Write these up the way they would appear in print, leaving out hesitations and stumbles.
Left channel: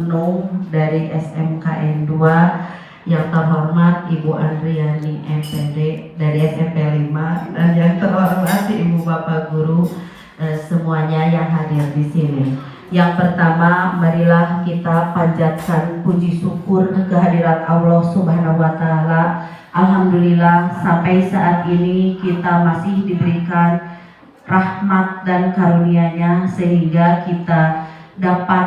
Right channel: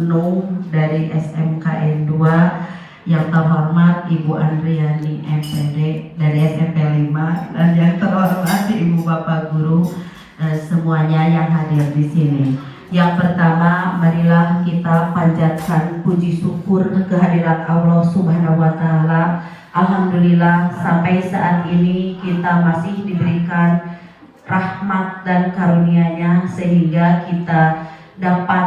Nung dari SMKN 2, yang terhormat Ibu Andriani MPD dari SMP 5, dan yang terhormat Ibu Bapak Guru semuanya yang hadir di sini. Yang pertama, marilah kita panjatkan puji syukur kehadirat Allah Subhanahu wa Ta'ala. Alhamdulillah sampai saat ini kita masih diberikan rahmat dan karunia-Nya sehingga kita dapat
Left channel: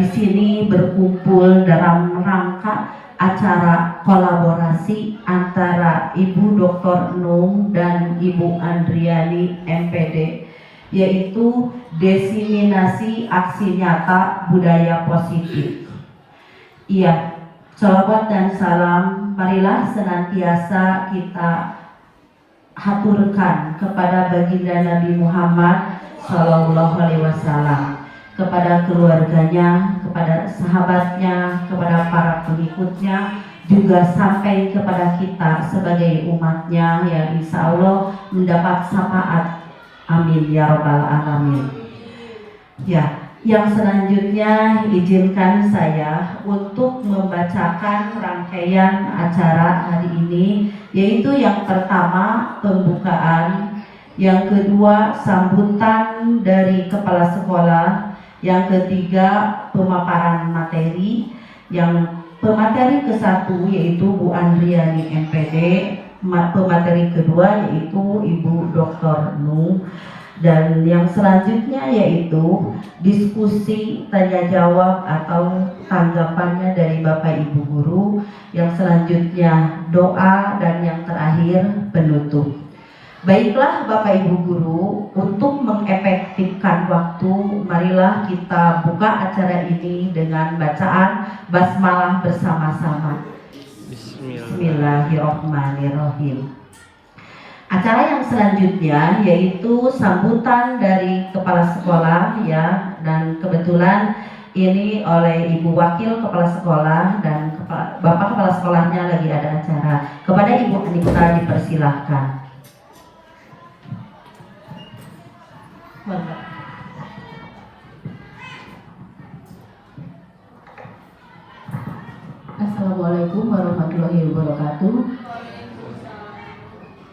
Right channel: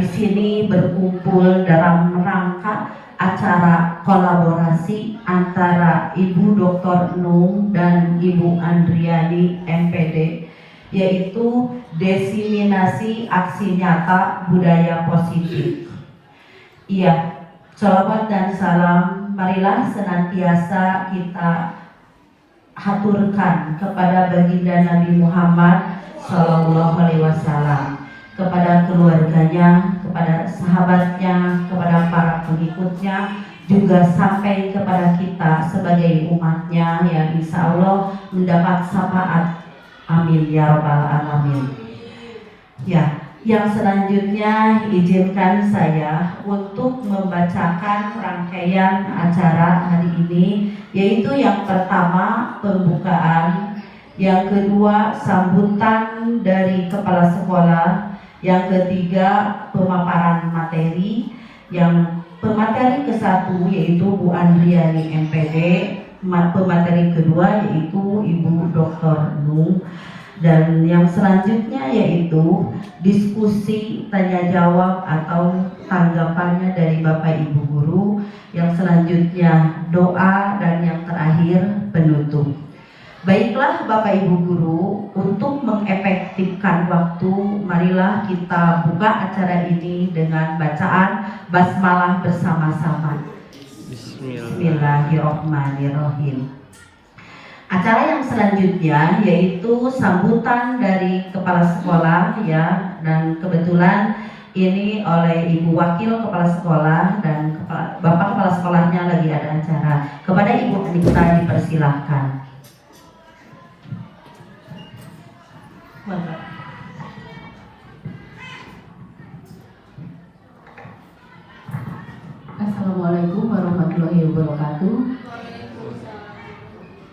di sini berkumpul dalam rangka acara kolaborasi antara Ibu Dr. Nung dan Ibu Andriani MPD, yaitu diseminasi aksi nyata budaya positif. Iya, salawat dan salam marilah senantiasa kita haturkan kepada baginda Nabi Muhammad SAW, kepada keluarganya, kepada sahabatnya, kepada para pengikutnya, juga sampai kepada kita sebagai umatnya yang insya Allah mendapat syafaat. Amin ya rabbal alamin. Ya, yang selanjutnya izinkan saya untuk membacakan rangkaian acara hari ini, yaitu yang pertama pembukaan, yang kedua sambutan dari kepala sekolah, yang ketiga pemaparan materi, yang pemateri ke-1 yaitu Bu Andriani MPD, pemateri kedua yaitu Ibu Dr. Nung, dan yang selanjutnya yaitu diskusi tanya jawab atau tanggapannya dari Bapak Ibu Guru, yang selanjutnya doa, dan yang terakhir penutup. Baiklah Bapak Ibu Guru, untuk mengefektifkan waktu, marilah kita buka acara ini dengan bacaan basmalah bersama-sama. Bismillahirrahmanirrahim. Acara yang selanjutnya yaitu sambutan dari kepala sekolah, ya, dan kebetulan ini oleh Ibu Wakil Kepala Sekolah dan Bapak Kepala Sekolahnya lagi ada acara. Kepada Ibu Anita dipersilahkan. Assalamualaikum warahmatullahi wabarakatuh.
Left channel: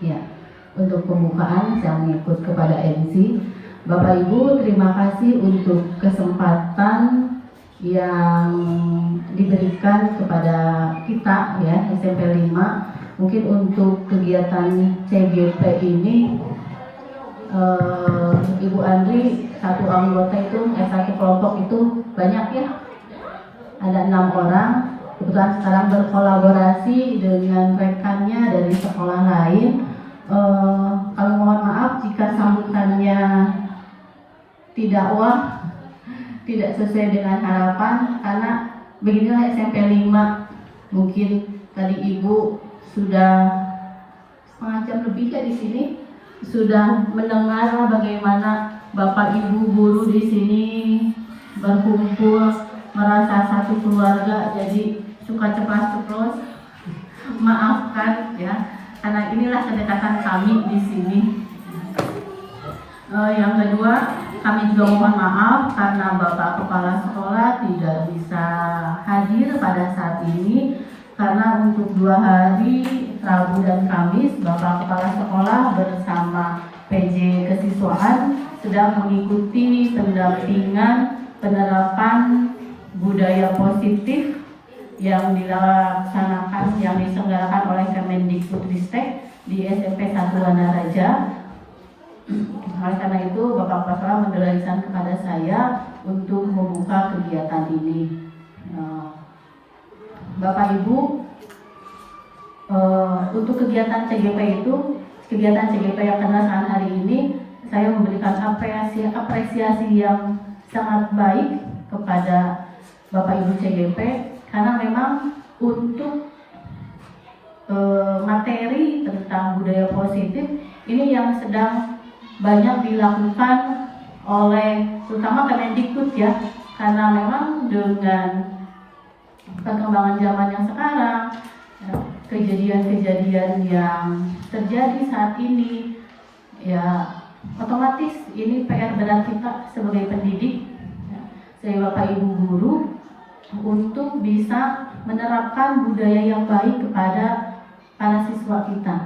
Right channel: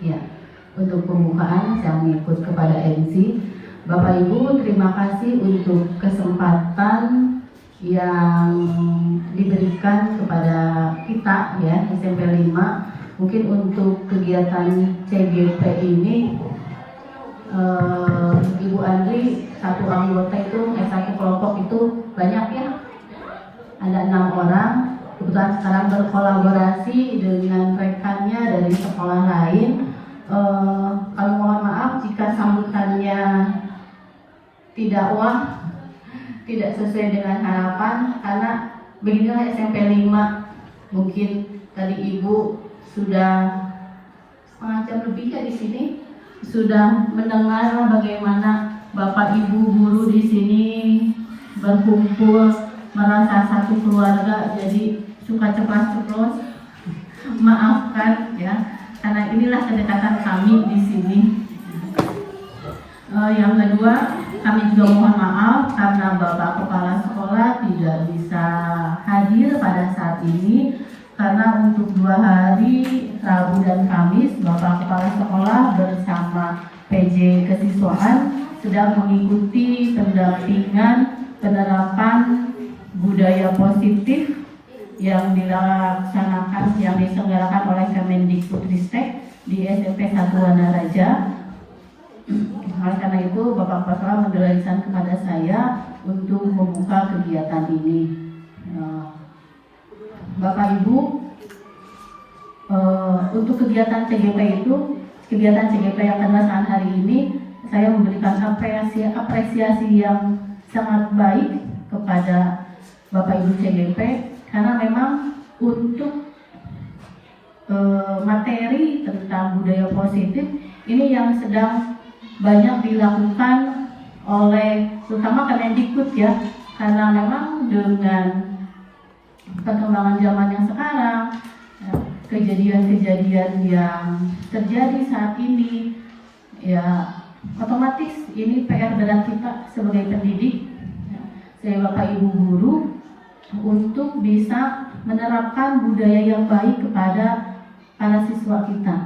Ya, untuk pembukaan saya mengikut kepada MC. Bapak Ibu, terima kasih untuk kesempatan yang diberikan kepada kita, ya, SMP 5. Mungkin untuk kegiatan CGP ini Ibu Andri, satu anggota itu, satu kelompok itu banyak, ya, ada 6 orang. Kebetulan sekarang berkolaborasi dengan rekannya dari sekolah lain. Kalau mohon maaf jika sambutannya tidak tidak sesuai dengan harapan, karena beginilah SMP 5. Mungkin tadi Ibu sudah setengah jam lebih di sini, sudah mendengar bagaimana Bapak Ibu guru di sini berkumpul merasa satu keluarga, jadi suka ceplas-ceplos. Maafkan, ya, karena inilah kedekatan kami di sini. Yang kedua, kami juga mohon maaf karena Bapak Kepala Sekolah tidak bisa hadir pada saat ini, karena untuk 2 hari, Rabu dan Kamis, Bapak Kepala Sekolah bersama PJ Kesiswaan sedang mengikuti pendampingan penerapan budaya positif yang dilaksanakan, yang diselenggarakan oleh Kemendikbudristek di SMP 1 Wanaraja. Oleh karena itu, Bapak Kepala Sekolah mendelegasikan kepada saya untuk membuka kegiatan ini. Bapak Ibu, untuk kegiatan CGP itu, kegiatan CGP yang kedatangan hari ini, saya memberikan apresiasi yang sangat baik kepada Bapak Ibu CGP, karena memang untuk materi tentang budaya positif ini yang sedang banyak dilakukan oleh terutama Kemendikbud, ya, karena memang dengan perkembangan zaman yang sekarang, kejadian-kejadian yang terjadi saat ini, ya, otomatis ini PR berat kita sebagai pendidik. Saya Bapak Ibu guru untuk bisa menerapkan budaya yang baik kepada para siswa kita.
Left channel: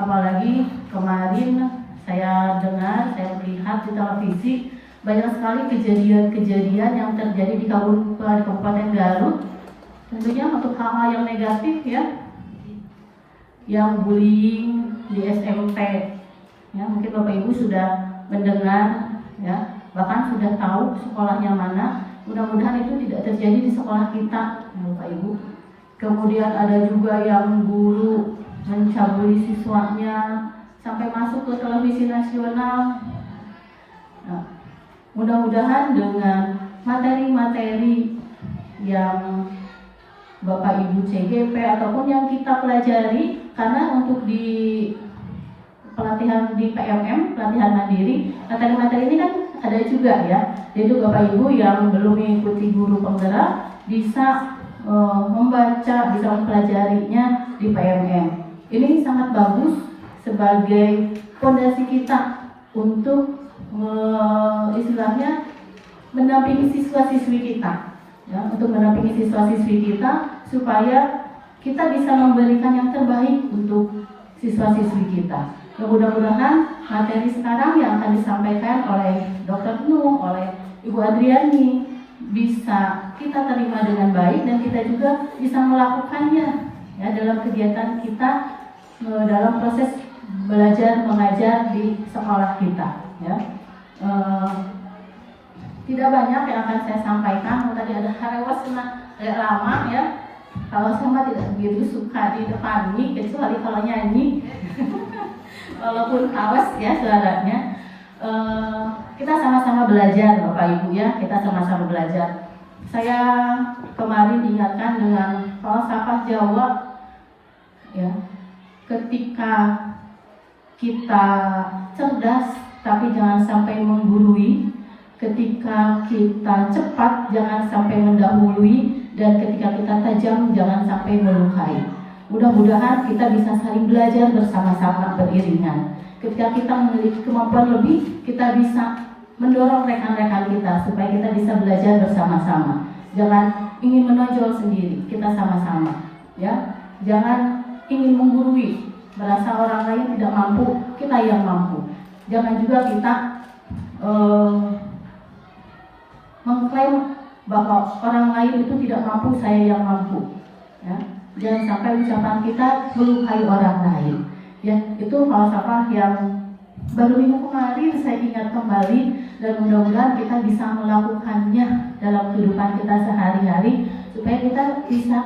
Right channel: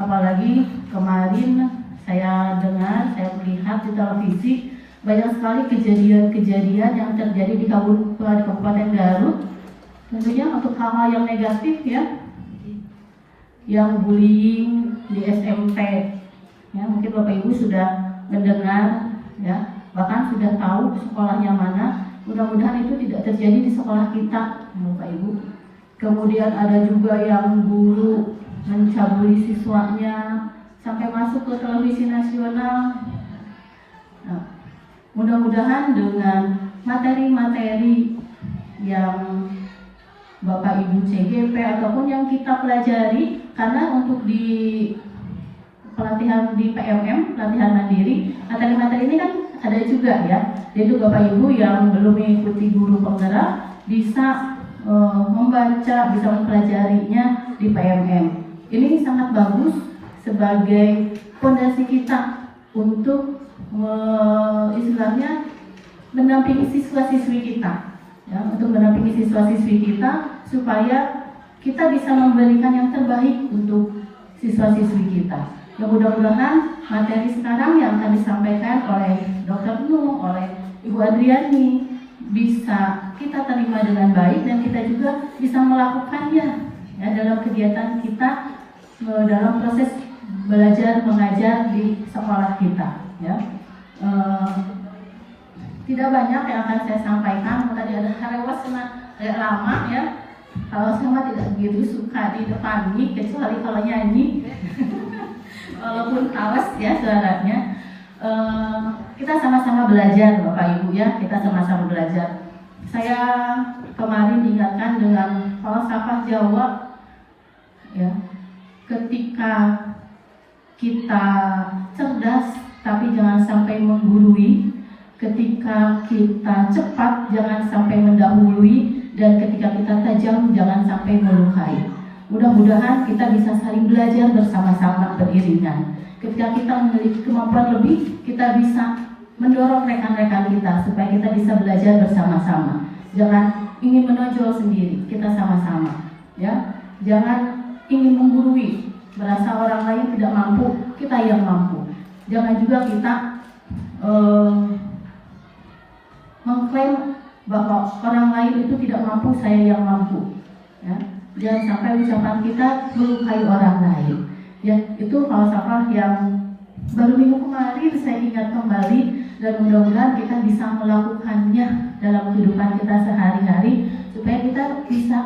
Apalagi kemarin saya dengar, saya melihat di televisi banyak sekali kejadian-kejadian yang terjadi di Kabupaten Garut. Tentunya untuk hal-hal yang negatif ya, yang bullying di SMP. Ya, mungkin Bapak Ibu sudah mendengar ya, bahkan sudah tahu sekolahnya mana. Mudah-mudahan itu tidak terjadi di sekolah kita, Bapak Ibu. Kemudian ada juga yang guru mencabuli siswanya sampai masuk ke televisi nasional. Nah, mudah-mudahan dengan materi-materi yang Bapak Ibu CGP ataupun yang kita pelajari, karena untuk di pelatihan di PMM, pelatihan mandiri, materi-materi ini kan ada juga ya. Jadi Bapak Ibu yang belum mengikuti guru penggerak bisa membaca, bisa mempelajarinya di PMM. Ini sangat bagus sebagai fondasi kita untuk istilahnya mendampingi siswa-siswi kita, ya, untuk mendampingi siswa-siswi kita supaya kita bisa memberikan yang terbaik untuk siswa-siswi kita. Mudah-mudahan materi sekarang yang akan disampaikan oleh Dr. Nuh, oleh Ibu Adriani bisa kita terima dengan baik dan kita juga bisa melakukannya ya, dalam kegiatan kita dalam proses belajar mengajar di sekolah kita. Ya. Tidak banyak yang akan saya sampaikan. Tadi ada Harewas kena agak lama ya. Kalau semua tidak begitu suka di depan mic, kecuali kalau nyanyi. Walaupun hawas ya suaranya. Kita sama-sama belajar Bapak Ibu ya, kita sama-sama belajar. Saya kemarin diingatkan dengan falsafah Jawa ya. Ketika kita cerdas tapi jangan sampai menggurui, ketika kita cepat jangan sampai mendahului, dan ketika kita tajam jangan sampai melukai. Mudah-mudahan kita bisa saling belajar bersama-sama beriringan. Ketika kita memiliki kemampuan lebih, kita bisa mendorong rekan-rekan kita supaya kita bisa belajar bersama-sama. Jangan ingin menonjol sendiri, kita sama-sama. Ya, jangan ingin menggurui, merasa orang lain tidak mampu, kita yang mampu. Jangan juga kita mengklaim bahwa orang lain itu tidak mampu, saya yang mampu. Ya, jangan sampai ucapan kita melukai orang lain. Ya, itu falsafah yang baru minggu kemarin saya ingat kembali, dan mudah-mudahan kita bisa melakukannya dalam kehidupan kita sehari-hari supaya kita bisa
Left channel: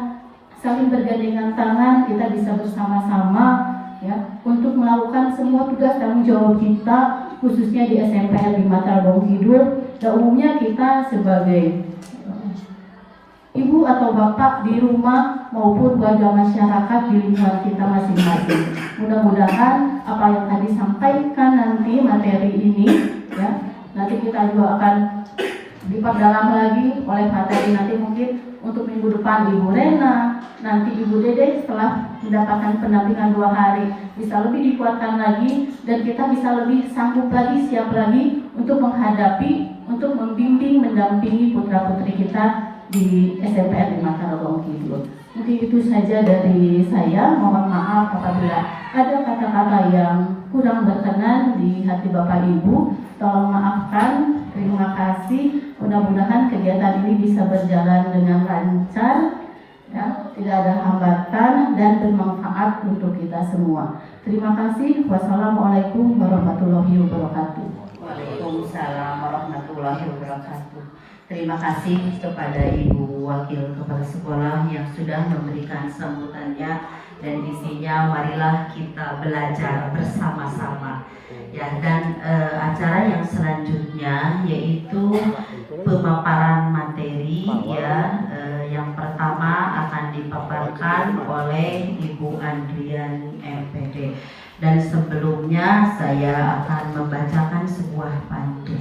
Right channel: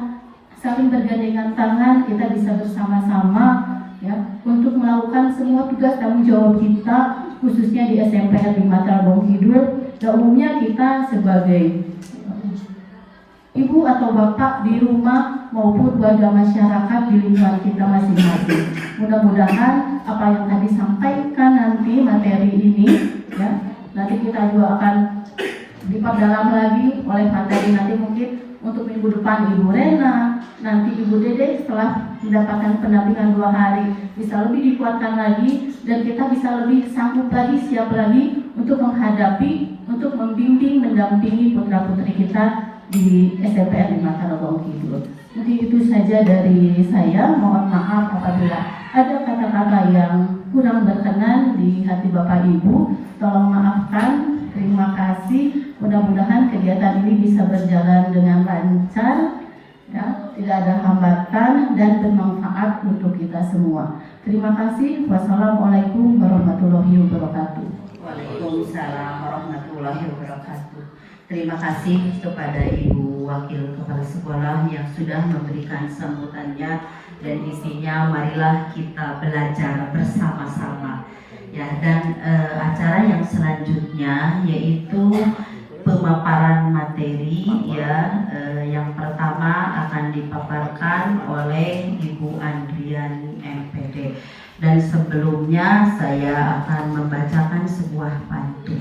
saling bergandengan tangan, kita bisa bersama-sama ya untuk melakukan semua tugas tanggung jawab kita, khususnya di SMPN 5 Tarogong Kidul. Dan umumnya kita sebagai ibu atau bapak di rumah maupun warga masyarakat di lingkungan kita masing-masing. Mudah-mudahan apa yang tadi sampaikan nanti materi ini ya, nanti kita juga akan diperdalam lagi oleh materi nanti mungkin untuk minggu depan Ibu Rena, nanti Ibu Dede setelah mendapatkan pendampingan 2 hari bisa lebih dikuatkan lagi, dan kita bisa lebih sanggup lagi, siap lagi untuk menghadapi, untuk membimbing, mendampingi putra-putri kita di SMPN 5 Tarogong Kidul. Mungkin itu saja dari saya. Mohon maaf apabila ada kata-kata yang kurang berkenan di hati Bapak Ibu. Tolong maafkan. Terima kasih. Mudah-mudahan kegiatan ini bisa berjalan dengan lancar, ya, tidak ada hambatan dan bermanfaat untuk kita semua. Terima kasih. Wassalamualaikum warahmatullahi wabarakatuh. Waalaikumsalam warahmatullahi wabarakatuh. Terima kasih kepada Ibu Wakil Kepala Sekolah yang sudah memberikan sambutannya, dan isinya marilah kita belajar bersama-sama. Ya, dan acara yang selanjutnya yaitu pemaparan materi ya, yang pertama akan dipaparkan oleh Ibu Andriani MPD, dan sebelumnya saya akan membacakan sebuah pantun.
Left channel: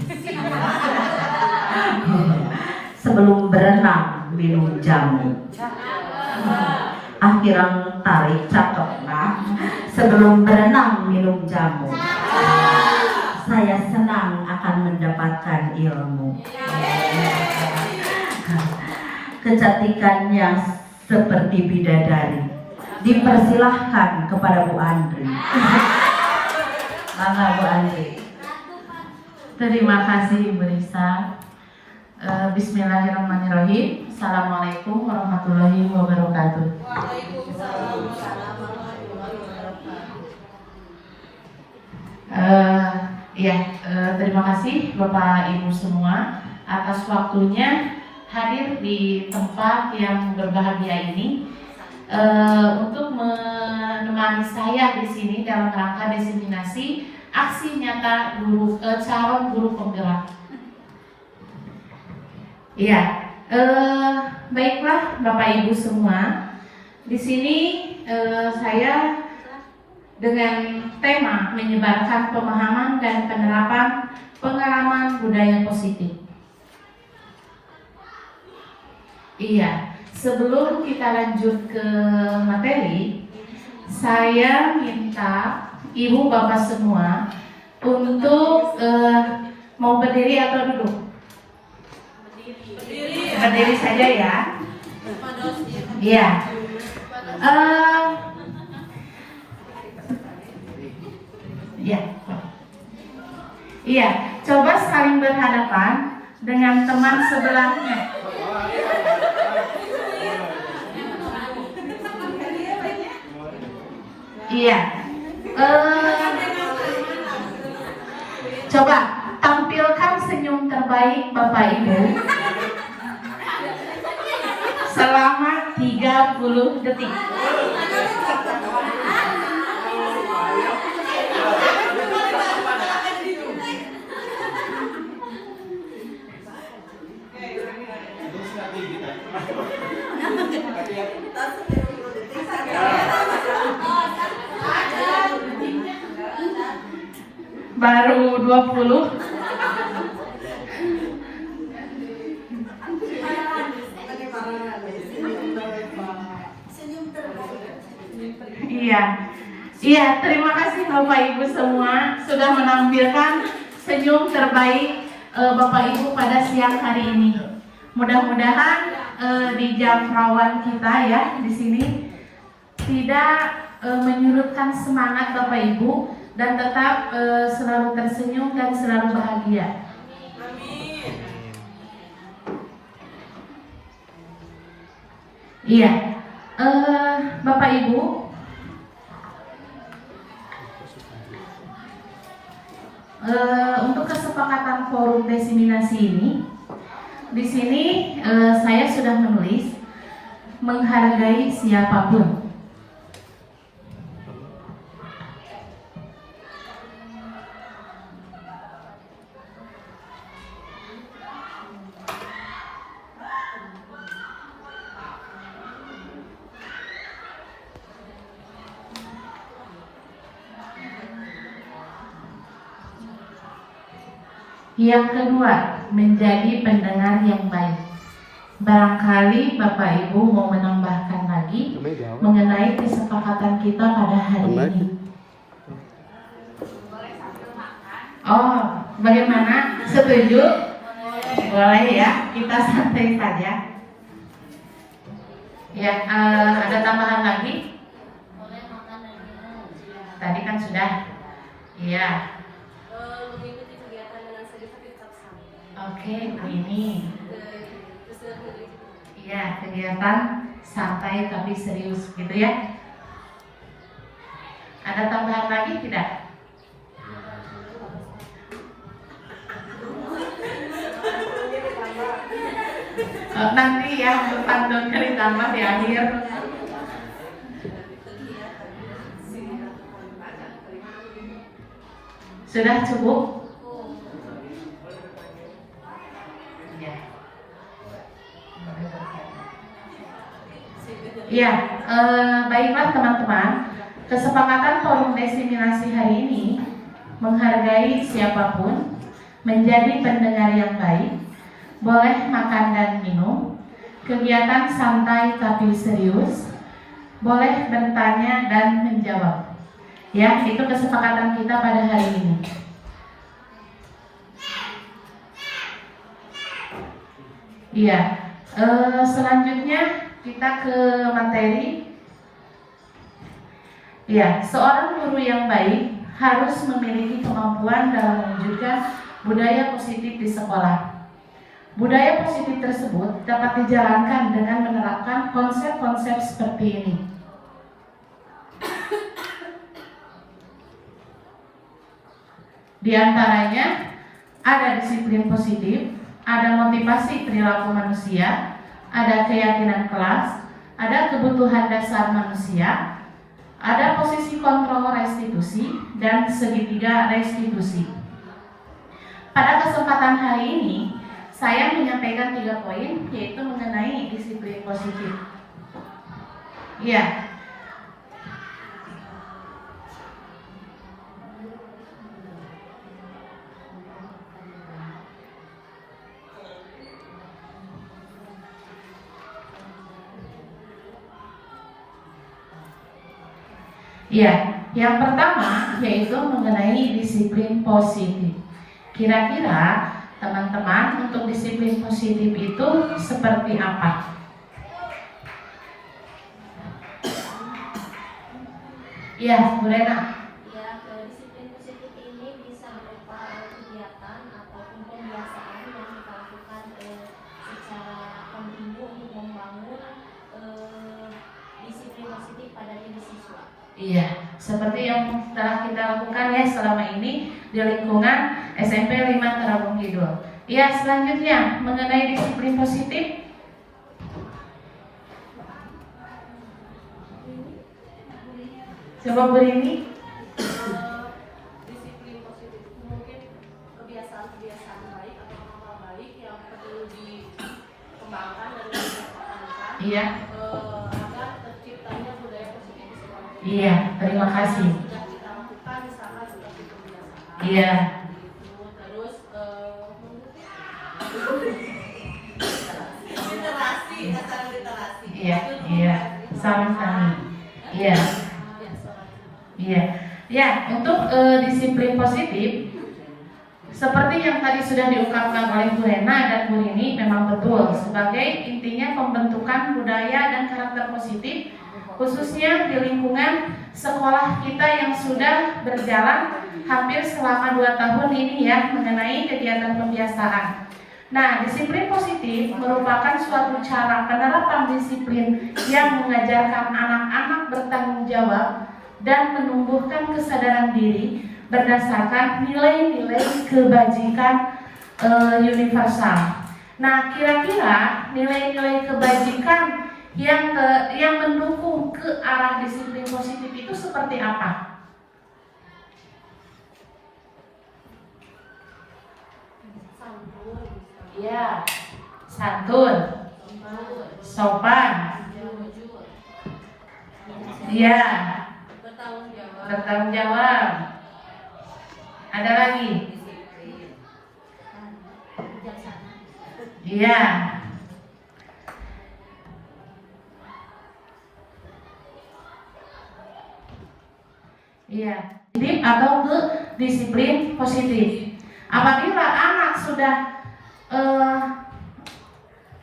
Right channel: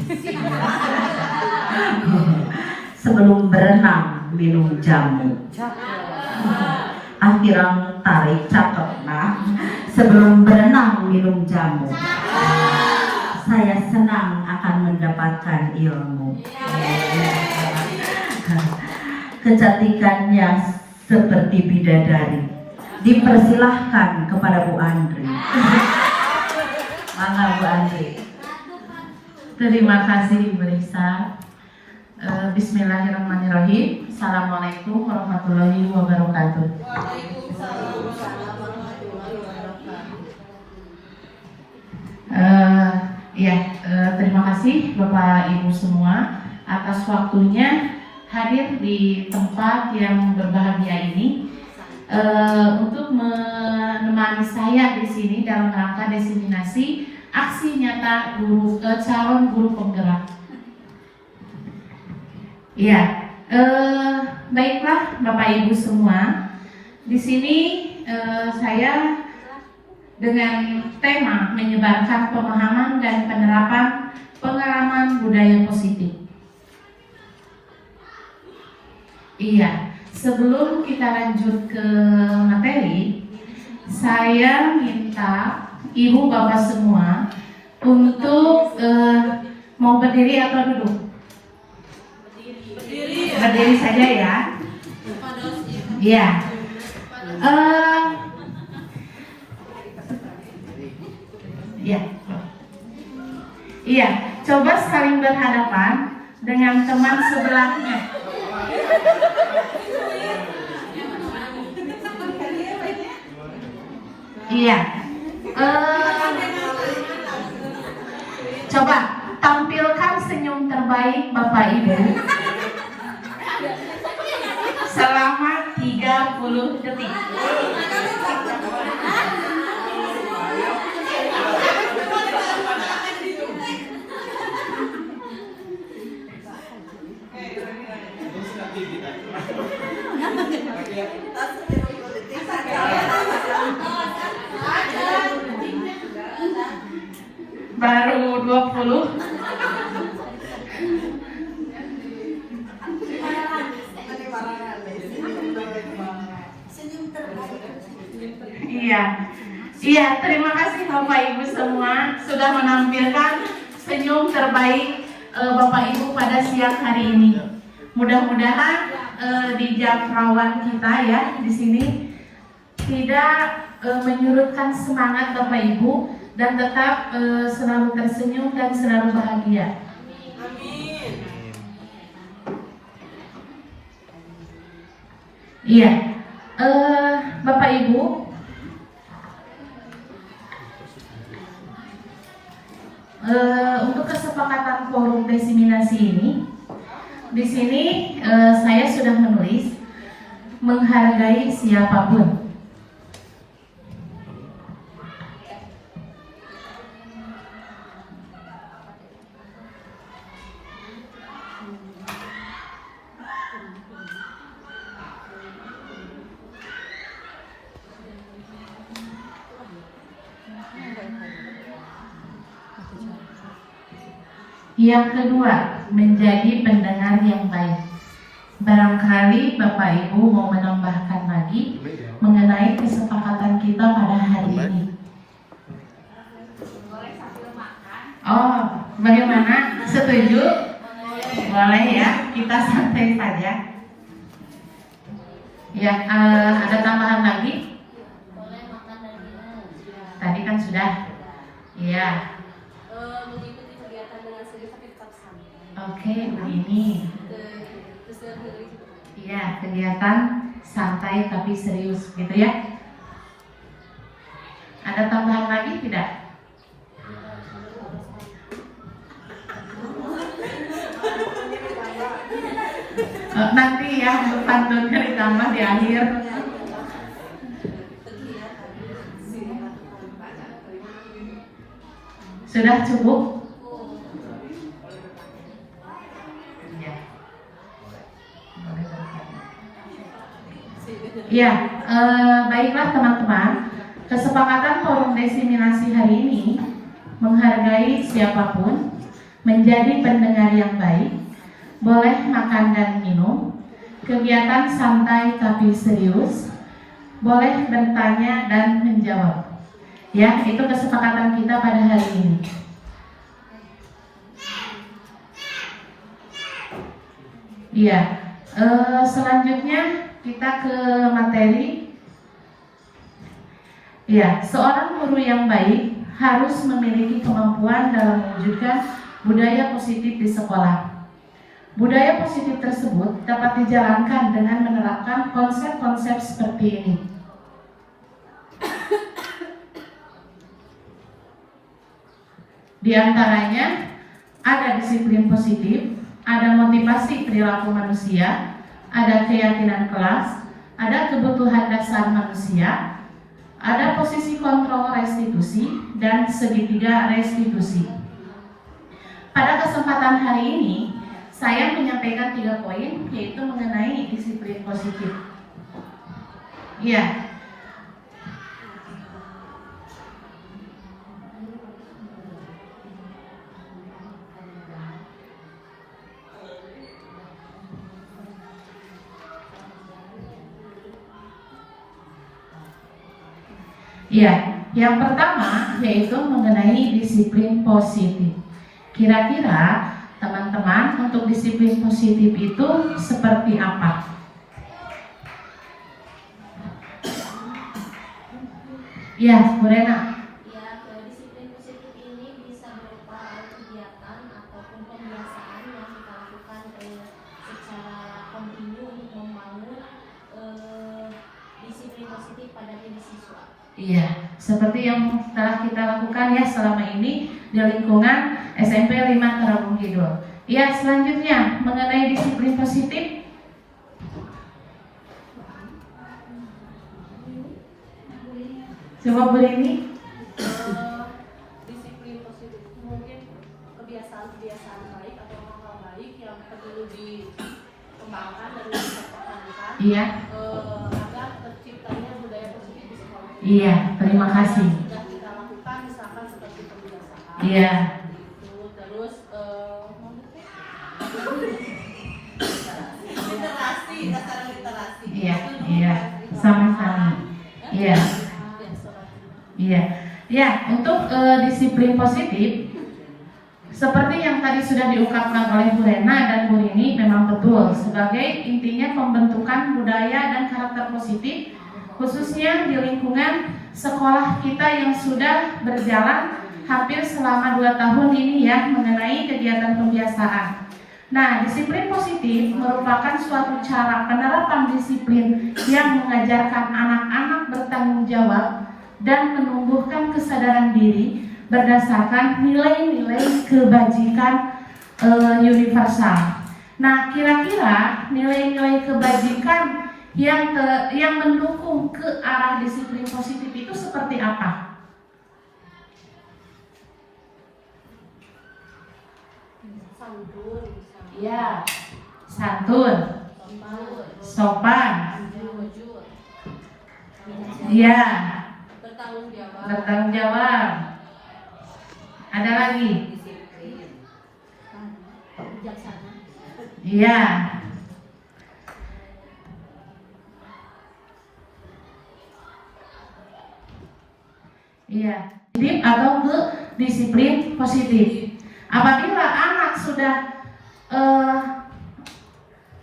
Sebelum berenang minum jamu, akhiran tarik cakep nah. Sebelum berenang minum jamu, saya senang akan mendapatkan ilmu. kecantikannya seperti bidadari. Dipersilahkan kepada Bu Andri. Mangga Bu Andri. Terima kasih Ibu Risa. Bismillahirrahmanirrahim. Assalamualaikum warahmatullahi wabarakatuh. Terima kasih Bapak Ibu semua atas waktunya hadir di tempat yang berbahagia ini untuk menemani saya di sini dalam rangka diseminasi aksi nyata calon guru penggerak. Baiklah Bapak Ibu semua, di sini saya dengan tema menyebarkan pemahaman dan penerapan pengalaman budaya positif. Sebelum kita lanjut ke materi, saya minta Ibu Bapak semua untuk mau berdiri atau duduk? Berdiri saja ya. Coba saling berhadapan dengan teman sebelahnya. Coba tampilkan senyum terbaik Bapak Ibu selama 30 detik. Baru 20. Terima kasih Bapak Ibu semua sudah menampilkan senyum terbaik Bapak Ibu pada siang hari ini. Mudah-mudahan di jam rawan kita ya di sini tidak menyurutkan semangat Bapak Ibu dan tetap selalu tersenyum dan selalu bahagia. Bapak Ibu, untuk kesepakatan forum diseminasi ini, di sini saya sudah menulis menghargai siapapun. Yang kedua, menjadi pendengar yang baik. Barangkali Bapak Ibu mau menambahkan lagi mengenai kesepakatan kita pada hari ini. Oh, bagaimana? Setuju? Boleh ya, kita santai saja. Ada tambahan lagi? Tadi kan sudah. Oke, begini. Kegiatan santai tapi serius gitu ya. Ada tambahan lagi tidak? Nanti ya, pantunnya ditambah di akhir. Sudah cukup? Baiklah teman-teman, kesepakatan forum diseminasi hari ini menghargai siapapun, menjadi pendengar yang baik, boleh makan dan minum, kegiatan santai tapi serius, boleh bertanya dan menjawab. Itu kesepakatan kita pada hari ini. Selanjutnya kita ke materi. Ya, seorang guru yang baik harus memiliki kemampuan dalam mewujudkan budaya positif di sekolah. Budaya positif tersebut dapat dijalankan dengan menerapkan konsep-konsep seperti ini. Di antaranya ada disiplin positif, ada motivasi perilaku manusia, ada keyakinan kelas, ada kebutuhan dasar manusia, ada posisi kontrol restitusi, dan segitiga restitusi. Pada kesempatan hari ini, saya menyampaikan 3 poin, yaitu mengenai disiplin positif. Ya. Ya, yang pertama yaitu mengenai disiplin positif. Kira-kira teman-teman untuk disiplin positif itu seperti apa? Ya, Bu Rena. Ya, disiplin positif ini bisa berupa kegiatan ataupun pembiasaan yang kita lakukan secara kontinu untuk membangun disiplin positif pada diri siswa. Iya, seperti yang telah kita lakukan ya selama ini di lingkungan SMP 5 Tarabung Kidul. Ya, selanjutnya mengenai disiplin positif. Coba Bu ini. Disiplin positif mungkin kebiasaan-kebiasaan baik atau hal-hal baik yang perlu dikembangkan dan dipertahankan. Iya. Agar terciptanya budaya positif di sekolah. Iya, terima kasih. Sudah kita lakukan misalkan seperti kebiasaan. Iya. Terus literasi, masalah literasi. Iya, iya. Sama-sama. Iya. Iya. Ya, untuk disiplin positif seperti yang tadi sudah diungkapkan oleh Bu Rena dan Bu Rini, memang betul sebagai intinya pembentukan budaya dan karakter positif khususnya di lingkungan sekolah kita yang sudah berjalan hampir selama 2 tahun ini ya, mengenai kegiatan pembiasaan. Nah, disiplin positif merupakan suatu cara penerapan disiplin yang mengajarkan anak-anak bertanggung jawab dan menumbuhkan kesadaran diri berdasarkan nilai-nilai kebajikan universal. Nah, kira-kira nilai-nilai kebajikan yang mendukung ke arah disiplin positif itu seperti apa? Ya, santun, sopan, ya, bertanggung jawab. Ada lagi? Iya. Iya, positif atau ke disiplin positif. Apabila anak sudah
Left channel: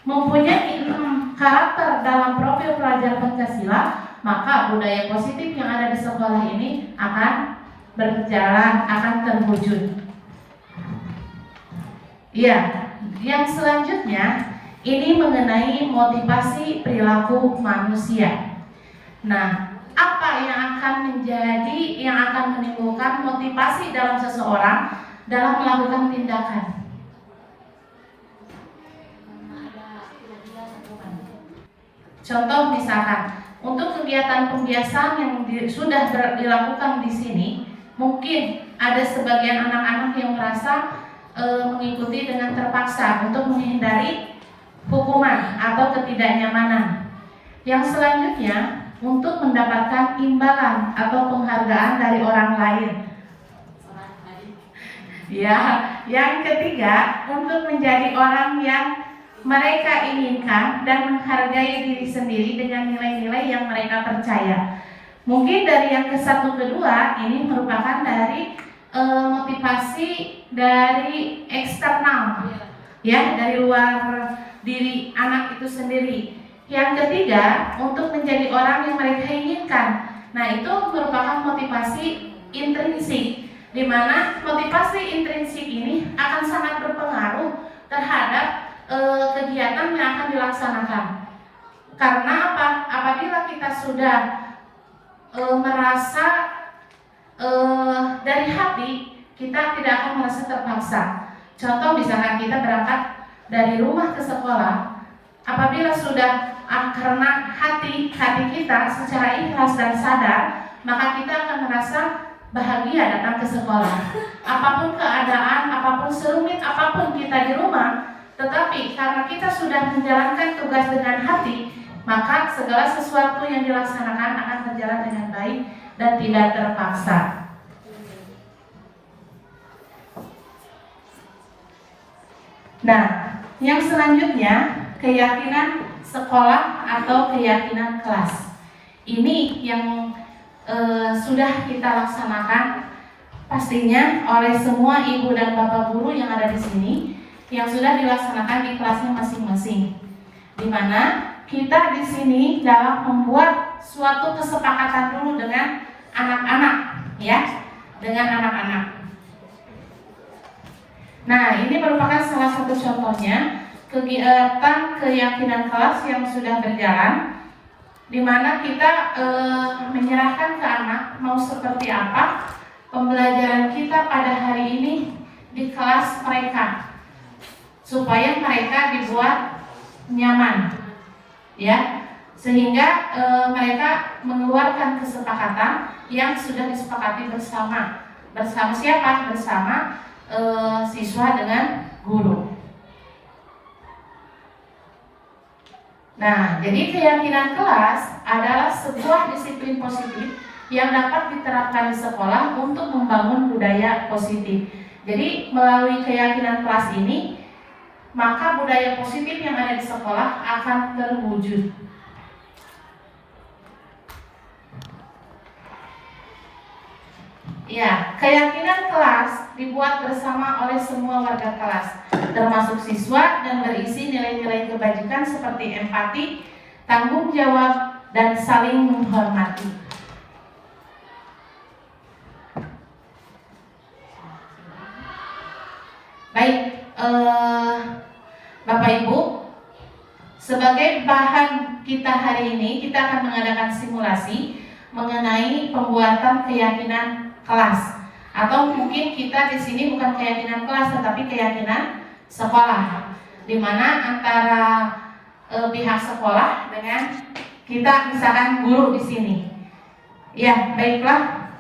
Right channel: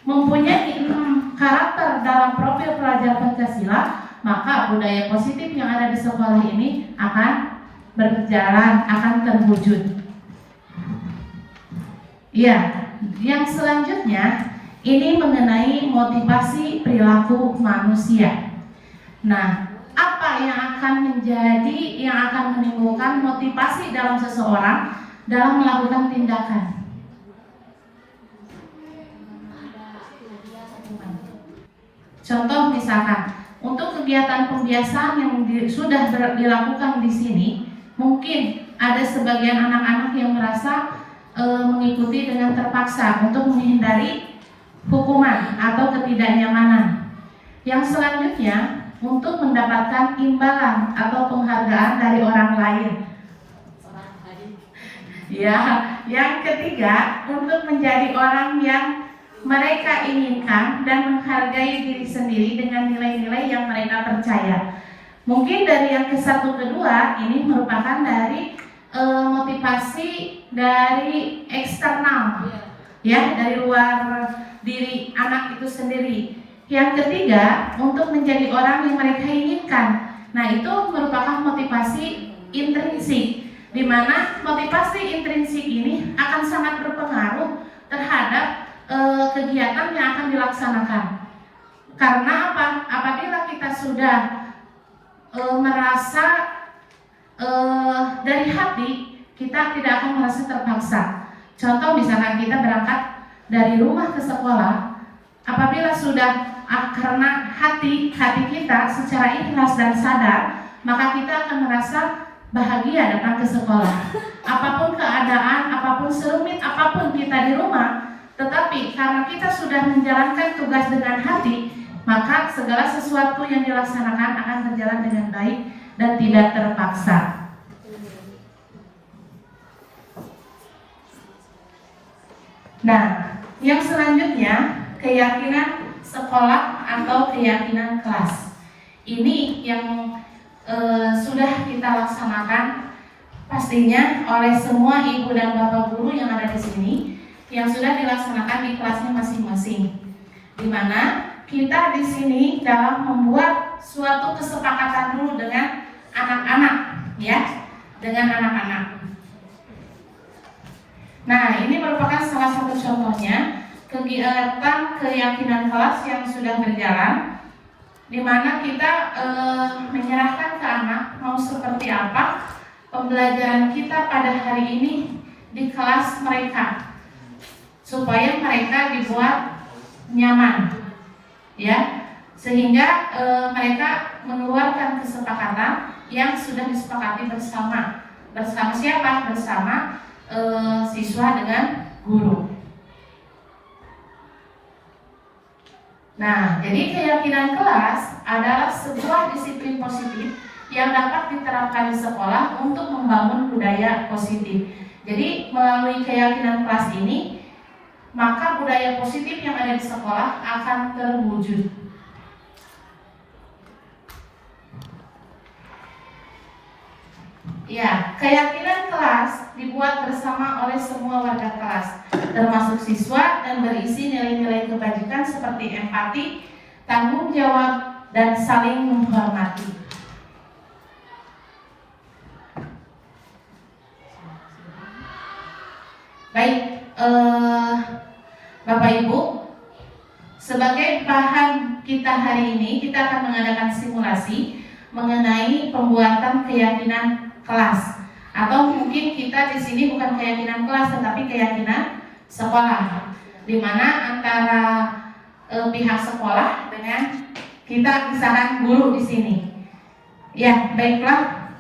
mempunyai karakter dalam profil pelajar Pancasila, maka budaya positif yang ada di sekolah ini akan berjalan, akan terwujud. Iya, yang selanjutnya ini mengenai motivasi perilaku manusia. Nah, apa yang akan menimbulkan motivasi dalam seseorang dalam melakukan tindakan? Contoh misalkan untuk kegiatan pembiasaan yang sudah dilakukan di sini, mungkin ada sebagian anak-anak yang merasa mengikuti dengan terpaksa untuk menghindari hukuman atau ketidaknyamanan. Yang selanjutnya untuk mendapatkan imbalan atau penghargaan dari orang lain. Ya, yang ketiga untuk menjadi orang yang mereka inginkan dan menghargai diri sendiri dengan nilai-nilai yang mereka percaya. Mungkin dari yang ke-1 kedua ini merupakan dari motivasi dari eksternal. ya, dari luar diri anak itu sendiri. Yang ketiga, untuk menjadi orang yang mereka inginkan. Nah, itu merupakan motivasi intrinsik, di mana motivasi intrinsik ini akan sangat berpengaruh terhadap kegiatan yang akan dilaksanakan. Karena apa? Apabila kita sudah merasa dari hati, kita tidak akan merasa terpaksa. Contoh misalkan kita berangkat dari rumah ke sekolah, apabila sudah karena hati kita secara ikhlas dan sadar, maka kita akan merasa bahagia datang ke sekolah. Apapun keadaan, apapun serumit, apapun kita di rumah, tetapi karena kita sudah menjalankan tugas dengan hati, maka segala sesuatu yang dilaksanakan akan berjalan dengan baik dan tidak terpaksa. Nah, yang selanjutnya, keyakinan sekolah atau keyakinan kelas. Ini yang sudah kita laksanakan pastinya oleh semua ibu dan bapak guru yang ada di sini, yang sudah dilaksanakan di kelasnya masing-masing. Di mana kita di sini dalam membuat suatu kesepakatan dulu dengan anak-anak, ya, dengan anak-anak. Nah, ini merupakan salah satu contohnya kegiatan keyakinan kelas yang sudah berjalan, di mana kita menyerahkan ke anak mau seperti apa pembelajaran kita pada hari ini di kelas mereka, supaya mereka dibuat nyaman, ya, sehingga mereka mengeluarkan kesepakatan yang sudah disepakati bersama siapa? Bersama siswa dengan guru. Nah, jadi keyakinan kelas adalah sebuah disiplin positif yang dapat diterapkan di sekolah untuk membangun budaya positif. Jadi melalui keyakinan kelas ini, maka budaya positif yang ada di sekolah akan terwujud. Ya, keyakinan kelas dibuat bersama oleh semua warga kelas, termasuk siswa, dan berisi nilai-nilai kebajikan seperti empati, tanggung jawab, dan saling menghormati. Baik, Bapak Ibu, sebagai bahan kita hari ini, kita akan mengadakan simulasi mengenai pembuatan keyakinan kelas, atau mungkin kita di sini bukan keyakinan kelas tetapi keyakinan sekolah, di mana antara pihak sekolah dengan kita, misalkan guru di sini. Ya, baiklah.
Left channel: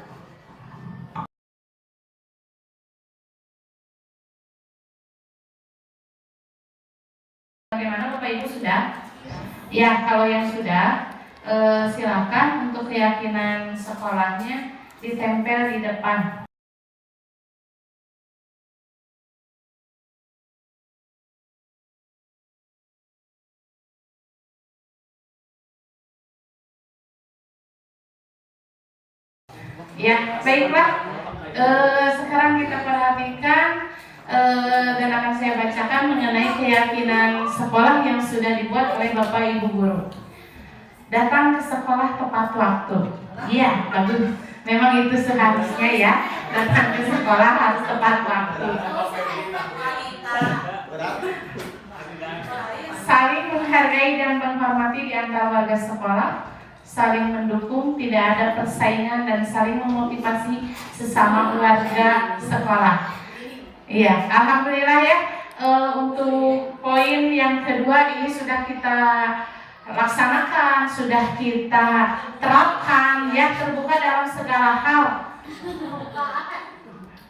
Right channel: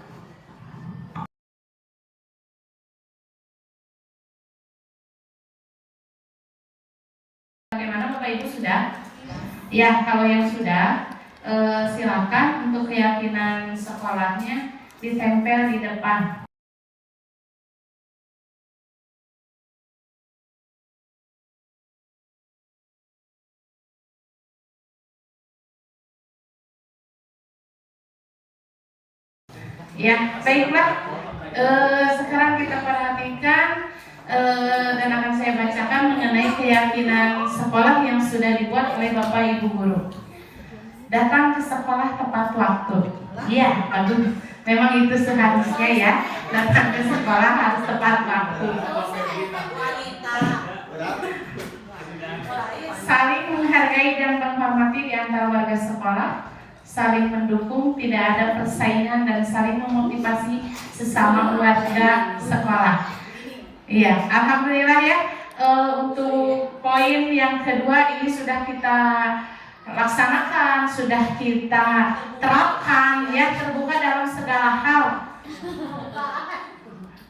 Bagaimana Bapak Ibu sudah? Ya, kalau yang sudah, silakan untuk keyakinan sekolahnya ditempel di depan. Ya, baiklah. Sekarang kita perhatikan dan akan saya bacakan mengenai keyakinan sekolah yang sudah dibuat oleh Bapak Ibu guru. Datang ke sekolah tepat waktu. Ya, bagus. Memang itu seharusnya ya, datang ke sekolah harus tepat waktu. Saling menghargai dan menghormati di antara warga sekolah, saling mendukung, tidak ada persaingan, dan saling memotivasi sesama warga sekolah. Iya, alhamdulillah ya. Untuk poin yang kedua ini sudah kita laksanakan, sudah kita terapkan, ya, terbuka dalam segala hal,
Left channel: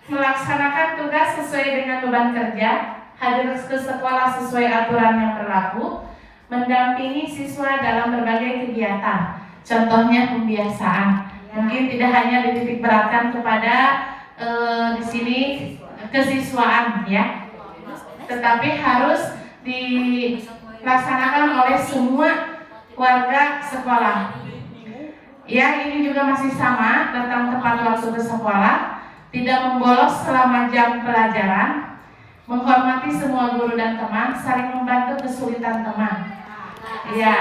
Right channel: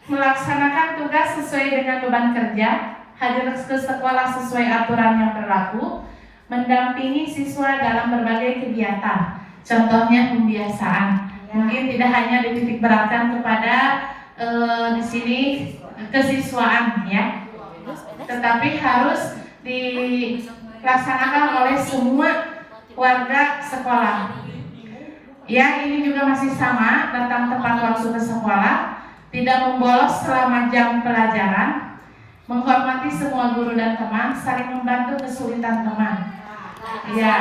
melaksanakan tugas sesuai dengan beban kerja, hadir ke sekolah sesuai aturan yang berlaku, mendampingi siswa dalam berbagai kegiatan, contohnya pembiasaan. Mungkin tidak hanya dititik beratkan kepada di sini kesiswaan, ya, tetapi harus dilaksanakan oleh semua warga sekolah. Ya, ini juga masih sama, datang tepat waktu ke sekolah, tidak membolos selama jam pelajaran, menghormati semua guru dan teman, saling membantu kesulitan teman. Iya.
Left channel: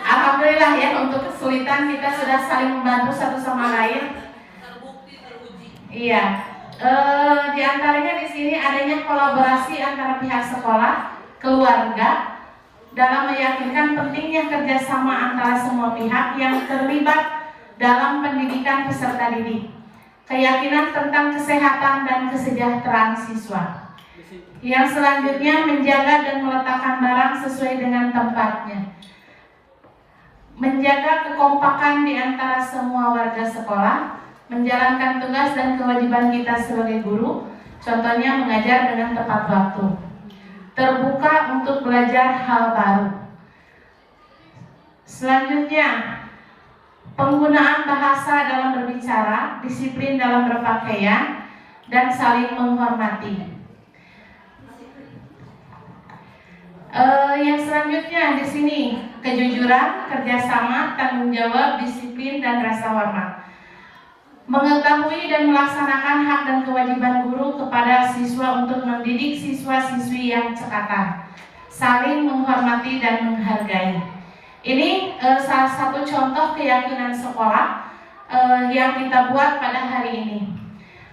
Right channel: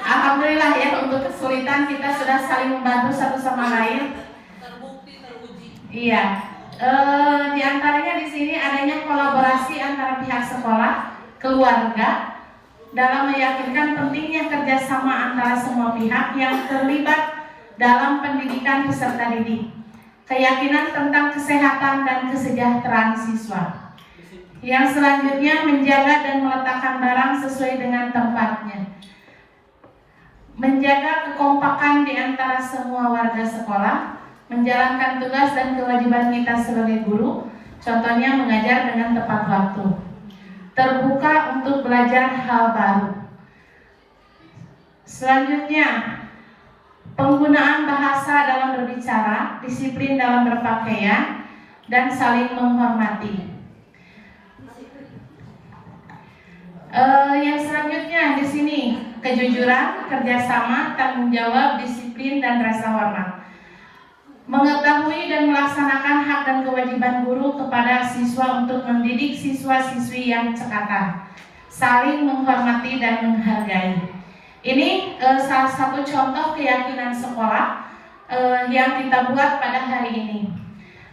Alhamdulillah ya, untuk kesulitan kita sudah saling membantu satu sama lain. Iya. Di antaranya di sini adanya kolaborasi antara pihak sekolah, keluarga dalam meyakinkan pentingnya kerjasama antara semua pihak yang terlibat dalam pendidikan peserta didik. Keyakinan tentang kesehatan dan kesejahteraan siswa. Yang selanjutnya menjaga dan meletakkan barang sesuai dengan tempatnya. Menjaga kekompakan di antara semua warga sekolah, menjalankan tugas dan kewajiban kita sebagai guru, contohnya mengajar dengan tepat waktu. Terbuka untuk belajar hal baru. Selanjutnya, penggunaan bahasa dalam berbicara, disiplin dalam berpakaian, dan saling menghormati. Yang selanjutnya di sini kejujuran, kerjasama, tanggung jawab, disiplin, dan rasa hormat. Mengetahui dan melaksanakan hak dan kewajiban guru kepada siswa untuk mendidik siswa-siswi yang cekatan, saling menghormati dan menghargai. Ini salah satu contoh keyakinan sekolah yang kita buat pada hari ini.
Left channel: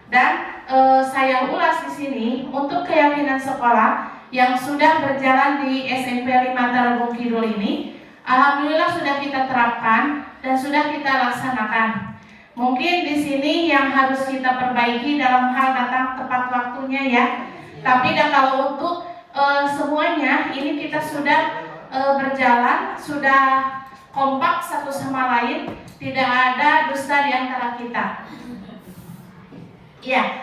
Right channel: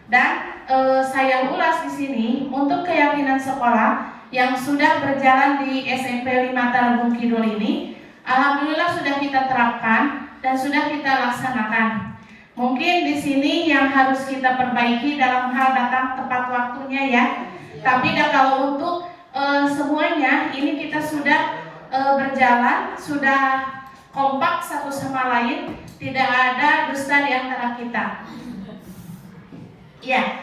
Dan saya ulas di sini untuk keyakinan sekolah yang sudah berjalan di SMP 5 Tarogong Kidul ini, alhamdulillah sudah kita terapkan dan sudah kita laksanakan. Mungkin di sini yang harus kita perbaiki dalam hal datang tepat waktunya ya. Tapi kalau untuk semuanya ini kita sudah berjalan, sudah kompak satu sama lain, tidak ada dusta di antara kita. Ya,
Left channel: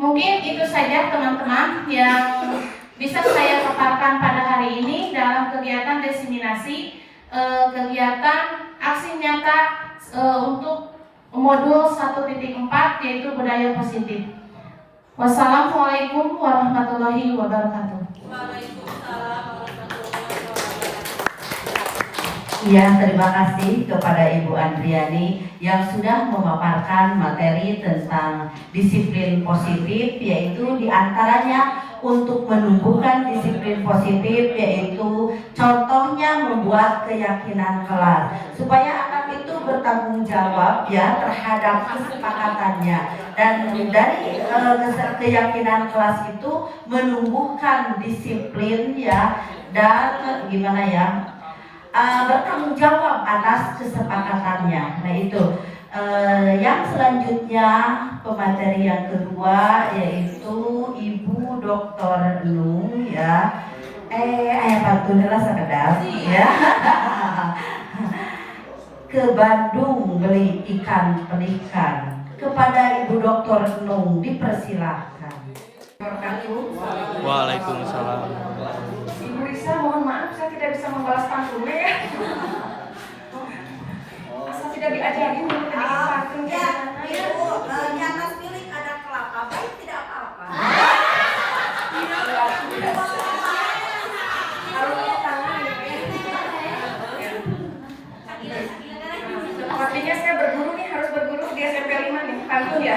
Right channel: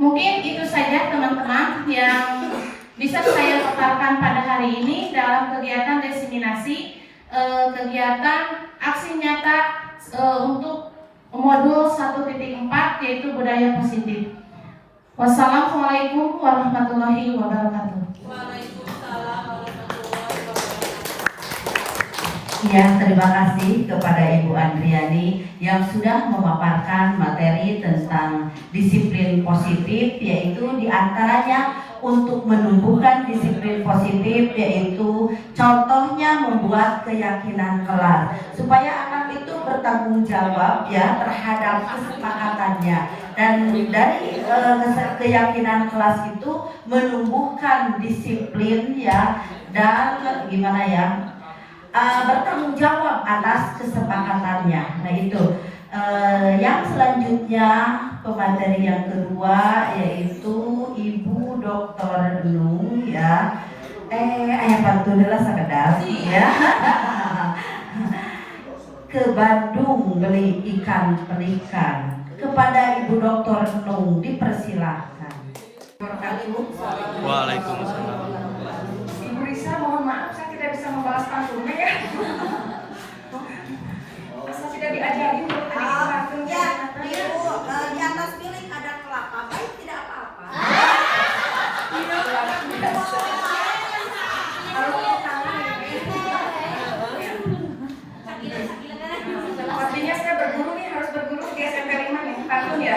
mungkin itu saja teman-teman yang bisa saya paparkan pada hari ini dalam kegiatan diseminasi, kegiatan aksi nyata untuk modul 1.4 yaitu budaya positif. Wassalamualaikum warahmatullahi wabarakatuh. Ya, terima kasih kepada Ibu Andriani yang sudah memaparkan materi tentang disiplin positif, yaitu diantaranya untuk menumbuhkan disiplin positif, yaitu contohnya membuat keyakinan kelas supaya anak itu bertanggung jawab ya terhadap kesepakatannya, dan dari keyakinan kelas itu menumbuhkan disiplin ya, dan gimana ya, bertanggung jawab atas kesepakatannya. Nah itu yang selanjutnya pemateri yang kedua yaitu Ibu Dr. Nung ya. Ayah pantun sekedar ya. Ke Bandung beli ikan pelikan. Kepada Ibu Dr. Nung dipersilahkan. Waalaikumsalam. Ibu Risa, mohon maaf saya tidak bisa membalas pantunnya ya. Asal tidak diajarin pantunnya. Ibu, di atas milik ada kelapa, baik tidak apa-apa. Kalau punya tangan artinya saya berguru nih, harus berguru di SMP 5 nih, pantun ya.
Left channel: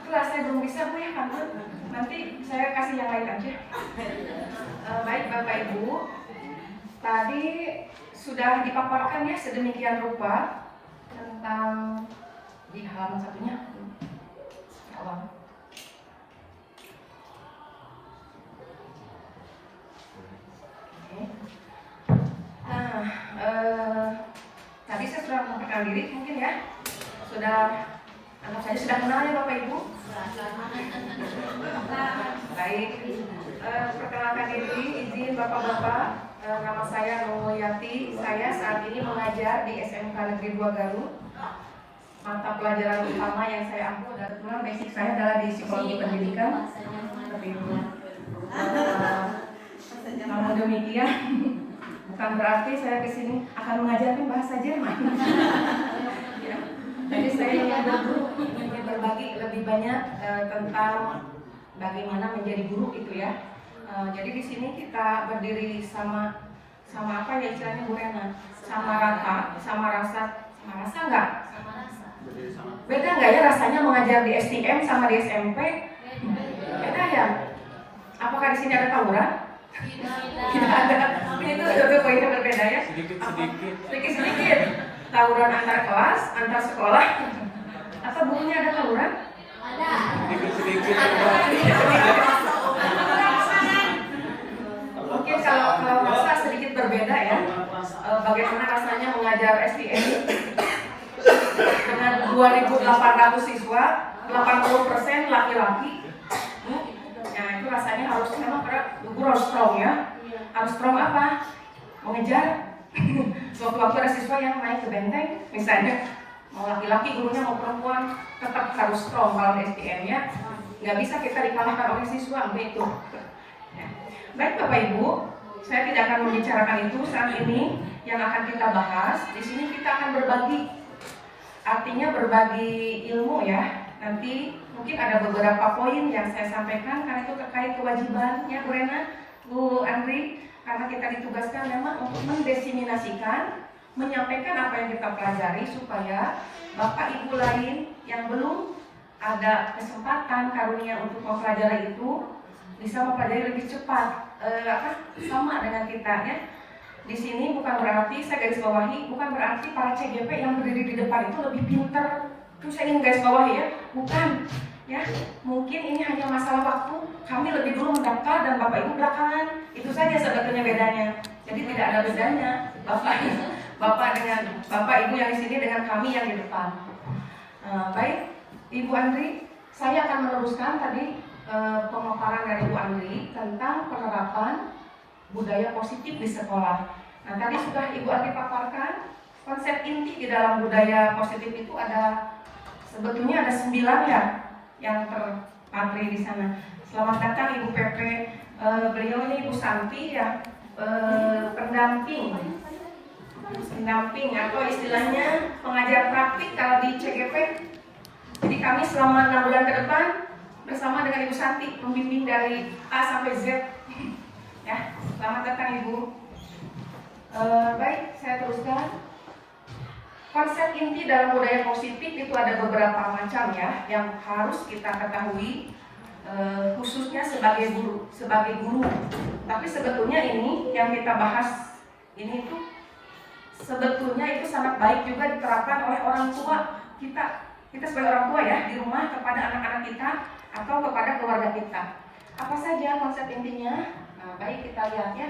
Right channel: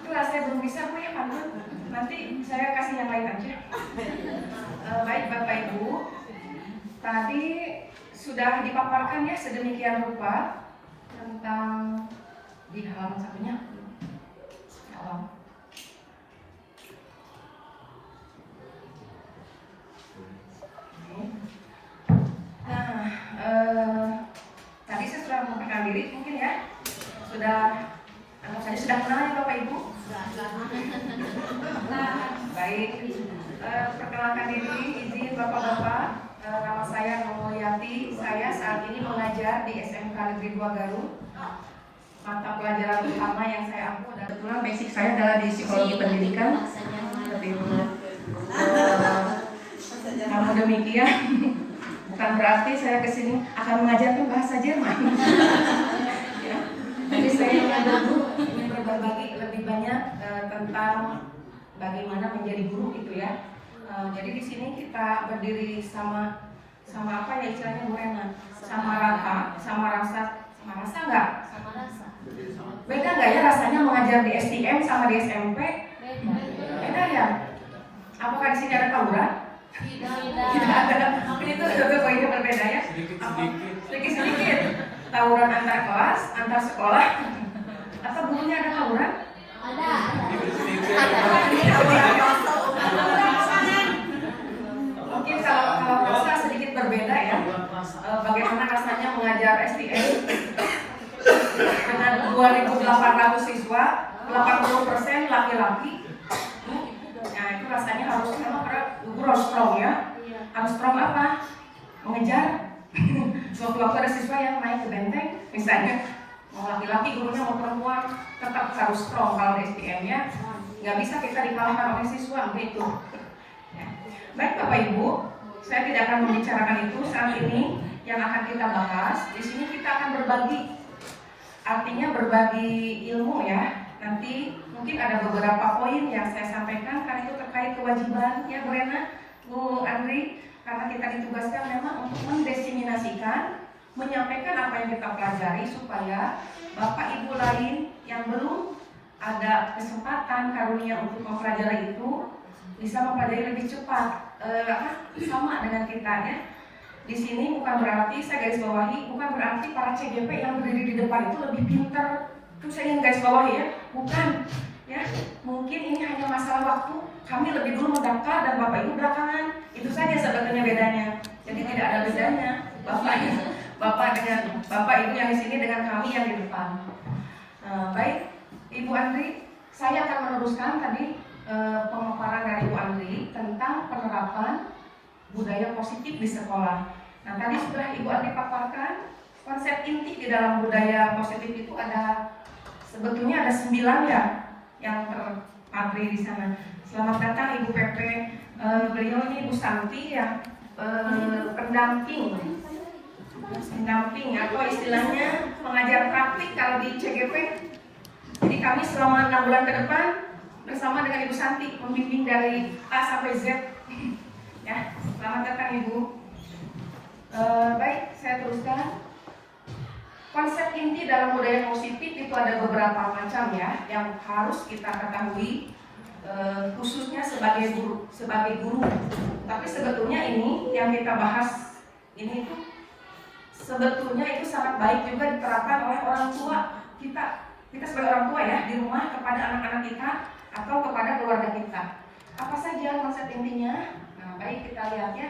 Itulah saya belum bisa Bu ya pantun. Nanti saya kasih yang lain aja. Baik Bapak Ibu, tadi sudah dipaparkan ya sedemikian rupa tentang di halaman satunya. Tadi saya sudah memperkenalkan diri mungkin ya. Anak saya sudah kenal ya Bapak Ibu. Baik, perkenalkan diri, izin Bapak-Bapak, nama saya Romoyati. Saya saat ini mengajar di SMK Negeri 2 Garut. Mata pelajaran utama yang saya ambil adalah kebetulan basic saya adalah di psikologi pendidikan. Namun demikian, bukan berarti saya kesini akan mengajarkan bahasa Jerman. Ya. Jadi saya ingin berbagi lebih banyak tentang bagaimana menjadi guru gitu ya. Jadi di sini kita berdiri sama apa ya istilahnya Bu Ena? Sama rasa enggak? Beda nggak ya rasanya mengajar di STM sama di SMP? Beda ya? Apakah di sini ada tawuran? Tidak ada. Itu juga poinnya berbeda ya? Sedikit-sedikit. Tawuran antar kelas, antar sekolah. Atau bukunya ada tawuran? Ada. Mungkin kalau rasa sedikit berbeda ya. Bagaimana rasanya mengajar STM dengan 2.800 siswa, 80% laki-laki. Nah itu rasanya harusnya memang guru harus strong ya. Harus strong apa? Mengejar. Suatu-waktu ada siswa yang naik ke benteng, misalnya mau laki-laki gurunya mau perempuan, tetap harus strong kalau STM-nya. Nggak bisa kita dikalahkan oleh siswa begitu. Baik Bapak Ibu, saya tidak akan membicarakan itu saat ini. Yang akan kita bahas di sini kita akan berbagi, artinya berbagi ilmu ya. Nanti mungkin ada beberapa poin yang saya sampaikan karena itu terkait kewajibannya Bu Rena, Bu Andri, karena kita ditugaskan memang untuk mendesiminasikan, menyampaikan apa yang kita pelajari supaya Bapak Ibu lain yang belum ada kesempatan karunia untuk mempelajari itu bisa mempelajari lebih cepat, sama dengan kita ya. Di sini bukan berarti, saya garis bawahi, bukan berarti para CGP yang berdiri di depan itu lebih pintar. Itu saya ingin garis bawahi ya, bukan. Ya, mungkin ini hanya masalah waktu. Kami lebih dulu mendaftar dan Bapak Ibu belakangan. Itu saja sebetulnya bedanya. Jadi tidak ada bedanya. Bapak Ibu yang di sini dengan kami yang di depan. Baik, Ibu Andri, saya akan meneruskan tadi pemaparan dari Ibu Andri tentang penerapan budaya positif di sekolah. Nah, tadi sudah Ibu Andri paparkan konsep inti di dalam budaya positif itu sebetulnya ada 9 ya yang terpatri di sana. Selamat datang Ibu PP, beliau ini Ibu Santi ya, pendamping atau istilahnya pengajar praktik kalau di CGP. Jadi kami selama 6 bulan ke depan bersama dengan Ibu Santi membimbing dari A sampai Z. Ya, selamat datang Ibu. Baik, saya teruskan. Konsep inti dalam budaya positif itu ada beberapa macam ya yang harus kita ketahui, khususnya sebagai guru. Tapi sebetulnya ini yang kita bahas ini itu sebetulnya itu sangat baik juga diterapkan oleh orang tua kita sebagai orang tua ya di rumah kepada anak-anak kita atau kepada keluarga kita. Apa saja konsep intinya? Nah, baik kita lihat ya.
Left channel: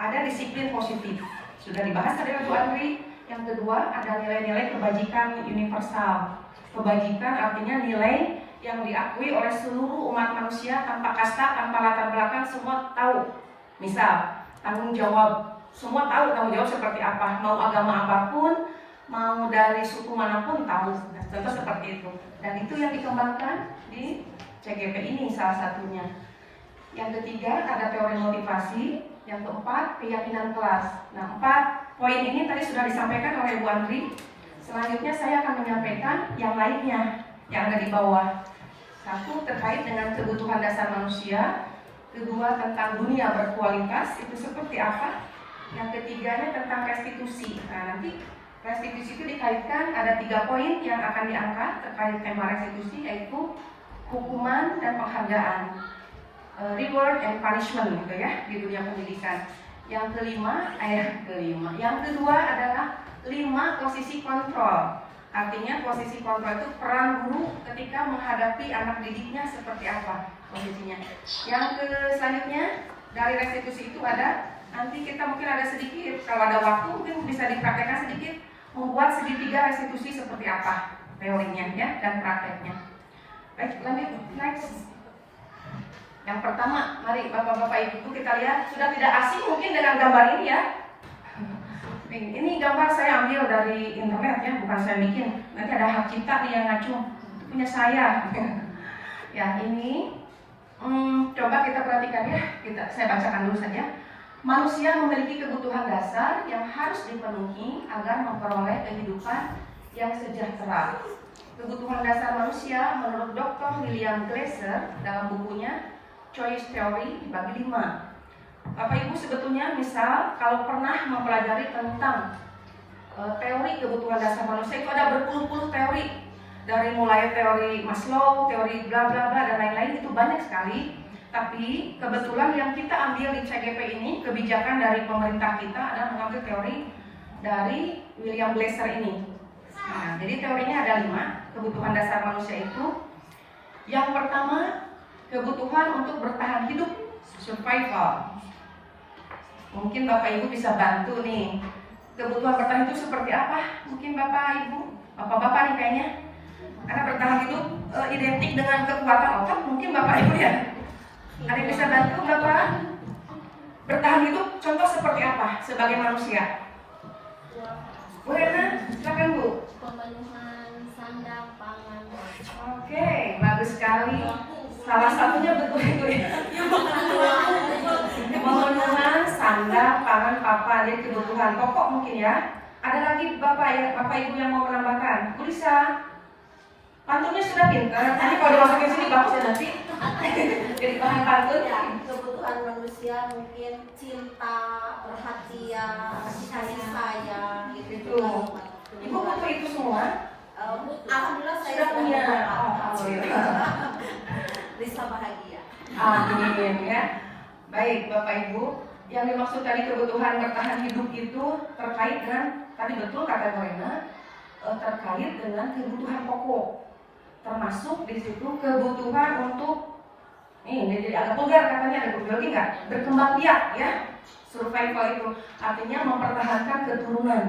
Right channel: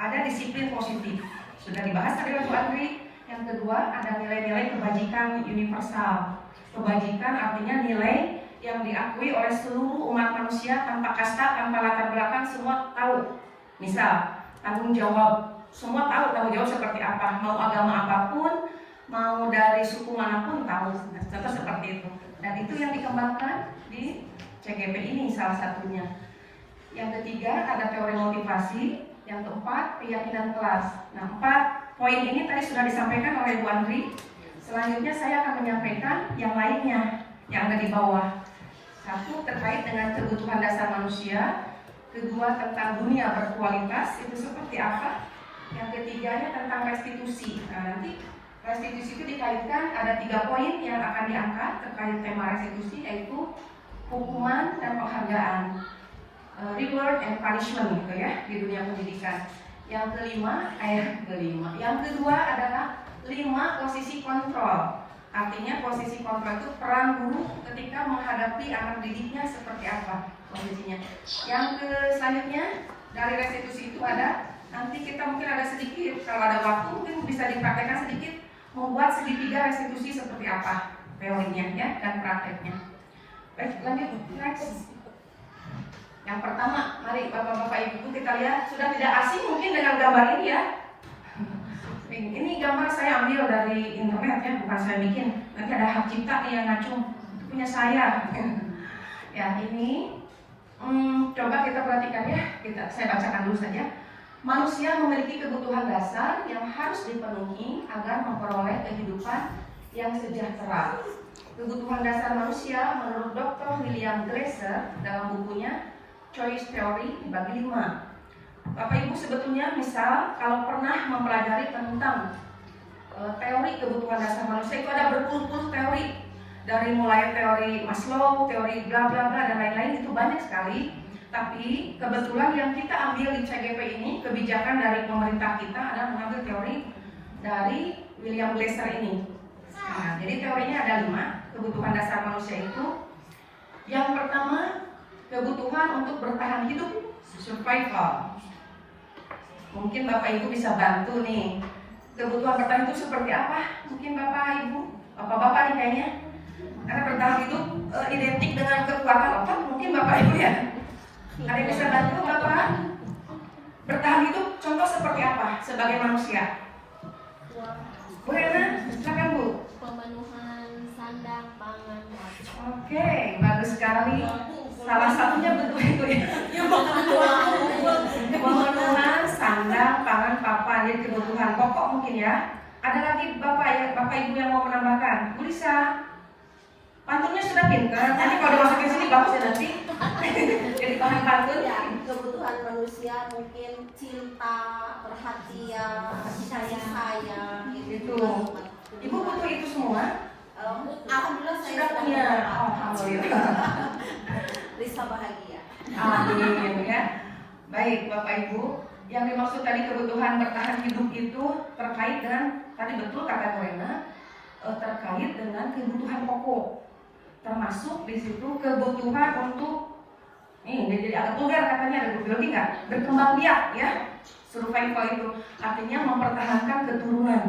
Ada disiplin positif. Sudah dibahas tadi Bu Andri. Yang kedua ada nilai-nilai kebajikan universal. Kebajikan artinya nilai yang diakui oleh seluruh umat manusia tanpa kasta, tanpa latar belakang, semua tahu. Misal tanggung jawab, semua tahu tanggung jawab seperti apa. Mau agama apapun, mau dari suku manapun tahu. Contoh seperti itu. Dan itu yang dikembangkan di CGP ini salah satunya. Yang ketiga ada teori motivasi. Yang keempat keyakinan kelas. Nah 4 poin ini tadi sudah disampaikan oleh Bu Andri. Selanjutnya saya akan menyampaikan yang lainnya yang ada di bawah. 1 terkait dengan kebutuhan dasar manusia. Kedua tentang dunia berkualitas itu seperti apa. Yang ketiganya tentang restitusi. Nah nanti restitusi itu dikaitkan ada 3 poin yang akan diangkat terkait tema restitusi, yaitu hukuman dan penghargaan, reward and punishment gitu ya di dunia pendidikan. Yang kedua adalah 5 posisi kontrol. Artinya posisi kontrol itu peran guru ketika menghadapi anak didiknya seperti apa posisinya. Yang selanjutnya dari restitusi itu ada, nanti kita mungkin ada sedikit, kalau ada waktu mungkin bisa dipraktekkan sedikit, membuat segitiga restitusi seperti apa teorinya ya dan prakteknya. Baik, lanjut next. Yang pertama, mari Bapak-Bapak Ibu kita lihat, sudah tidak asing mungkin dengan gambar ini ya. Ini gambar saya ambil dari internet ya, bukan saya bikin. Nanti ada hak cipta nih yang ngacung, punya saya. Ya ini, coba kita perhatikan ya, saya bacakan dulu saja. Manusia memiliki kebutuhan dasar yang harus dipenuhi agar memperoleh kehidupan yang sejahtera. Kebutuhan dasar manusia menurut Dr. William Glasser dalam bukunya Choice Theory dibagi 5. Bapak Ibu sebetulnya misal kalau pernah mempelajari tentang teori kebutuhan dasar manusia itu ada berpuluh-puluh teori. dari mulai teori Maslow, teori bla bla bla dan lain-lain itu banyak sekali. Tapi kebetulan yang kita ambil di CGP ini, kebijakan dari pemerintah kita adalah mengambil teori dari William Glasser ini. Nah, jadi teorinya ada 5 kebutuhan dasar manusia itu. Yang pertama, kebutuhan untuk bertahan hidup, survival. Mungkin Bapak Ibu bisa bantu nih. Kebutuhan bertahan itu seperti apa? Mungkin Bapak Ibu, Bapak-bapak nih kayaknya. Karena bertahan hidup identik dengan kekuatan otot, mungkin Bapak Ibu ya. Ada yang bisa bantu Bapak? Bertahan hidup contoh seperti apa sebagai manusia? Bu Rena, silakan Bu. Pemenuhan sandang, pangan, Oke, bagus sekali. Salah satunya betul itu ya. Pemenuhan sandang, pangan, papan, jadi kebutuhan pokok mungkin ya. Ada lagi Bapak ya, Bapak Ibu yang mau menambahkan? Bu Lisa, pantunnya sudah pintar. Nanti kalau dimasukin sini bagus ya nanti. Jadi bahan pantun. Ya, kebutuhan manusia mungkin cinta, perhatian, kasih sayang gitu. Ibu butuh itu semua? Alhamdulillah saya Sudah sudah punya. beberapa. Alhamdulillah. Risa bahagia. Amin ya. Baik Bapak Ibu, yang dimaksud tadi kebutuhan bertahan hidup itu terkait dengan tadi betul kata Bu Rena, terkait dengan kebutuhan pokok. Termasuk di situ kebutuhan untuk ini jadi agak vulgar katanya, ada lagi nggak? Berkembang biak ya, survival itu artinya mempertahankan keturunan.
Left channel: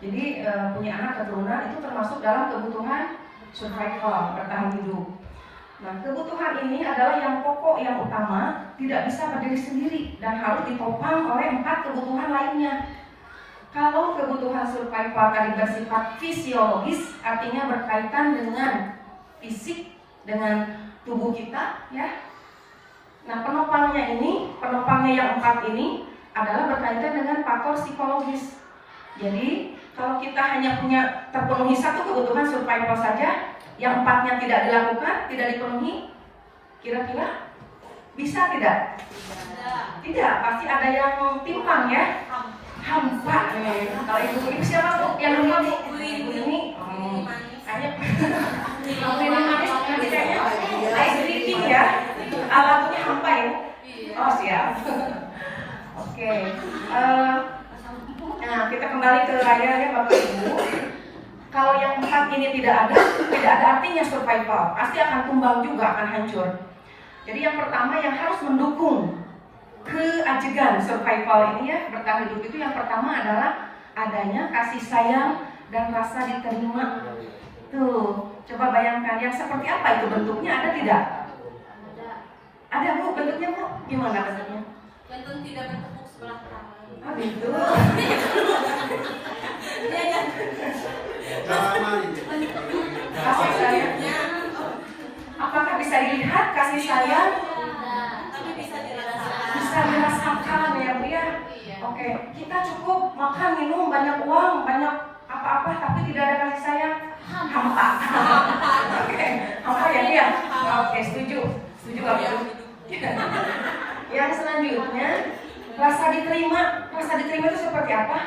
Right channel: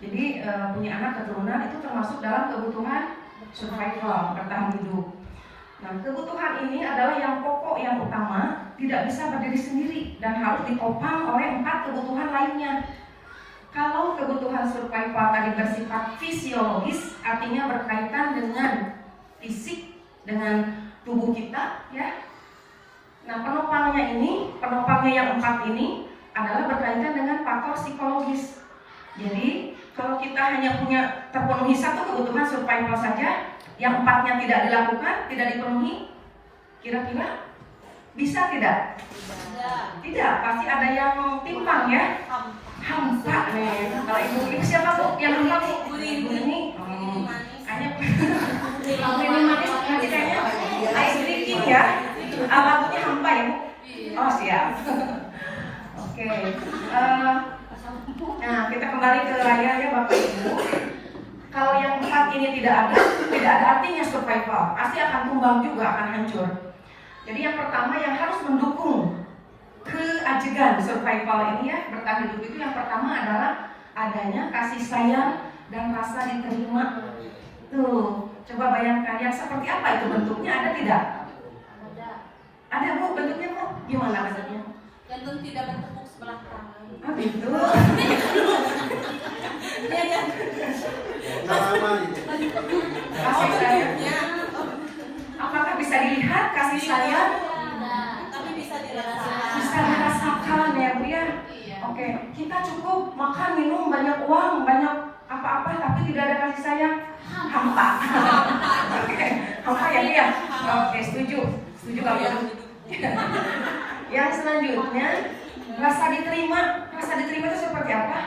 Jadi punya anak keturunan itu termasuk dalam kebutuhan survival, bertahan hidup. Nah, kebutuhan ini adalah yang pokok, yang utama, tidak bisa berdiri sendiri dan harus ditopang oleh 4 kebutuhan lainnya. Kalau kebutuhan survival tadi bersifat fisiologis, artinya berkaitan dengan fisik, dengan tubuh kita, ya. Nah, penopangnya yang 4 ini adalah berkaitan dengan faktor psikologis. Jadi, kalau kita hanya punya terpenuhi 1 kebutuhan survival saja, yang 4-nya tidak dilakukan, tidak dipenuhi, kira-kira bisa tidak? Tidak, pasti ada yang timpang ya. Hampa nih. Kalau ibu siapa tuh yang lupa Bu? Ibu ini kayaknya kamu ini manis nanti kayaknya ice cream ya. Alatnya hampa ya. Oh siap. Oke. Nah kita kembali ke layar ya Bapak Ibu. Kalau yang 4 ini tidak ada artinya survival. Pasti akan tumbang juga, akan hancur. Jadi yang pertama yang harus mendukung keajegan survival ini ya, bertahan hidup itu yang pertama adalah adanya kasih sayang dan rasa diterima. Tuh, coba bayangkan yang seperti apa itu bentuknya, ada tidak? Ada Bu, bentuknya Bu, gimana bentuknya? Jantung tidak bertepuk sebelah tangan. Oh gitu. Kasih sayang. Apakah bisa dilihat kasih sayang? Tapi bisa dirasakan. Bisa dirasakan ya Bu ya. Oke, kita cukup makan, minum, banyak uang, banyak apa-apa, tapi tidak ada kasih sayang. Hampa. Oke, hampa ya dia. Oke, setuju Pak Bu. Yang selanjutnya, rasa diterima. Rasa diterima itu seperti apa?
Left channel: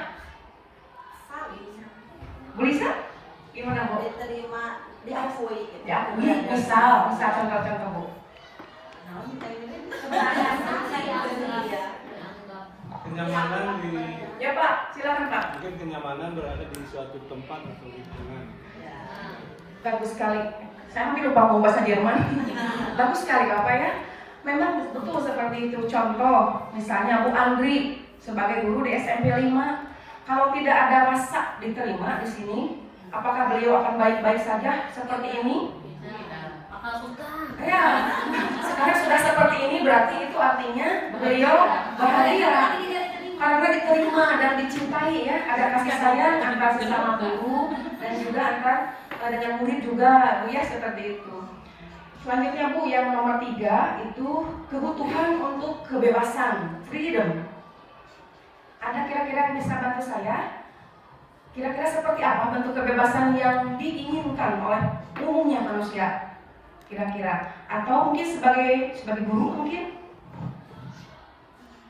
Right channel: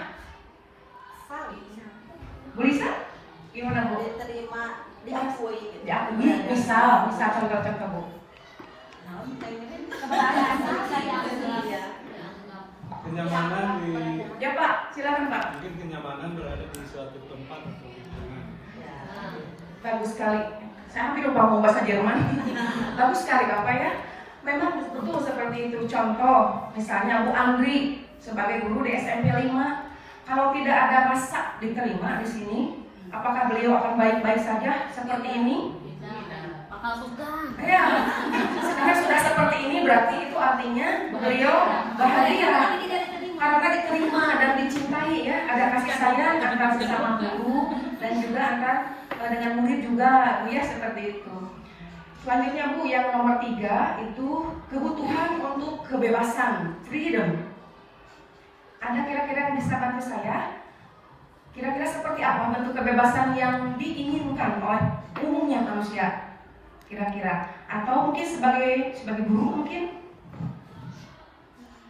Bu Lisa? Gimana Bu? Diterima, diakui gitu. Ya, bisa contoh-contoh Bu. Kenyamanan di Ya Pak, silakan Pak. mungkin kenyamanan berada di suatu tempat atau lingkungan. Bagus sekali. Saya hampir lupa mau bahasa Jerman. Bagus sekali Bapak ya. Memang betul seperti itu. Contoh, misalnya Bu Andri sebagai guru di SMP 5, kalau tidak ada rasa diterima di sini, apakah beliau akan baik-baik saja seperti ini? Ya, sekarang sudah seperti ini berarti itu artinya beliau bahagia karena diterima dan dicintai ya. Ada kasih sayang antara sesama guru dan juga antara dengan murid juga ya, seperti itu. Selanjutnya Bu, yang nomor 3 itu kebutuhan untuk kebebasan, freedom. Ada kira-kira yang bisa bantu saya? Kira-kira seperti apa bentuk kebebasan yang diinginkan oleh umumnya manusia? Kira-kira, atau mungkin sebagai guru mungkin?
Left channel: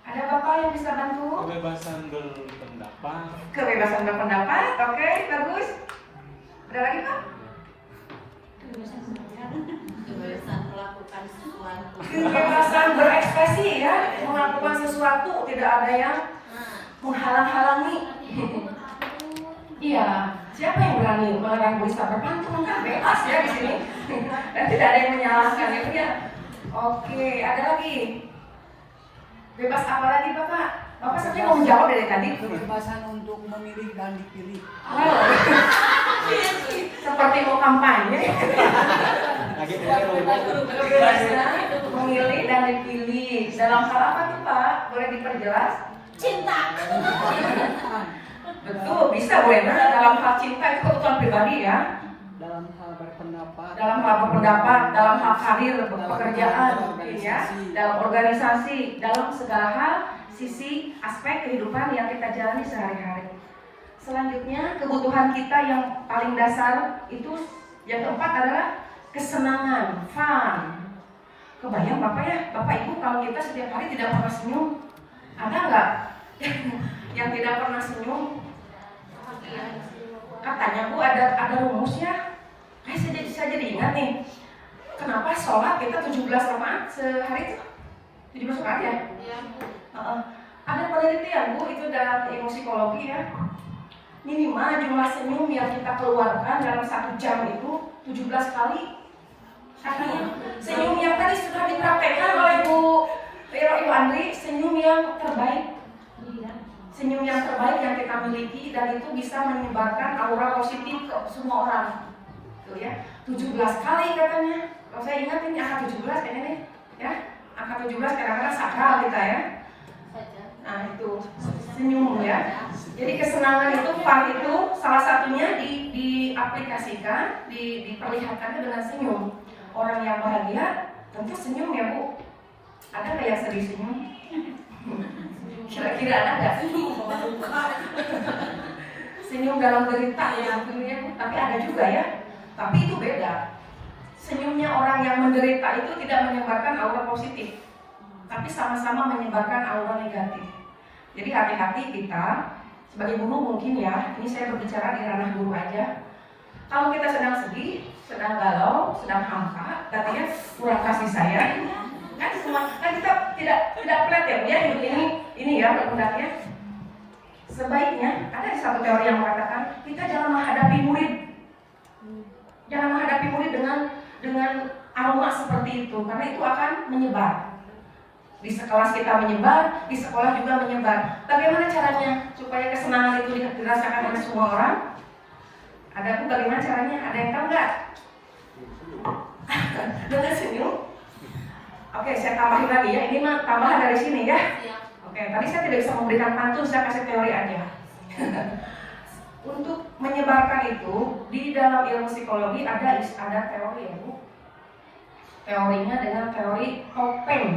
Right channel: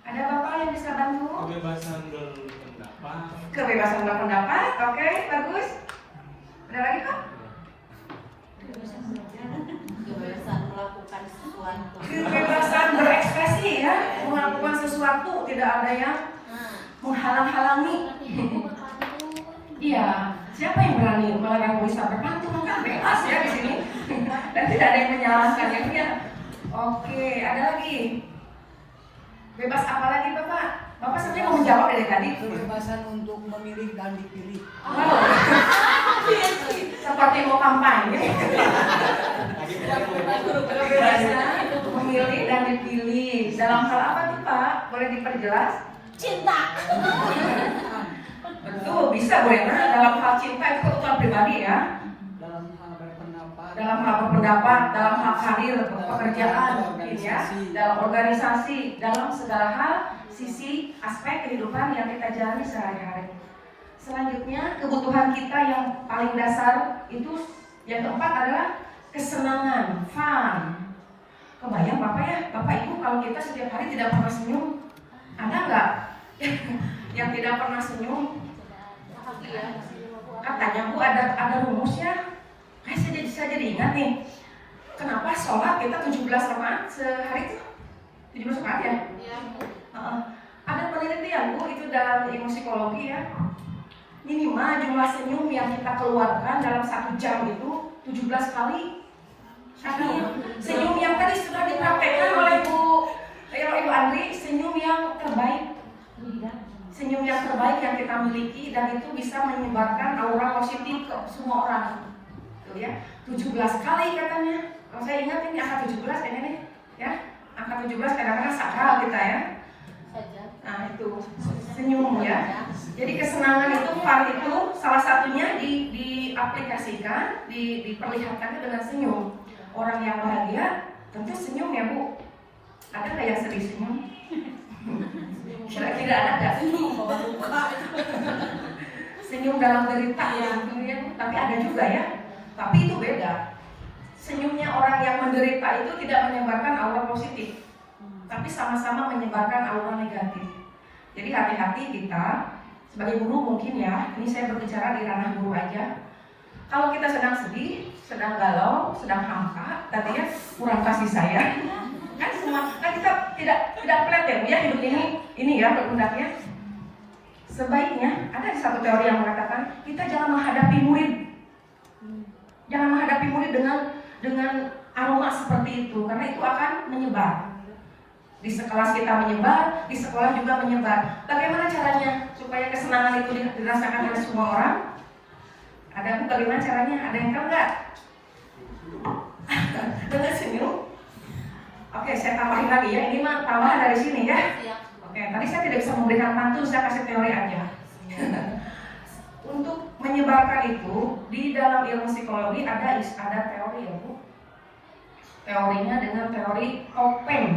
Ada Bapak yang bisa bantu? Kebebasan berpendapat. Kebebasan berpendapat, oke, bagus. Ada lagi Pak? Kebebasan melakukan sesuatu. Kebebasan berekspresi ya, melakukan sesuatu, tidak ada yang menghalang-halangi. Iya, siapa yang berani melarang bisa berpantun? Kan bebas ya di sini, dan tidak ada yang menyalahkan ya. Oke, ada lagi. Bebas apa lagi Bapak? Bapak saja mau menjawab dari tadi. Kebebasan untuk memilih dan dipilih. Seperti mau kampanye. Kebebasan memilih dan dipilih. Dalam hal apa tuh Pak? Boleh diperjelas? Cinta. Betul, bisa boleh. Dalam hal cinta itu kebutuhan pribadi ya. Dalam hal berpendapat. Dalam hal berpendapat, dalam hal karir, pekerjaan, mungkin ya. Dalam organisasi, dalam segala hal, sisi aspek kehidupan yang kita jalani sehari-hari. Selanjutnya, kebutuhan kita yang paling dasar itu yang keempat adalah kesenangan, fun. Kebayang Bapak ya, Bapak Ibu kalau kita setiap hari tidak pernah senyum, ada nggak yang tidak pernah senyum? Katanya Bu ada rumusnya. Saya jadi ingat nih, kenapa sholat kita 17 rakaat sehari itu? 17 rakaat ya? Iya. Ada penelitian Bu, itu dalam ilmu psikologi ya. Minimal jumlah senyum yang kita keluarkan dalam 1 jam itu 17 kali. Artinya senyum yang tadi sudah dipraktekkan oleh Ibu Andri, senyum yang terbaik. Senyum yang terbaik yang kita miliki, dan itu bisa menyebarkan aura positif ke semua orang. Tuh ya, 17 kali katanya. Kalau saya ingat ini angka 17 kayaknya nih, ya. Angka 17 kadang-kadang sakral kita ya. Nah itu senyum ya. Jadi kesenangan itu, fun itu salah satunya diaplikasikan, diperlihatkan dengan senyum. Orang yang bahagia tentu senyum ya Bu. Ada nggak yang sering senyum? Kira-kira ada nggak? Senyum dalam derita ya, tapi ada juga ya. Tapi itu beda. Senyumnya orang yang menderita itu tidak menyebarkan aura positif, tapi sama-sama menyebarkan aura negatif. Jadi hati-hati kita sebagai guru mungkin ya. Ini saya berbicara di ranah guru aja. Kalau kita sedang sedih, sedang galau, sedang hampa, katanya kurang kasih sayang. Kan semua kan kita tidak kelihatan ya hidup ini ya berpendapatnya. Sebaiknya ada satu teori yang mengatakan kita jangan menghadapi murid. Jangan menghadapi murid dengan aroma seperti itu, karena itu akan menyebar. Di sekelas kita menyebar, di sekolah juga menyebar. Bagaimana caranya supaya kesenangan itu dirasakan oleh semua orang? Ada bagaimana caranya? Ada yang tahu nggak? Dengan senyum. Oke, saya tambahin lagi ya. Ini mah tambahan dari sini ya. Oke, tadi saya tidak bisa memberikan pantun, saya kasih teori aja. Untuk menyebarkan itu di dalam ilmu psikologi ada teori ya Bu. Teorinya dengan teori topeng.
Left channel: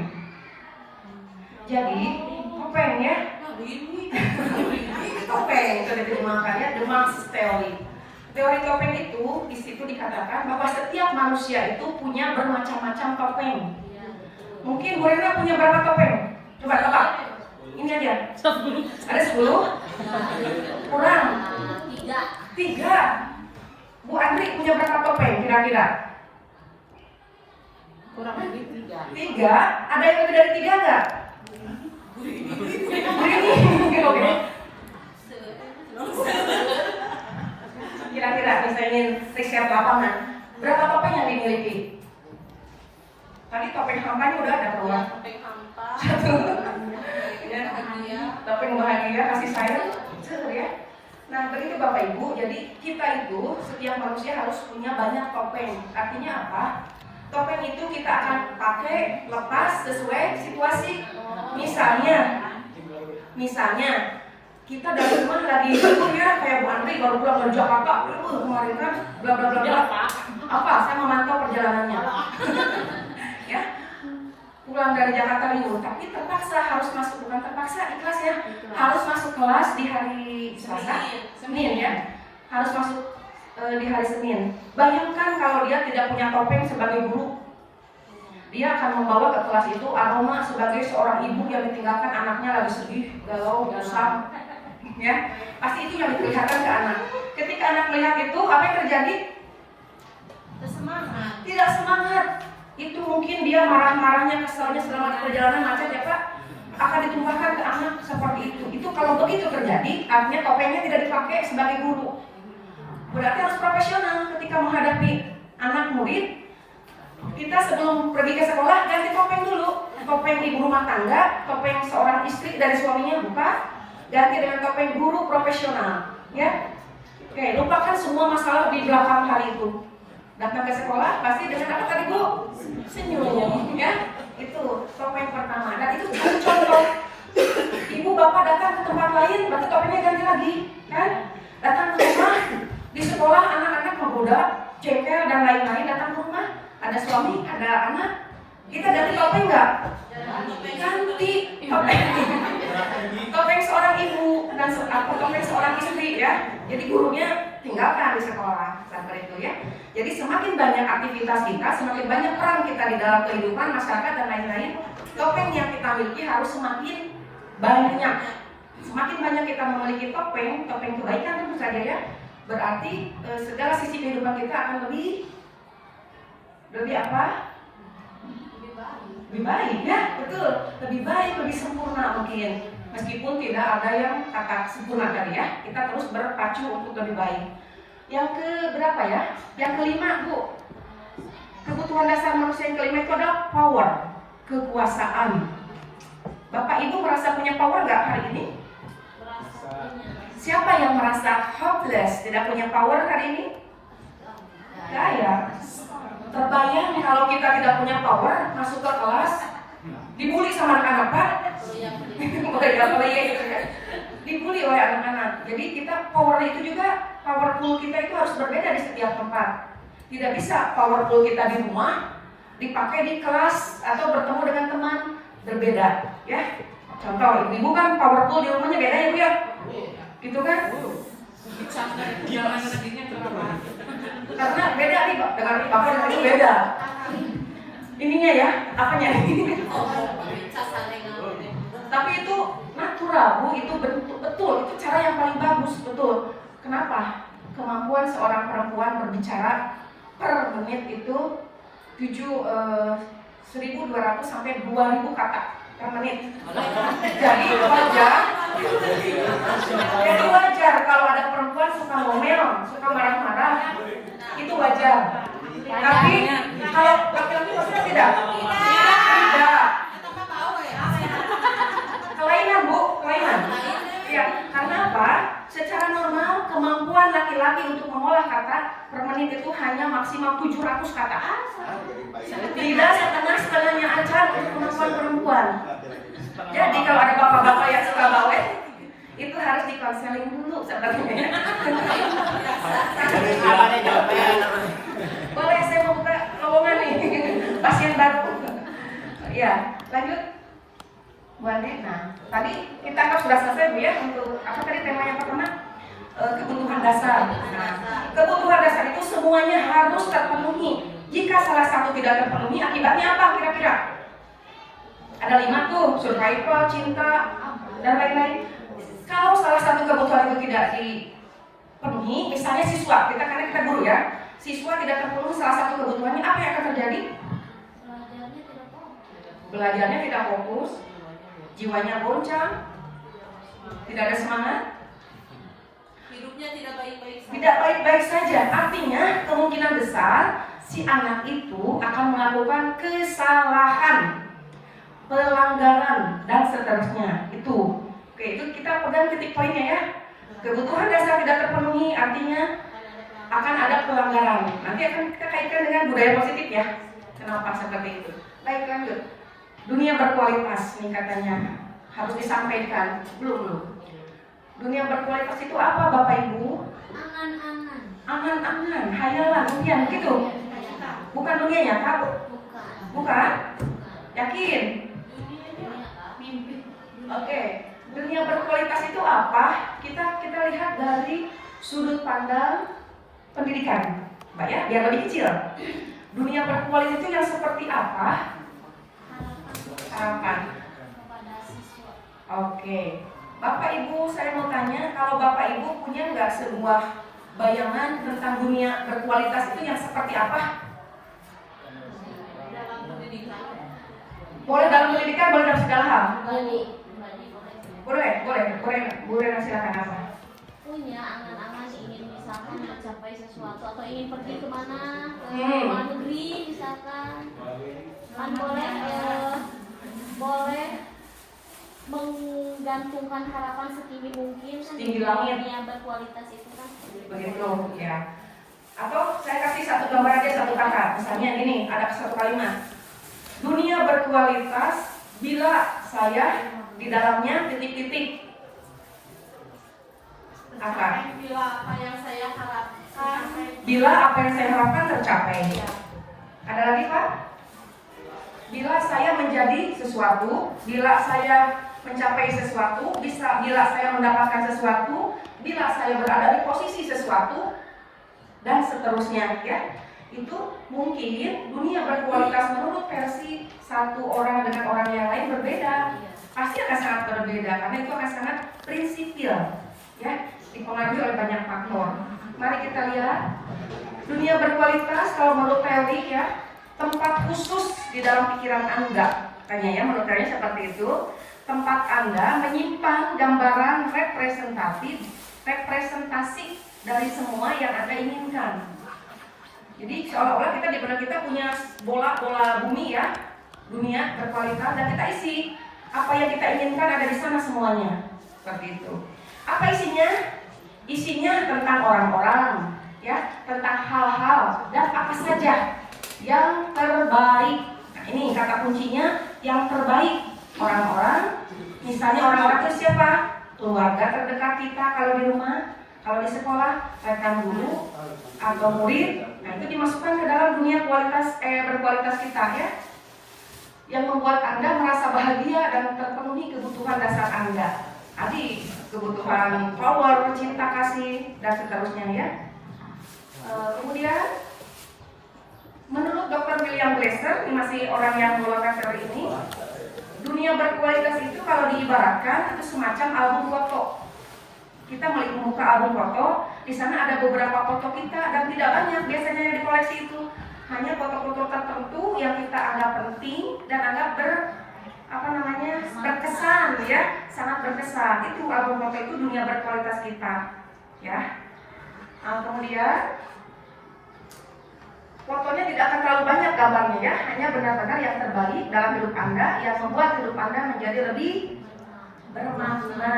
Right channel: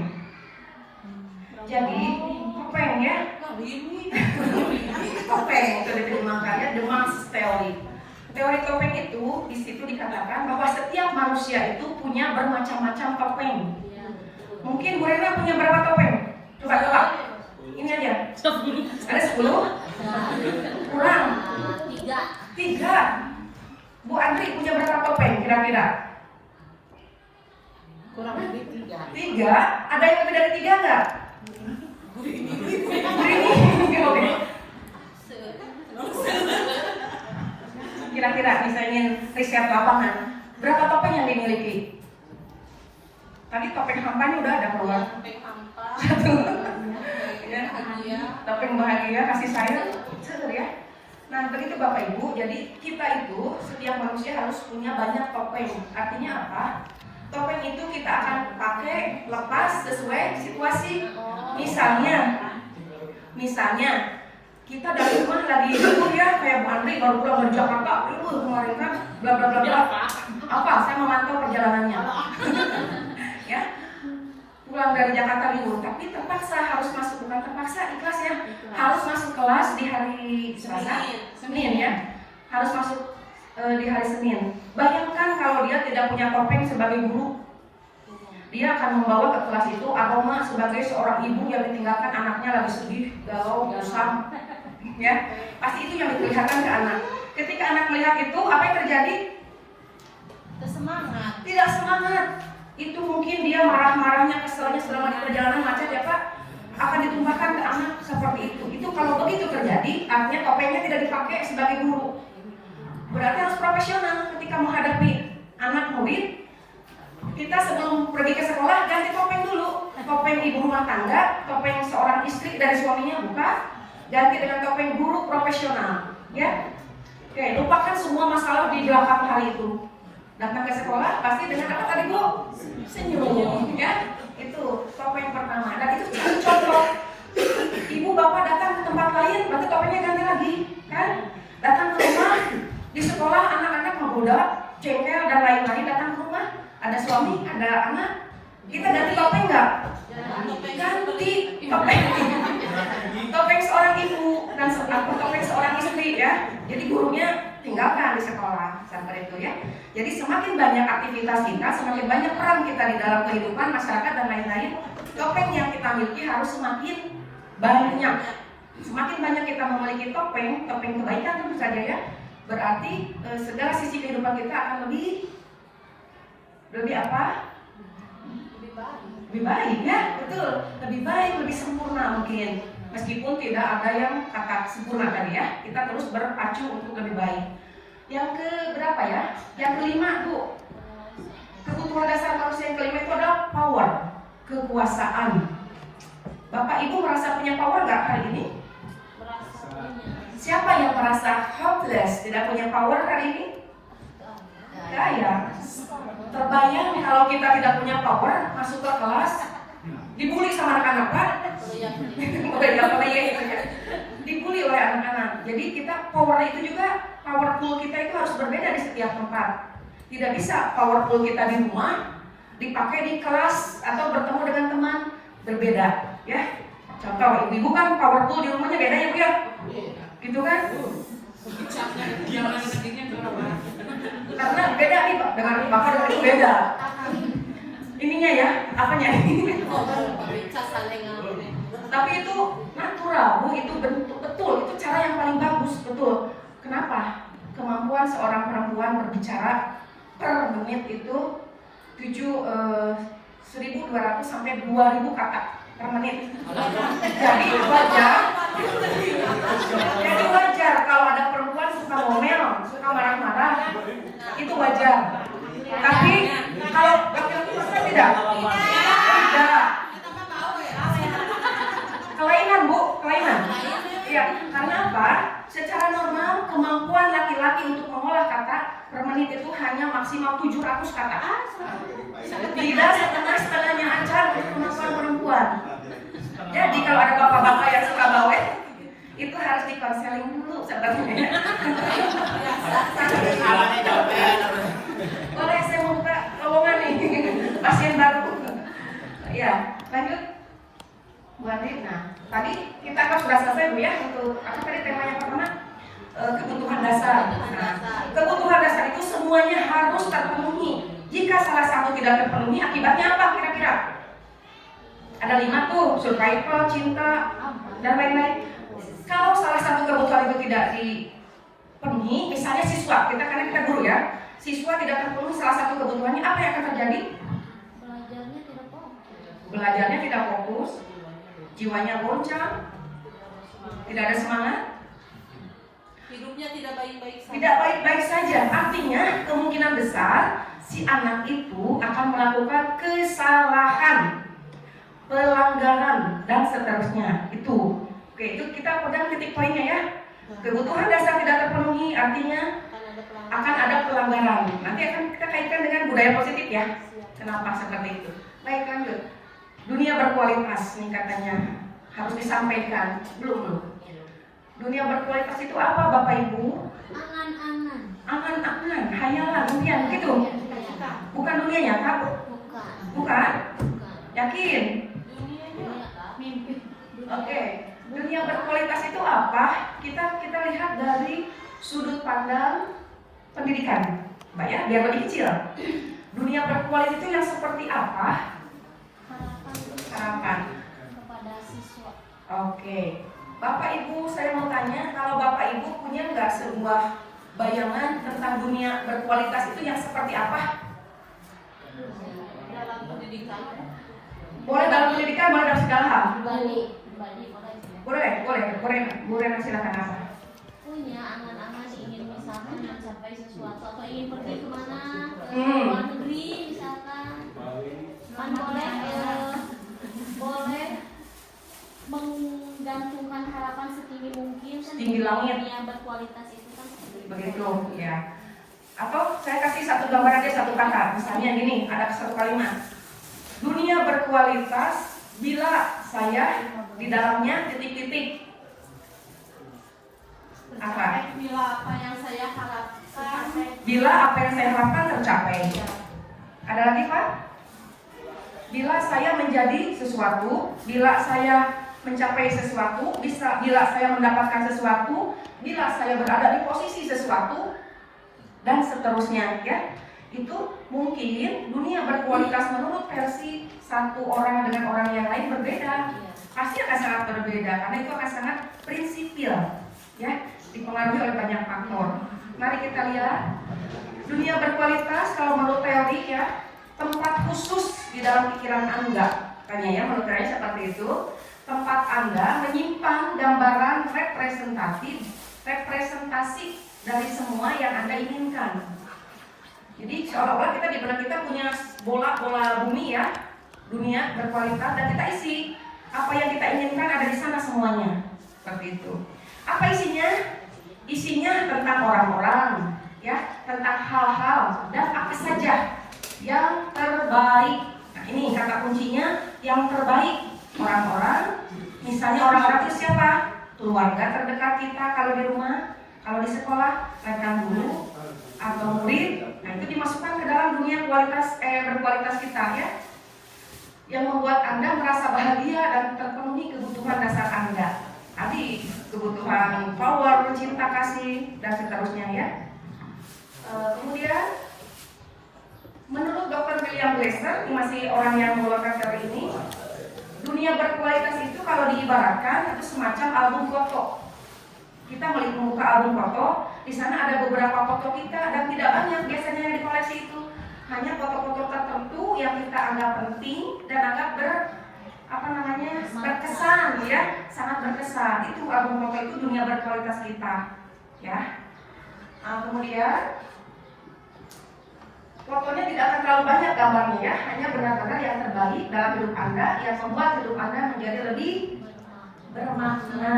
Jadi topeng ya. Topeng itu diterjemahkannya the mask theory. Teori topeng itu di situ dikatakan bahwa setiap manusia itu punya bermacam-macam topeng. Mungkin Bu Rina punya berapa topeng? Coba. Ini aja. Ada 10? Kurang. 3. Bu Andri punya berapa topeng kira-kira? Kurang lebih 3. 3? Ada yang lebih dari 3 nggak? Kira-kira misalnya riset lapangan, berapa topeng yang dimiliki? Tadi topeng hampanya udah ada keluar. Topeng hampa. Topeng bahagia, kasih sayang, seru ya. Nah begitu Bapak Ibu, jadi kita itu setiap manusia harus punya banyak topeng. Artinya apa? Topeng itu kita akan pakai lepas sesuai situasi. Misalnya kita dari rumah lagi libur ya, kayak Bu Andri baru pulang dari Jakarta, kemarin kan bla bla bla bla. Apa? Saya memantau perjalanannya. Ya, pulang dari Jakarta libur, tapi terpaksa harus masuk, bukan terpaksa, ikhlas ya, harus masuk kelas di hari Senin ya, harus masuk di hari Senin. Bayangkan kalau dia tidak punya topeng sebagai guru, dia akan membawa ke kelas itu aroma sebagai seorang ibu yang ditinggalkan anaknya lagi sedih, galau, bosan, ya, pasti itu yang diperlihatkan ke anak. Ketika anak melihat itu, apa yang terjadi? Semangat. tidak semangat. Itu mungkin dia marah-marahnya, keselnya selama di perjalanan macet ya Pak, akan ditumpahkan ke anak seperti itu. Itu kalau begitu terjadi, artinya topengnya tidak dipakai sebagai guru. Berarti harus profesional ketika menghadapi anak murid. Kita sebelum pergi ke sekolah ganti topeng dulu. Topeng ibu rumah tangga, topeng seorang istri dari suaminya buka, ganti dengan topeng guru profesional, ya. Oke, lupakan semua masalah di belakang hal itu. Datang ke sekolah pasti dengan apa tadi Bu? Senyum, ya. Itu topeng pertama. Dan itu contoh. Ibu bapak datang ke tempat lain, berarti topengnya ganti lagi, kan? Datang ke rumah, di sekolah anak-anak menggoda, cengkel dan lain-lain. Datang ke rumah, ada suami, ada anak. Kita ganti topeng nggak? Ganti topeng. Topeng seorang ibu dan topeng seorang istri, ya. Jadi gurunya tinggalkan di sekolah sampai itu, ya. Jadi semakin banyak aktivitas kita, semakin banyak peran kita di dalam kehidupan masyarakat dan lain-lain, topeng yang kita miliki harus semakin banyak. Semakin banyak kita memiliki topeng kebaikan tentu saja, ya. Berarti segala sisi kehidupan kita akan lebih apa? Lebih baik, ya, betul. Lebih baik, lebih sempurna mungkin. Meskipun tidak ada yang kata sempurna tadi, ya. Kita terus berpacu untuk lebih baik. Yang ke berapa ya? Yang kelima, Bu. Kebutuhan dasar manusia yang kelima itu adalah power, kekuasaan. Bapak Ibu merasa punya power nggak hari ini? Siapa yang merasa hopeless, tidak punya power hari ini? Ya. Terbayang kalau kita tidak punya power, masuk ke kelas, dibully sama anak-anak, Pak. Dibully oleh anak-anak. Jadi kita power itu juga, powerful kita itu harus berbeda di setiap tempat. Tidak bisa powerful kita di rumah dipakai di kelas atau bertemu dengan teman berbeda, ya. Contoh, ibu kan powerful di rumahnya beda ya, Bu, ya? Gitu kan? Gimana sedihnya berapa? Karena beda nih, Pak. Dengan bakal itu beda. Ininya ya, apanya ini? Tapi itu natural, Bu. Itu betul. Itu cara yang paling bagus, betul. Kenapa? Kemampuan seorang perempuan berbicara per menit itu 1.200 sampai 2.000 kata per menit. Jadi wajar kalau ada perempuan suka ngomel, suka marah-marah, itu wajar. Tapi kalau laki-laki pasti tidak. Tidak. Kelainan, Bu, kelainan. Ya, karena apa? Secara normal kemampuan laki-laki untuk mengolah kata per menit itu hanya maksimal 700 kata. Tidak setengah-setengahnya aja untuk kemampuan perempuan. Jadi kalau ada bapak-bapak yang suka bawel, itu harus dikonseling dulu sebenarnya. Boleh saya membuka lowongan nih, pasien baru. Ya, lanjut. Bu Andi, nah tadi kita kan sudah selesai, Bu, ya, untuk apa tadi tema yang pertama? Kebutuhan dasar. Nah, kebutuhan dasar itu semuanya harus terpenuhi. Jika salah satu tidak terpenuhi, akibatnya apa kira-kira? Ada 5 tuh, survival, cinta, dan lain-lain. Kalau salah satu kebutuhan itu tidak dipenuhi, misalnya siswa, karena kita guru, ya, siswa tidak terpenuhi salah satu kebutuhannya, apa yang akan terjadi? Belajarnya tidak fokus, jiwanya goncang, tidak ada semangat, Hidupnya tidak baik-baik saja. tidak baik-baik saja. Artinya kemungkinan besar si anak itu akan melakukan kesalahan, pelanggaran, dan seterusnya. Itu. Oke, itu kita pegang titik poinnya, ya. Kebutuhan dasar tidak terpenuhi artinya akan ada pelanggaran. Nanti akan kita kaitkan dengan budaya positif, ya. Kenapa seperti itu? Baik, lanjut. Dunia berkualitas nih katanya harus disampaikan. Belum. Dunia berkualitas itu apa, Bapak Ibu? Angan-angan, hayalan, impian gitu. Bukan dunia nyata, bukan? Yakin? Oke. Dunia berkualitas itu apa? Kita lihat dari sudut pandang pendidikan, Mbak, ya, biar lebih kecil. Dunia berkualitas itu yang seperti apa? Harapan. Oke. Bapak Ibu, saya mau tanya, kalau Bapak Ibu punya nggak sebuah bayangan tentang dunia berkualitas itu yang seperti apa? Boleh dalam pendidikan, boleh dalam segala hal. Boleh. Boleh, Bu Rena silakan apa? Punya angan-angan ingin misalkan mencapai sesuatu atau ingin pergi kemana ke Hmm. luar negeri misalkan kan boleh menggantungkan harapan setinggi mungkin kan Setinggi langit. dunia berkualitas itu kan Begitu, ya. Atau saya kasih satu gambar aja, satu kata. Misalnya gini, ada satu kalimat. Dunia berkualitas bila saya di dalamnya titik-titik. Apa? Bila apa yang saya harapkan Bila apa yang saya harapkan tercapai. Ada lagi Pak? Bila saya menjadi sesuatu, bila saya mencapai sesuatu, bila saya mendapatkan sesuatu, bila saya berada di posisi sesuatu, dan seterusnya, ya. Itu mungkin dunia berkualitas menurut versi satu orang dengan orang yang lain berbeda. Pasti akan sangat berbeda karena itu akan sangat prinsipil, ya, dipengaruhi oleh banyak faktor. Mari kita lihat dunia berkualitas kalau menurut teori, ya, tempat khusus di dalam pikiran Anda. Tanya ya, menurut teori seperti itu. Tempat Anda menyimpan gambaran representasi dari semua yang Anda inginkan. Jadi seolah-olah kita di benak kita punya bola bumi, ya, dunia berkualitas, dan kita isi apa yang kita inginkan ada di sana semuanya. Seperti itu. Apa isinya? Isinya tentang orang-orang, ya, tentang hal-hal dan apa saja yang terbaik. Nah, ini kata kuncinya, yang terbaik. Orang-orang, misalnya orang-orang itu siapa? Keluarga terdekat kita kalau di rumah, kalau di sekolah, rekan guru atau murid. Nah, itu dimasukkan ke dalam dunia berkualitas kita, ya, yang membuat Anda merasa bahagia dan terpenuhi kebutuhan dasar Anda. Tadi kebutuhan power, cinta kasih, dan seterusnya, ya. Kemudian menurut Dr. William Glasser, ini masih orang yang mengeluarkan teori ini, dunia berkualitas itu kalau diibaratkan itu semacam album foto. Kita melihat membuka album foto, di sana ada beberapa foto kita dan tidak banyak biasanya yang dikoleksi itu. Hanya foto-foto tertentu yang kita anggap penting dan anggap berkesan, ya, sangat berkesan. Itu album foto itu dunia berkualitas kita, ya. Nah, kemudian fotonya tidak akan terlalu banyak gambarnya, ya, hanya benar-benar yang terbaik dalam hidup Anda yang membuat hidup Anda menjadi lebih bermakna.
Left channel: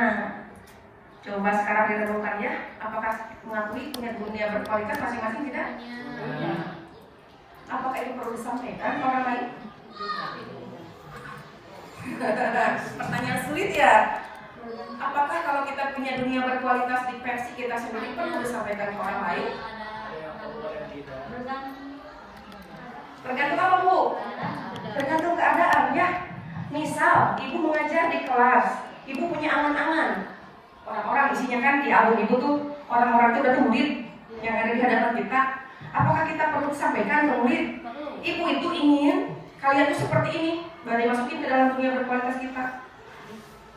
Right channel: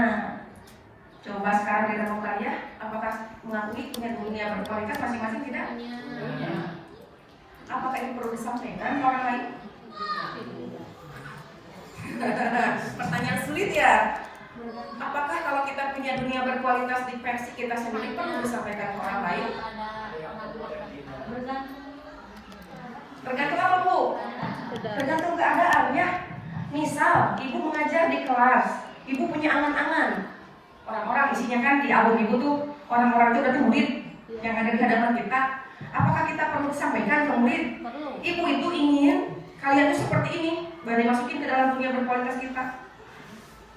Coba sekarang direnungkan, ya, apakah mengakui punya dunia berkualitas masing-masing kita? hanya Apakah ini perlu disampaikan ke orang lain? Pertanyaan sulit, ya. Apakah kalau kita punya dunia berkualitas di versi kita sendiri perlu disampaikan ke orang lain? Tergantung apa, Bu? Tergantung keadaan, ya. Misal, ibu mengajar di kelas, ibu punya angan-angan. Orang-orang isinya kan di album ibu tuh, orang-orang itu berarti murid yang ada di hadapan kita. Apakah kita perlu disampaikan ke murid? Ibu itu ingin kalian itu seperti ini, baru dimasukin ke dalam dunia berkualitas kita.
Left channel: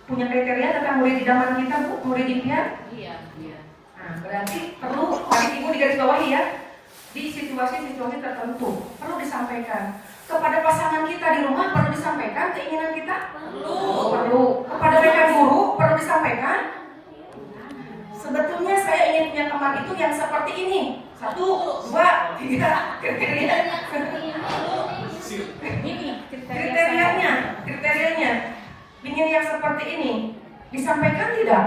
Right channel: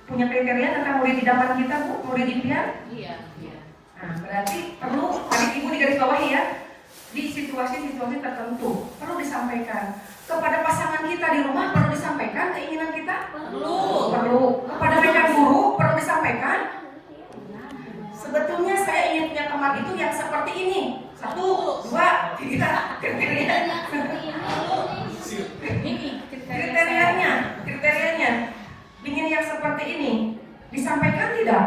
Punya kriteria tentang murid idaman kita, Bu, murid impian? iya. Nah, berarti perlu, tadi ibu di garis bawah, ya, di situasi-situasi tertentu perlu disampaikan. Kepada pasangan kita di rumah perlu disampaikan keinginan kita? Perlu. Kepada rekan guru perlu disampaikan? Sebetulnya saya ingin punya teman itu yang seperti ini. 1, 2, 3, kriterianya ingin yang seperti ini. Disampaikan tidak?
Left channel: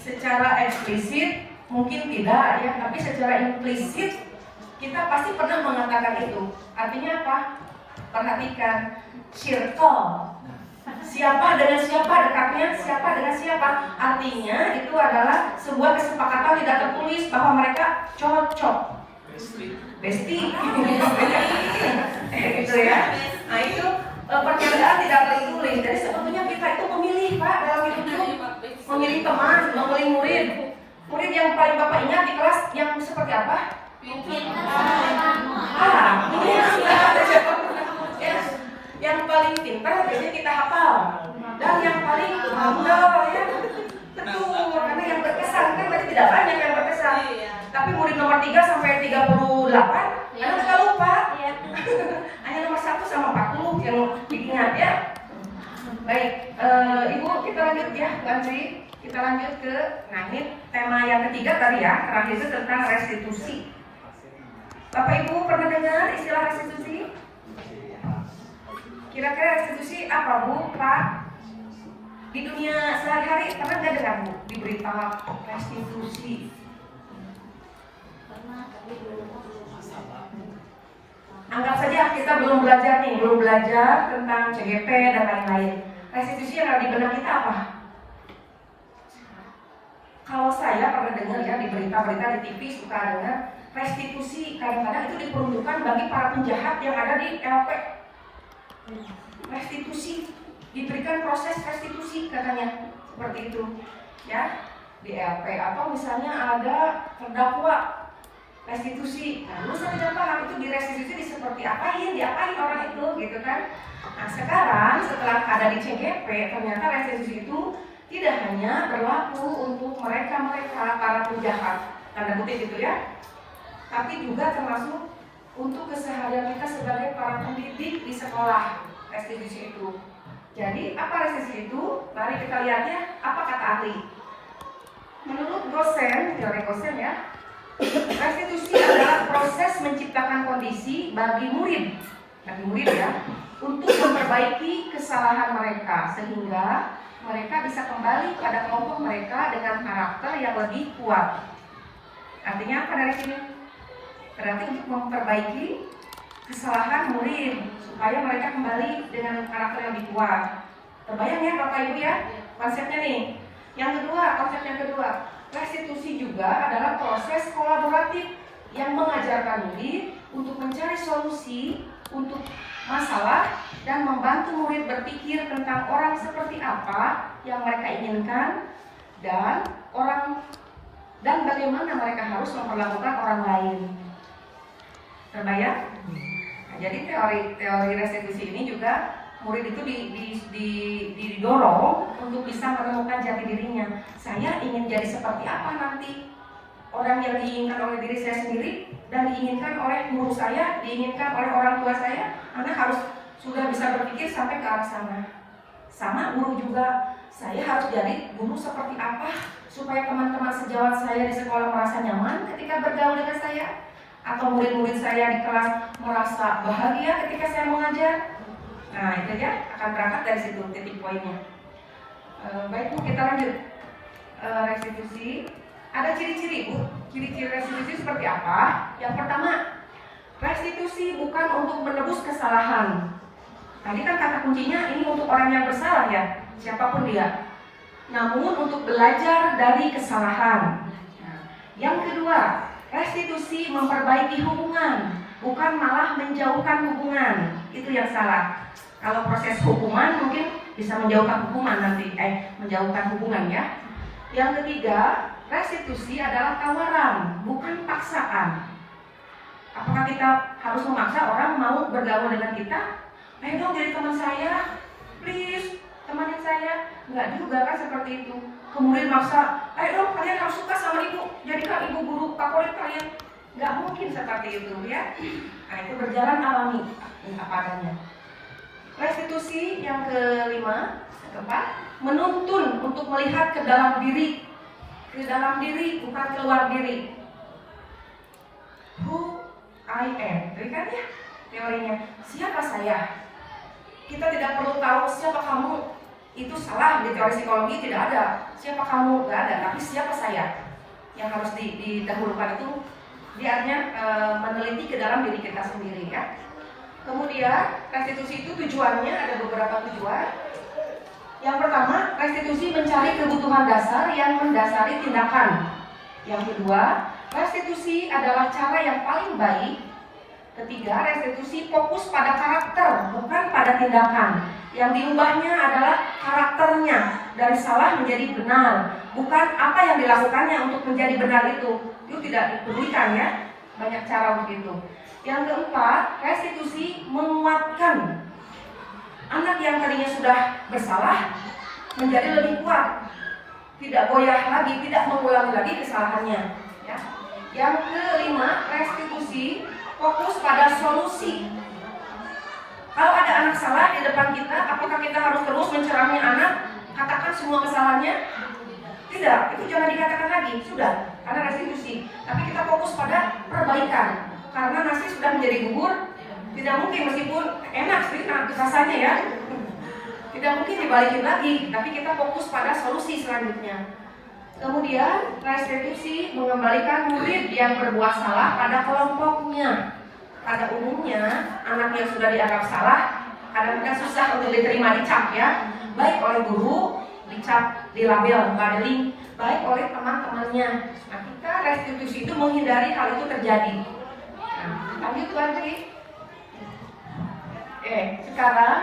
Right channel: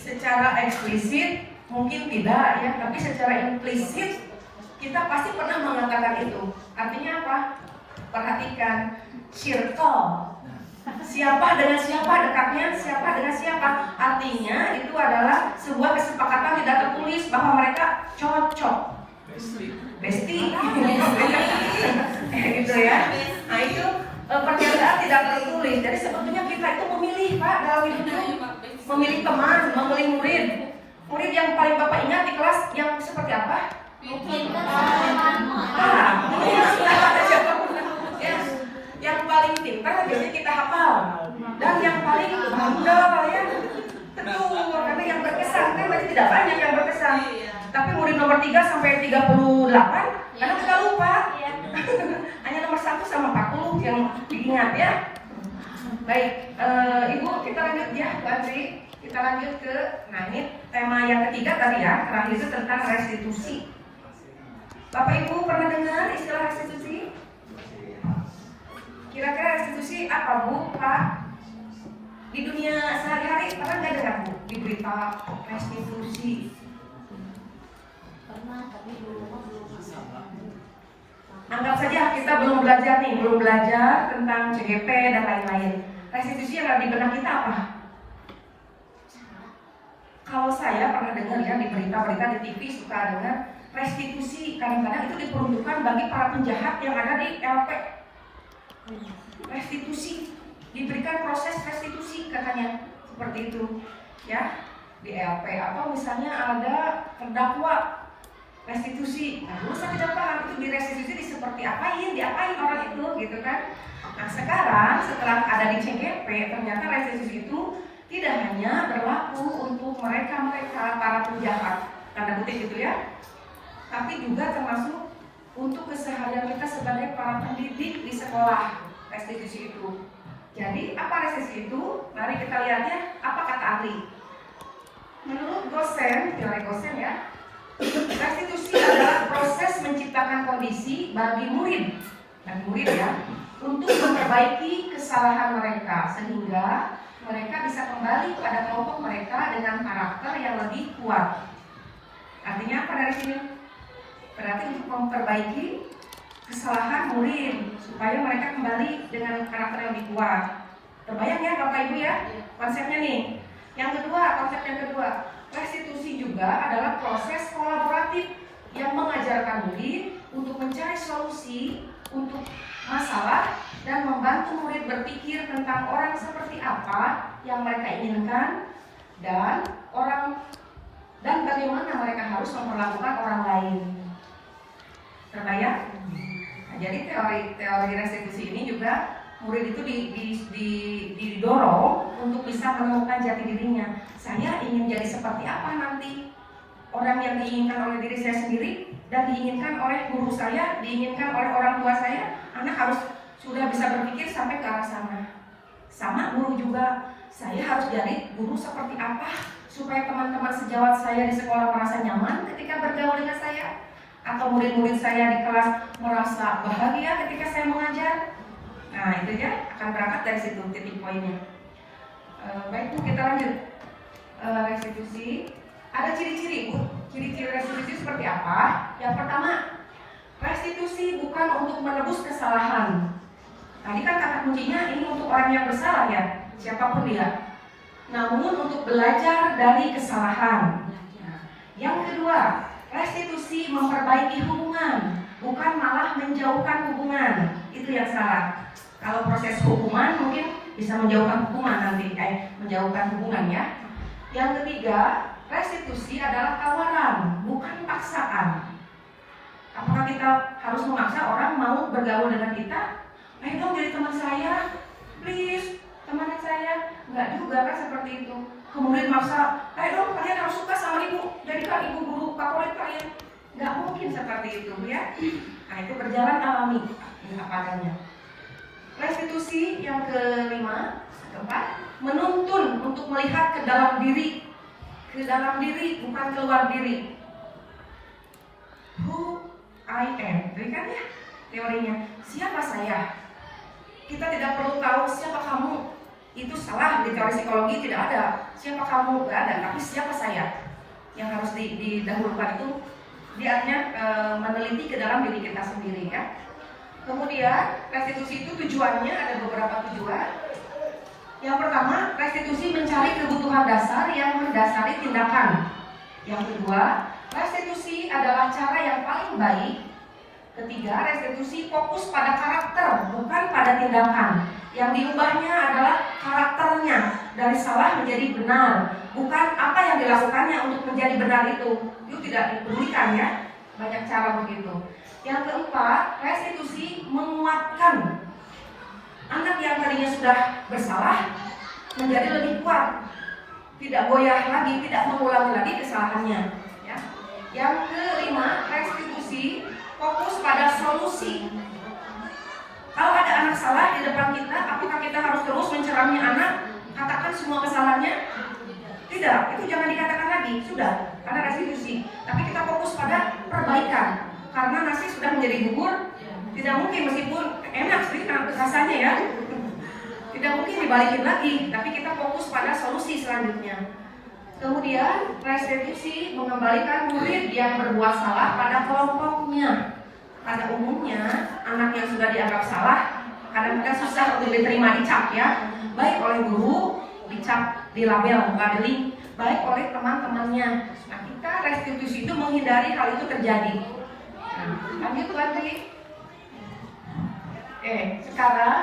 Secara eksplisit mungkin tidak, ya, tapi secara implisit kita pasti pernah mengatakan itu. Artinya apa? Perhatikan circle. Siapa dengan siapa dekatnya, siapa dengan siapa. Artinya itu adalah sebuah kesepakatan tidak tertulis bahwa mereka cocok. Bestie. Gitu, ya. Nah, itu pernyataan tidak tertulis. Jadi sebetulnya kita itu memilih, Pak, dalam hidup itu. Memilih teman, memilih murid. Murid yang paling Bapak ingat di kelas yang seperti apa? Yang paling pintar biasanya kita hafal, dan yang paling bangga, ya, tentu karena yang berkesan kan berarti tidak banyak yang berkesan. Tapi murid nomor 3 sampai 38 karena kita lupa. Hanya nomor 1 sama 40 yang ya Bu Andri. Kita lanjut ke, nah ini tema yang ketiga tadi ya, terakhir itu tentang restitusi. Bapak Ibu pernah dengar istilah restitusi? Kira-kira restitusi apa Bu, Pak? Di dunia sehari-hari pernah nggak dengar Bu diberi tahap restitusi? Pernah, tapi belum masalah. Anggap saja kita belum belajar tentang CGP dan lain-lain. Restitusi yang ada di benak kita apa? Kalau saya pernah dengar ya di berita-berita di TV suka dengar restitusi kadang-kadang itu diperuntukkan bagi para penjahat yang ada di LP. Restitusi, diberikan proses restitusi katanya seperti itu ya di LP, atau misalnya ada terdakwa restitusi. Nah, saya tidak paham itu di restitusi seperti diapain orang itu gitu kan. Nah sekarang setelah ada di CGP ternyata restitusi itu tidak hanya berlaku untuk mereka para penjahat tanda kutip gitu ya, tapi juga termasuk untuk keseharian kita sebagai para pendidik di sekolah. Restitusi itu. Jadi apa restitusi itu? Mari kita lihatnya apa kata ahli. Menurut dosen, teori dosen ya, restitusi adalah proses menciptakan kondisi bagi murid ya, untuk memperbaiki kesalahan mereka sehingga mereka bisa kembali pada kelompok mereka dengan karakter yang lebih kuat. Artinya apa dari sini? Berarti untuk memperbaiki kesalahan murid supaya mereka kembali dengan karakter yang lebih kuat. Terbayang ya Bapak Ibu ya konsepnya nih. Yang kedua, konsep yang kedua, restitusi juga adalah proses kolaboratif yang mengajarkan murid untuk mencari solusi untuk masalah dan membantu murid berpikir tentang orang seperti apa yang mereka inginkan dan bagaimana mereka harus memperlakukan orang lain. Terbayang? Jadi teori restitusi ini juga murid itu didorong untuk bisa menemukan jati dirinya. Saya ingin jadi seperti apa nanti? Orang yang diinginkan oleh diri saya sendiri dan diinginkan oleh guru saya, diinginkan oleh orang tua saya, anak harus sudah bisa berpikir sampai ke arah sana. Sama guru juga, saya harus jadi guru seperti apa supaya teman-teman sejawat saya di sekolah merasa nyaman ketika bergaul dengan saya, atau murid-murid saya di kelas merasa bahagia ketika saya mengajar. Nah itu ya akan berangkat dari situ titik poinnya. Baik Bu, kita lanjut. Restitusi ada ciri-ciri Bu. Ciri-ciri restitusi seperti apa? Yang pertama, restitusi bukan untuk menebus kesalahan. Tadi kan kata kuncinya ini untuk orang yang bersalah ya, siapapun dia. Namun untuk belajar dari kesalahan. Nah, yang kedua, restitusi memperbaiki hubungan, bukan malah menjauhkan hubungan. Itu yang salah. Kalau proses hukuman mungkin bisa menjauhkan hubungan menjauhkan hubungan ya. Yang ketiga, restitusi adalah tawaran, bukan paksaan. Apakah kita harus memaksa orang mau bergaul dengan kita? Ayo dong jadi teman saya, please, temanin saya. Enggak juga kan seperti itu. Kemudian maksa, ayo dong kalian harus suka sama ibu, jadikan ibu guru favorit kalian. Enggak mungkin seperti itu ya. Nah itu berjalan alami, apa adanya. Restitusi yang kelima, keempat, menuntun untuk melihat ke dalam diri bukan keluar diri. Who I am, kan ya teorinya. Siapa saya? Kita tidak perlu tahu siapa kamu. Itu salah di teori psikologi, tidak ada siapa kamu, tidak ada. Tapi siapa saya? Yang harus didahulukan itu dia artinya meneliti ke dalam diri kita sendiri ya. Kemudian restitusi itu tujuannya ada beberapa tujuan. Yang pertama, restitusi mencari kebutuhan dasar yang mendasari tindakan. Yang kedua, restitusi adalah cara yang paling baik. Ketiga, restitusi fokus pada karakter, bukan pada tindakan. Yang diubahnya adalah karakternya dari salah menjadi benar, bukan apa yang dilakukannya untuk menjadi benar itu. Itu tidak dipedulikan ya. Banyak cara begitu. Yang keempat, restitusi menguatkan anak yang tadinya sudah bersalah menjadi lebih kuat, tidak goyah lagi, tidak mengulangi lagi kesalahannya. Ya. Yang kelima, restitusi fokus pada solusi. Kalau ada anak salah di depan kita, apakah kita harus terus mencerami anak? katakan semua kesalahannya? Tidak, itu jangan dikatakan lagi, sudah, karena restitusi. Tapi kita fokus pada perbaikan, karena nasi sudah menjadi bubur, tidak mungkin meskipun enak sih rasanya ya, tidak mungkin dibalikin lagi, tapi kita fokus pada solusi selanjutnya. Kemudian restitusi mengembalikan murid yang berbuat salah pada kelompoknya. Pada umumnya anak yang sudah dianggap salah kadang-kadang susah untuk diterima dicap ya, baik oleh guru, dicap, dilabel, labeling, baik oleh teman-temannya. Nah, kita restitusi itu menghindari hal itu terjadi. Nah, lanjut lagi. Oke, sekarang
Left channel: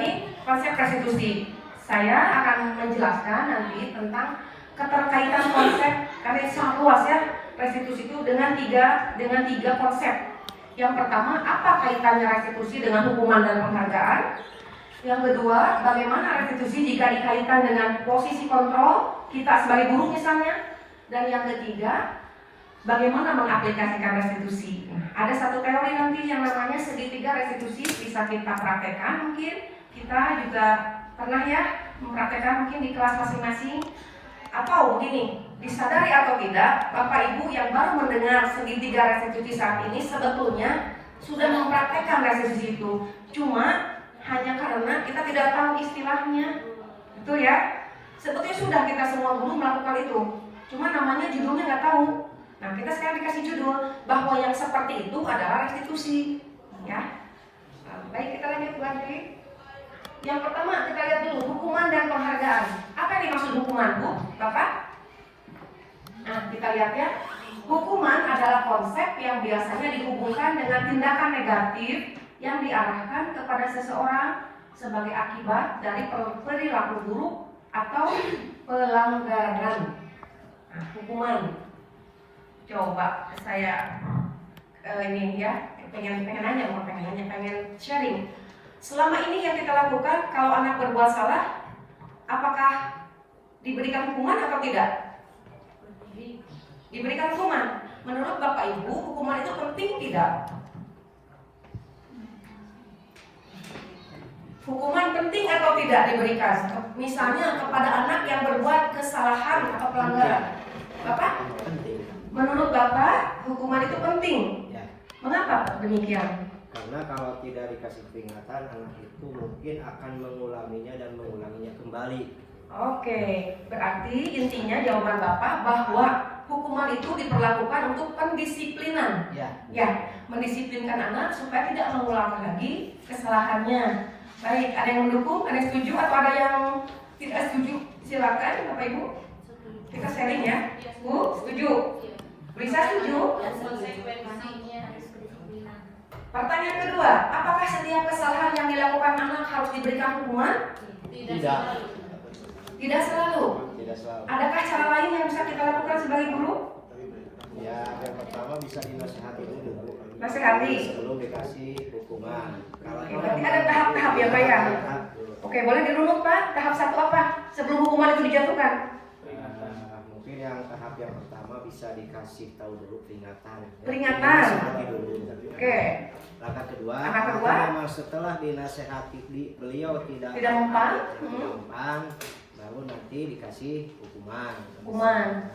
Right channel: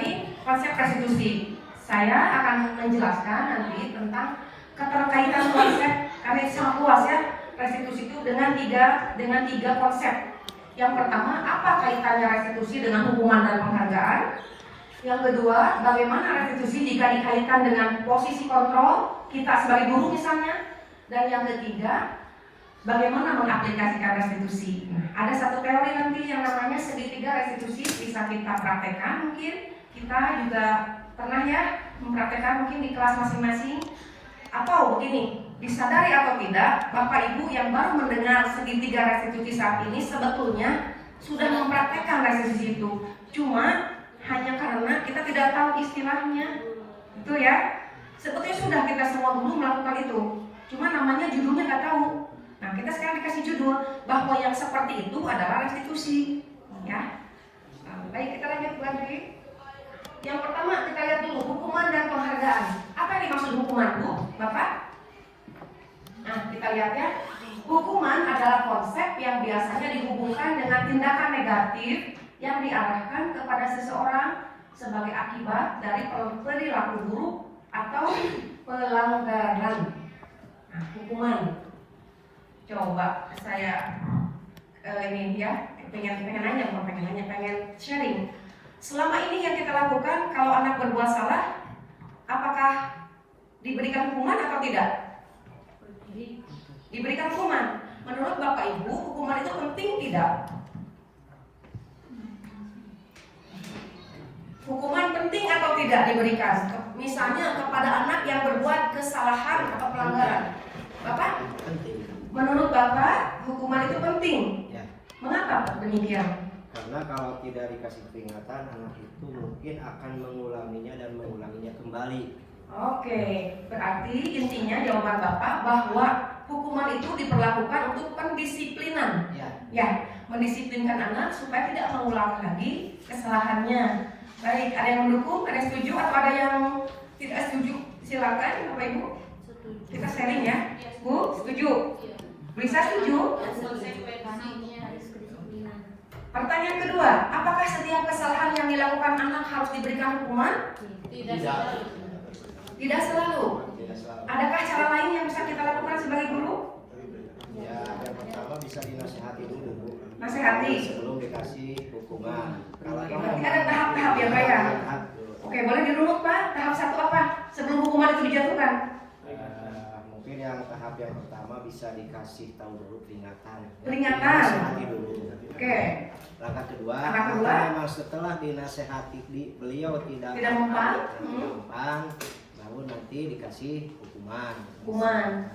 ini konsep restitusi. Saya akan menjelaskan nanti tentang keterkaitan konsep, karena sangat luas ya restitusi itu dengan tiga konsep. Yang pertama, apa kaitannya restitusi dengan hukuman dan penghargaan? Yang kedua, bagaimana restitusi jika dikaitkan dengan posisi kontrol kita sebagai guru misalnya? Dan yang ketiga, bagaimana mengaplikasikan restitusi? Nah, ada satu teori nanti yang namanya segitiga restitusi, bisa kita praktekkan mungkin. Kita juga pernah ya mempraktekkan mungkin di kelas masing-masing. Atau begini, disadari atau tidak, Bapak Ibu yang baru mendengar segitiga restitusi saat ini sebetulnya sudah mempraktekkan restitusi itu. Cuma hanya karena kita tidak tahu istilahnya, betul ya? Sebetulnya sudah kita semua dulu melakukan itu, cuma namanya judulnya nggak tahu. Nah, kita sekarang dikasih judul bahwa yang seperti itu adalah restitusi, ya. Nah, baik, kita lanjut lagi. Yang pertama kita lihat dulu hukuman dan penghargaan. Apa yang dimaksud hukuman, Bu, Bapak? Nah, kita lihat ya. Hukuman adalah konsep yang biasanya dihubungkan dengan tindakan negatif yang diarahkan kepada seseorang sebagai akibat dari perilaku buruk atau pelanggaran. Nah, hukuman. Coba saya ini ya, pengen sharing. Selama ini yang kita lakukan, kalau anak berbuat salah, apakah diberikan hukuman atau tidak? Diberikan hukuman. Menurut Bapak Ibu, hukuman itu penting tidak? Hukuman penting atau tidak diberikan? Misalnya kepada anak yang berbuat kesalahan atau pelanggaran. Bapak? Penting. Menurut Bapak, hukuman itu penting. Ya. Mengapa demikian? Karena kalau tidak dikasih peringatan, anak itu mungkin akan mengulanginya dan mengulanginya kembali. Oke, berarti intinya jawaban Bapak bahwa hukuman itu diperlakukan untuk pendisiplinan. Ya, mendisiplinkan anak supaya tidak mengulangi lagi kesalahannya. Baik, ada yang mendukung, ada yang setuju atau ada yang tidak setuju? Silakan Bapak Ibu. Kita sharing ya. Bu, setuju? Bisa setuju? Pertanyaan kedua, apakah setiap kesalahan yang dilakukan anak harus diberikan hukuman? Tidak. Tidak selalu. Tidak selalu. Adakah cara lain yang bisa kita lakukan sebagai guru? Ya, yang pertama bisa dinasihati dulu, Bu. Nasihati. Sebelum dikasih hukuman. Kalau Berarti ada tahap-tahap ya, Pak ya? tahap dulu. Oke, boleh dirunut Pak. Tahap satu apa? Sebelum hukuman itu dijatuhkan. Mungkin yang tahap yang pertama bisa dikasih tahu dulu peringatan. Ya. Peringatan. Dinasihati dulu. Oke. Langkah kedua, Langkah kedua. apakah memang setelah dinasehati beliau tidak mempan, baru nanti dikasih hukuman. Hukuman.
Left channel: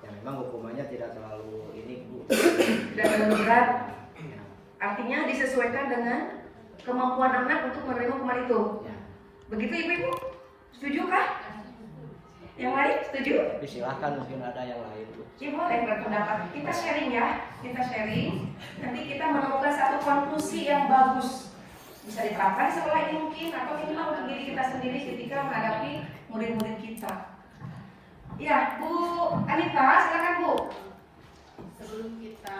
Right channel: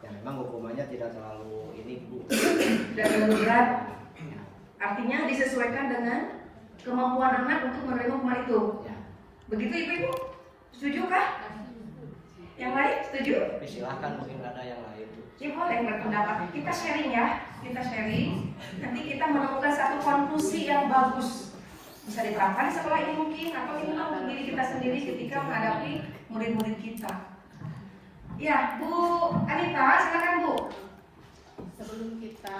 Yang memang hukumannya tidak terlalu ini, Bu. Dan terlalu berat. Ya. Artinya disesuaikan dengan kemampuan anak untuk menerima hukuman itu. Ya. Begitu Ibu? Setuju kah? Yang lain setuju? Tapi silahkan mungkin ada yang lain, Bu. Ya boleh berpendapat. Kita sharing ya. Kita sharing. Nanti kita menemukan satu konklusi yang bagus. Bisa diterapkan setelah ini mungkin atau minimal untuk diri kita sendiri ketika menghadapi murid-murid kita. Ya, Bu Anita, silakan Bu. Sebelum kita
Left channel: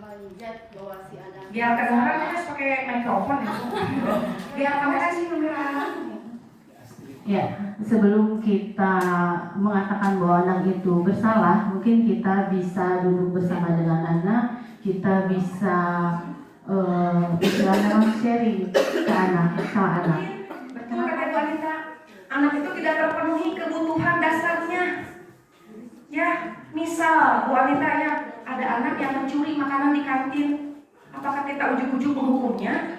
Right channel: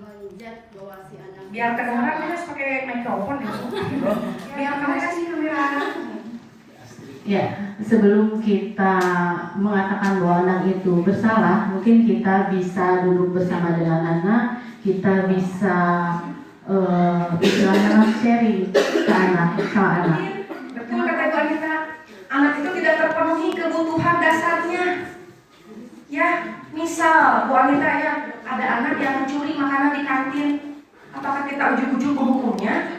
melihat bahwa si anak Biar kedengaran harus pakai mikrofon gitu. Biar kamera. Ya, sebelum kita mengatakan bahwa anak itu bersalah, mungkin kita bisa duduk bersama dengan anak, kita bisa istilahnya sharing ke anak, sama anak. Betul kata Bu Anita, anak itu tidak terpenuhi kebutuhan dasarnya. Ya, misal Bu Anita ya, ada anak yang mencuri makanan di kantin, apakah kita ujung-ujung menghukumnya?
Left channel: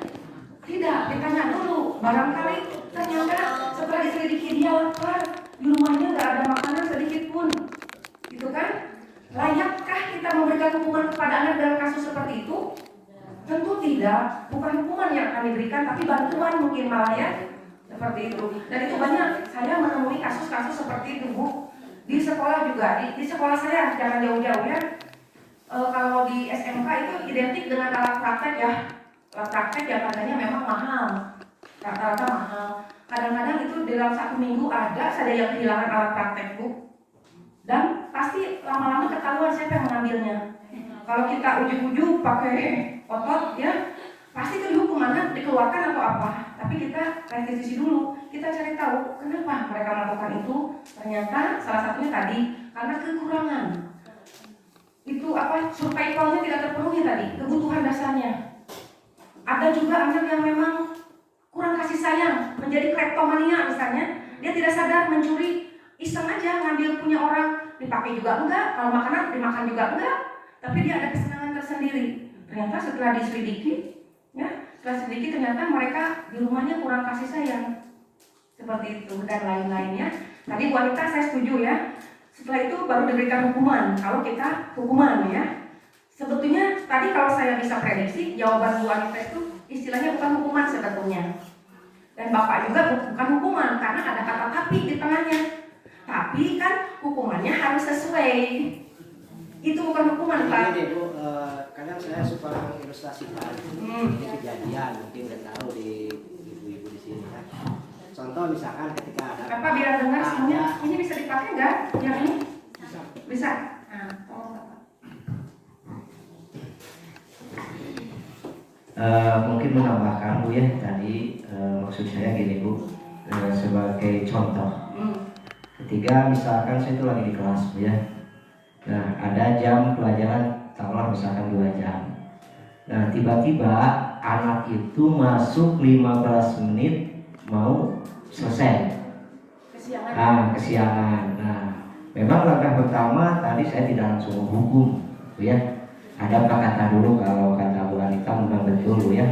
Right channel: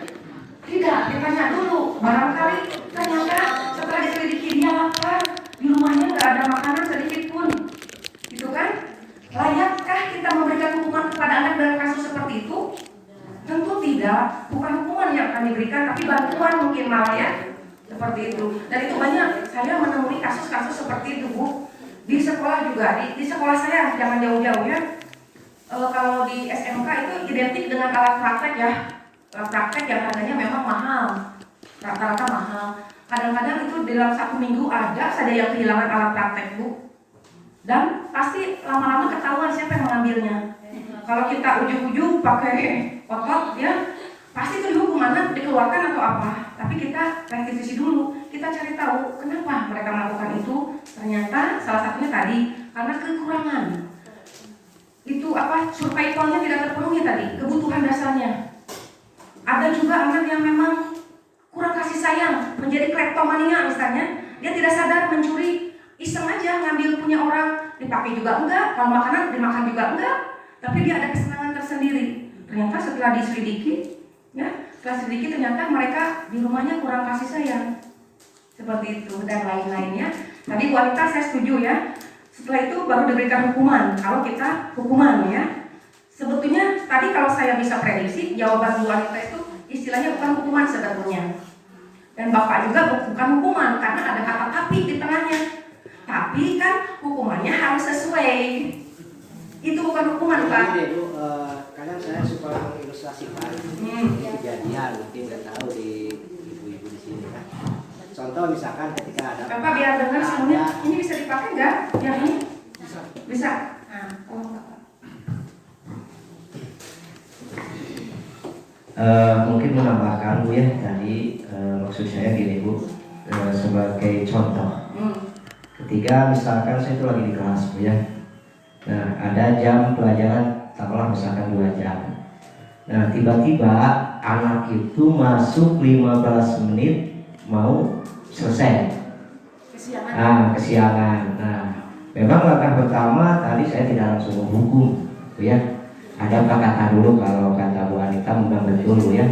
Tidak, ditanya dulu. Barangkali ternyata Setelah diselidiki dia lapar, di rumahnya nggak ada makanan sedikit pun, gitu kan? Layakkah kita memberikan hukuman kepada anak dalam kasus seperti itu? Tentu tidak. Bukan hukuman yang akan diberikan, tapi bantuan mungkin malah ya, seperti itu. Dan itu banyak. Saya menemui kasus-kasus seperti itu, Bu. Di sekolah juga, di sekolah saya jangan jauh-jauh ya. Kalau di SMK itu identik dengan alat praktek ya. Alat praktek yang harganya memang mahal, rata-rata mahal. Kadang-kadang itu dalam 1 minggu ada saja yang kehilangan alat praktek, Bu. Dan pasti lama-lama ketahuan siapa yang mengambilnya. Kalau kita ujuk-ujuk pakai otot ya, pasti itu dihukum, mana dikeluarkan atau apa. Tapi kita restitusi dulu, kita cari tahu kenapa mereka melakukan itu. Ternyata salah satunya tadi karena kekurangan. Itu apa, survivalnya tidak terpenuhi tadi, kebutuhan dasarnya. Ada juga anak yang memang kurang kasih sayang, menjadi kleptomania misalnya. Dia tidak sadar mencuri, iseng aja ngambil punya orang, dipakai juga enggak, kalau makanan dimakan juga enggak, tapi dia ada kesenangan tersendiri. Ternyata setelah diselidiki, ya, ternyata mereka di rumahnya kurang kasih sayang, seperti itu dan lain-lainnya. Tadi wanita saya setuju ya. Setelah itu baru diberikan hukuman. Kalau kita hukuman ya, sebetulnya tadi kalau saya bisa prediksi jawaban Bu wanita itu istilahnya bukan hukuman sebetulnya. Dan Bapak juga bukan hukuman karena ada kata tapi di tengahnya. Tapi kan hukumannya harus sesuai. Itu bukan hukuman, Pak. Ini Bu, kadang saya suka ilustrasikan ini kejadian, mungkin nggak tahu di ibu-ibu di sini ya. Contoh misalkan ketika ada Bapak biar dengar semuanya. Ini bisa dipakai nggak? Yang ini? Bisa. Nah, mungkin menambahkan Bu ya tadi, maksud saya gini Bu, sebagai contoh. Ketika misalkan saya itu lagi di kelas Bu ya, nah ada jam pelajaran taruhlah misalkan 2 jam. Nah tiba-tiba anak itu masuk 15 menit mau selesai. Kesiangan. Nah memang langkah pertama tadi saya tidak langsung menghukum Bu ya. Ada apa kata dulu, kalau kata Bu Anita memang betul Bu ya,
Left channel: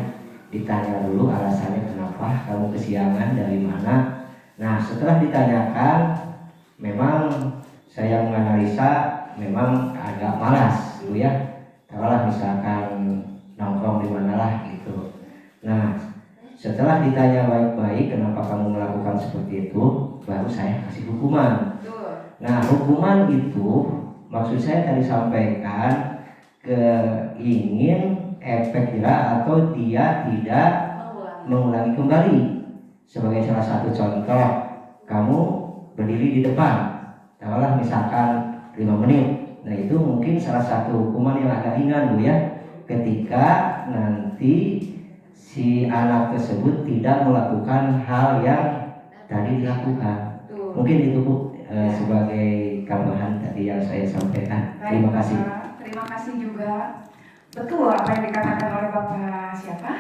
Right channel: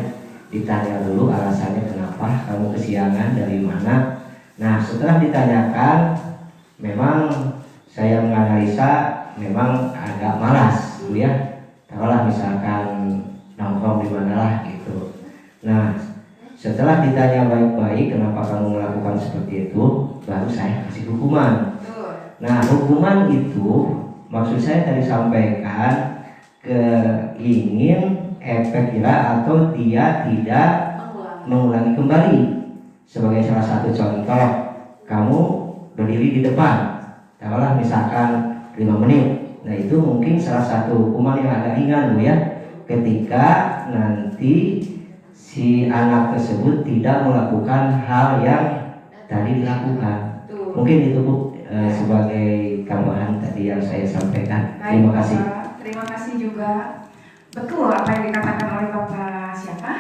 ditanya dulu alasannya kenapa kamu kesiangan, dari mana. Nah setelah ditanyakan, memang saya menganalisa memang agak malas Bu ya, taruhlah misalkan nongkrong di mana lah gitu. Nah setelah ditanya baik-baik kenapa kamu melakukan seperti itu, baru saya kasih hukuman. Nah hukuman itu maksud saya tadi sampaikan keingin efek jerah atau dia tidak mengulangi kembali. Sebagai salah satu contoh, kamu berdiri di depan, taruhlah misalkan 5 menit. Nah itu mungkin salah satu hukuman yang agak ringan Bu ya, ketika nanti si anak tersebut tidak melakukan hal yang tadi dilakukan. Mungkin itu Bu, sebagai tambahan tadi yang saya sampaikan. Terima kasih. Terima kasih juga. Betul apa yang dikatakan oleh Bapak siapa?